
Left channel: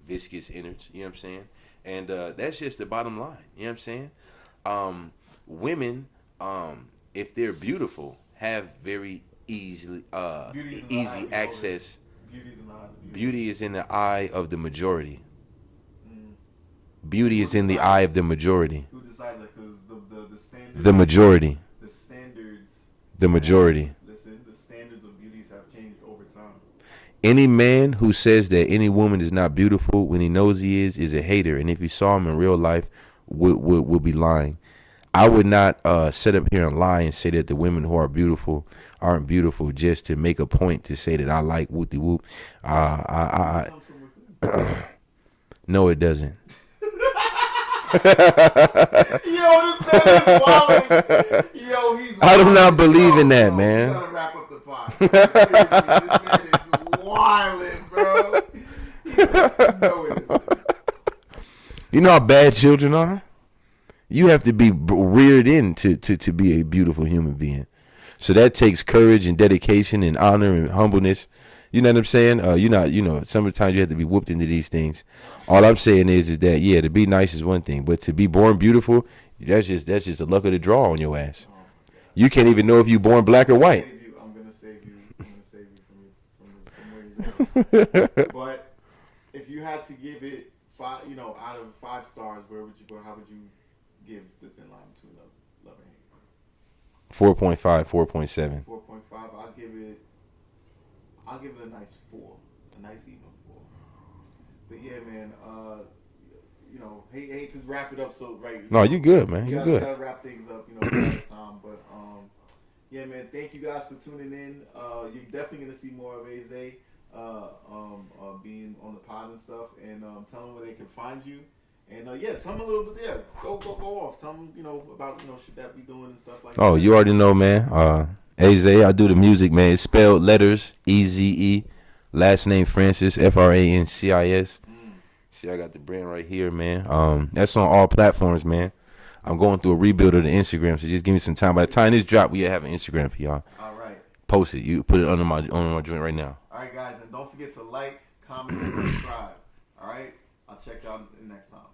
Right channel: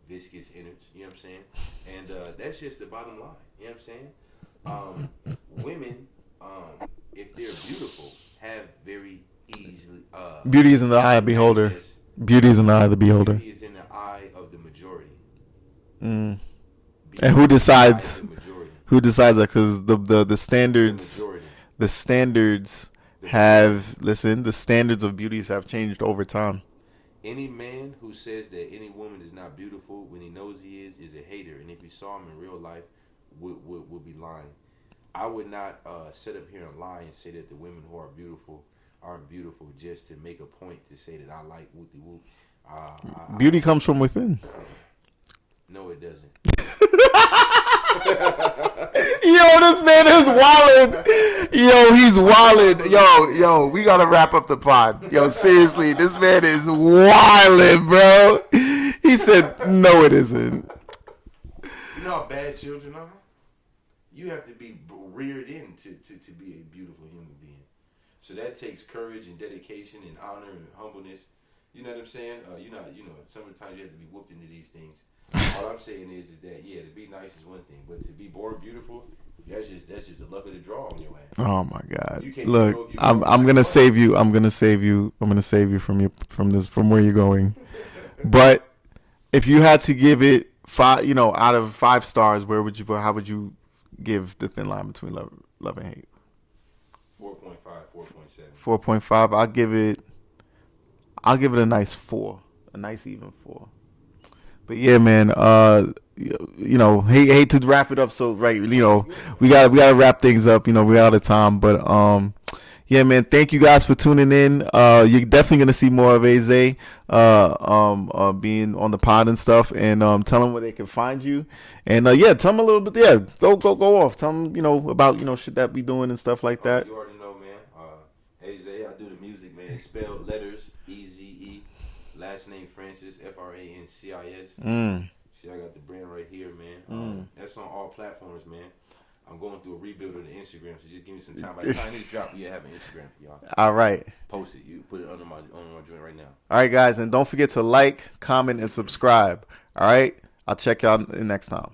viscous innards. You know what I'm saying? And that's just the bottom line. You know what I'm saying? Women, if they're beautiful, have very easily Beauty is in the eye of the beholder. Beauty is in the eye of the beholder. Beauty is in the eye of the majority. Mm. Beauty And who is in the eye decides? of the majority. Who decides that? Because the standards. The majority. The standards. The majority. Listen, the standards of beauties have changed over time. Any man who says that any woman is not beautiful when he knows he is a hater. And if you saw him in real life, would be lying. I would not sit up here and lie and say that the women who are beautiful aren't beautiful just to make a point to say that I like whoopty whoop. Beauty comes from within. No, it doesn't. Yo, this man is wildin'. Yo, he's wildin'. I do not believe in that, yo, man. We gotta wrap up the pod. Yo, seriously, this man is wildin', bro. He said, "No, it isn't." You know how bad children are? You have to be reared in to be a beautiful human being. So that takes courage and dedication and honor and humbleness. You know what I'm saying? Sometimes you have to be whooped into these things. All I'm saying is that, yeah, to be nice is one thing, but to be born beautiful, that's just the luck of the draw on your ass. Oh my God! You can't even know if you're born black or white. Save you. I'm gonna save you from where you're going. But if you had to give it 5, out of 5 stars, how would you give The Thin Line Between Love and Hate? 4.5, 4.7. 4.5. I'll give it a nice 4, a nice even 4. But yeah, man. Hate to wrap it up. So you're good, man. we gotta wrap things up. We're out of time. But yeah, man. Thank you guys for tuning in. You're definitely gonna see more of Aze, being on the pod and stuff, and tell them where they can find you. And tell them a little bit. Yeah, go off. Tell them about shit that we doing and stuff like that. Oh, you already know, man. Aze, I do the music, man. It's spelled letters Eze. Last name Francis, Francis. See, I got the brand right here, man. That's on all platforms, man. I'm going through a rebuild of the Instagram, so just give me some time. By the time this drop, we have an Instagram for y'all. All right. Post it. You put it under my joint right now. All right, guys, and don't forget to like, comment, and subscribe. All right. I'll check y'all next time.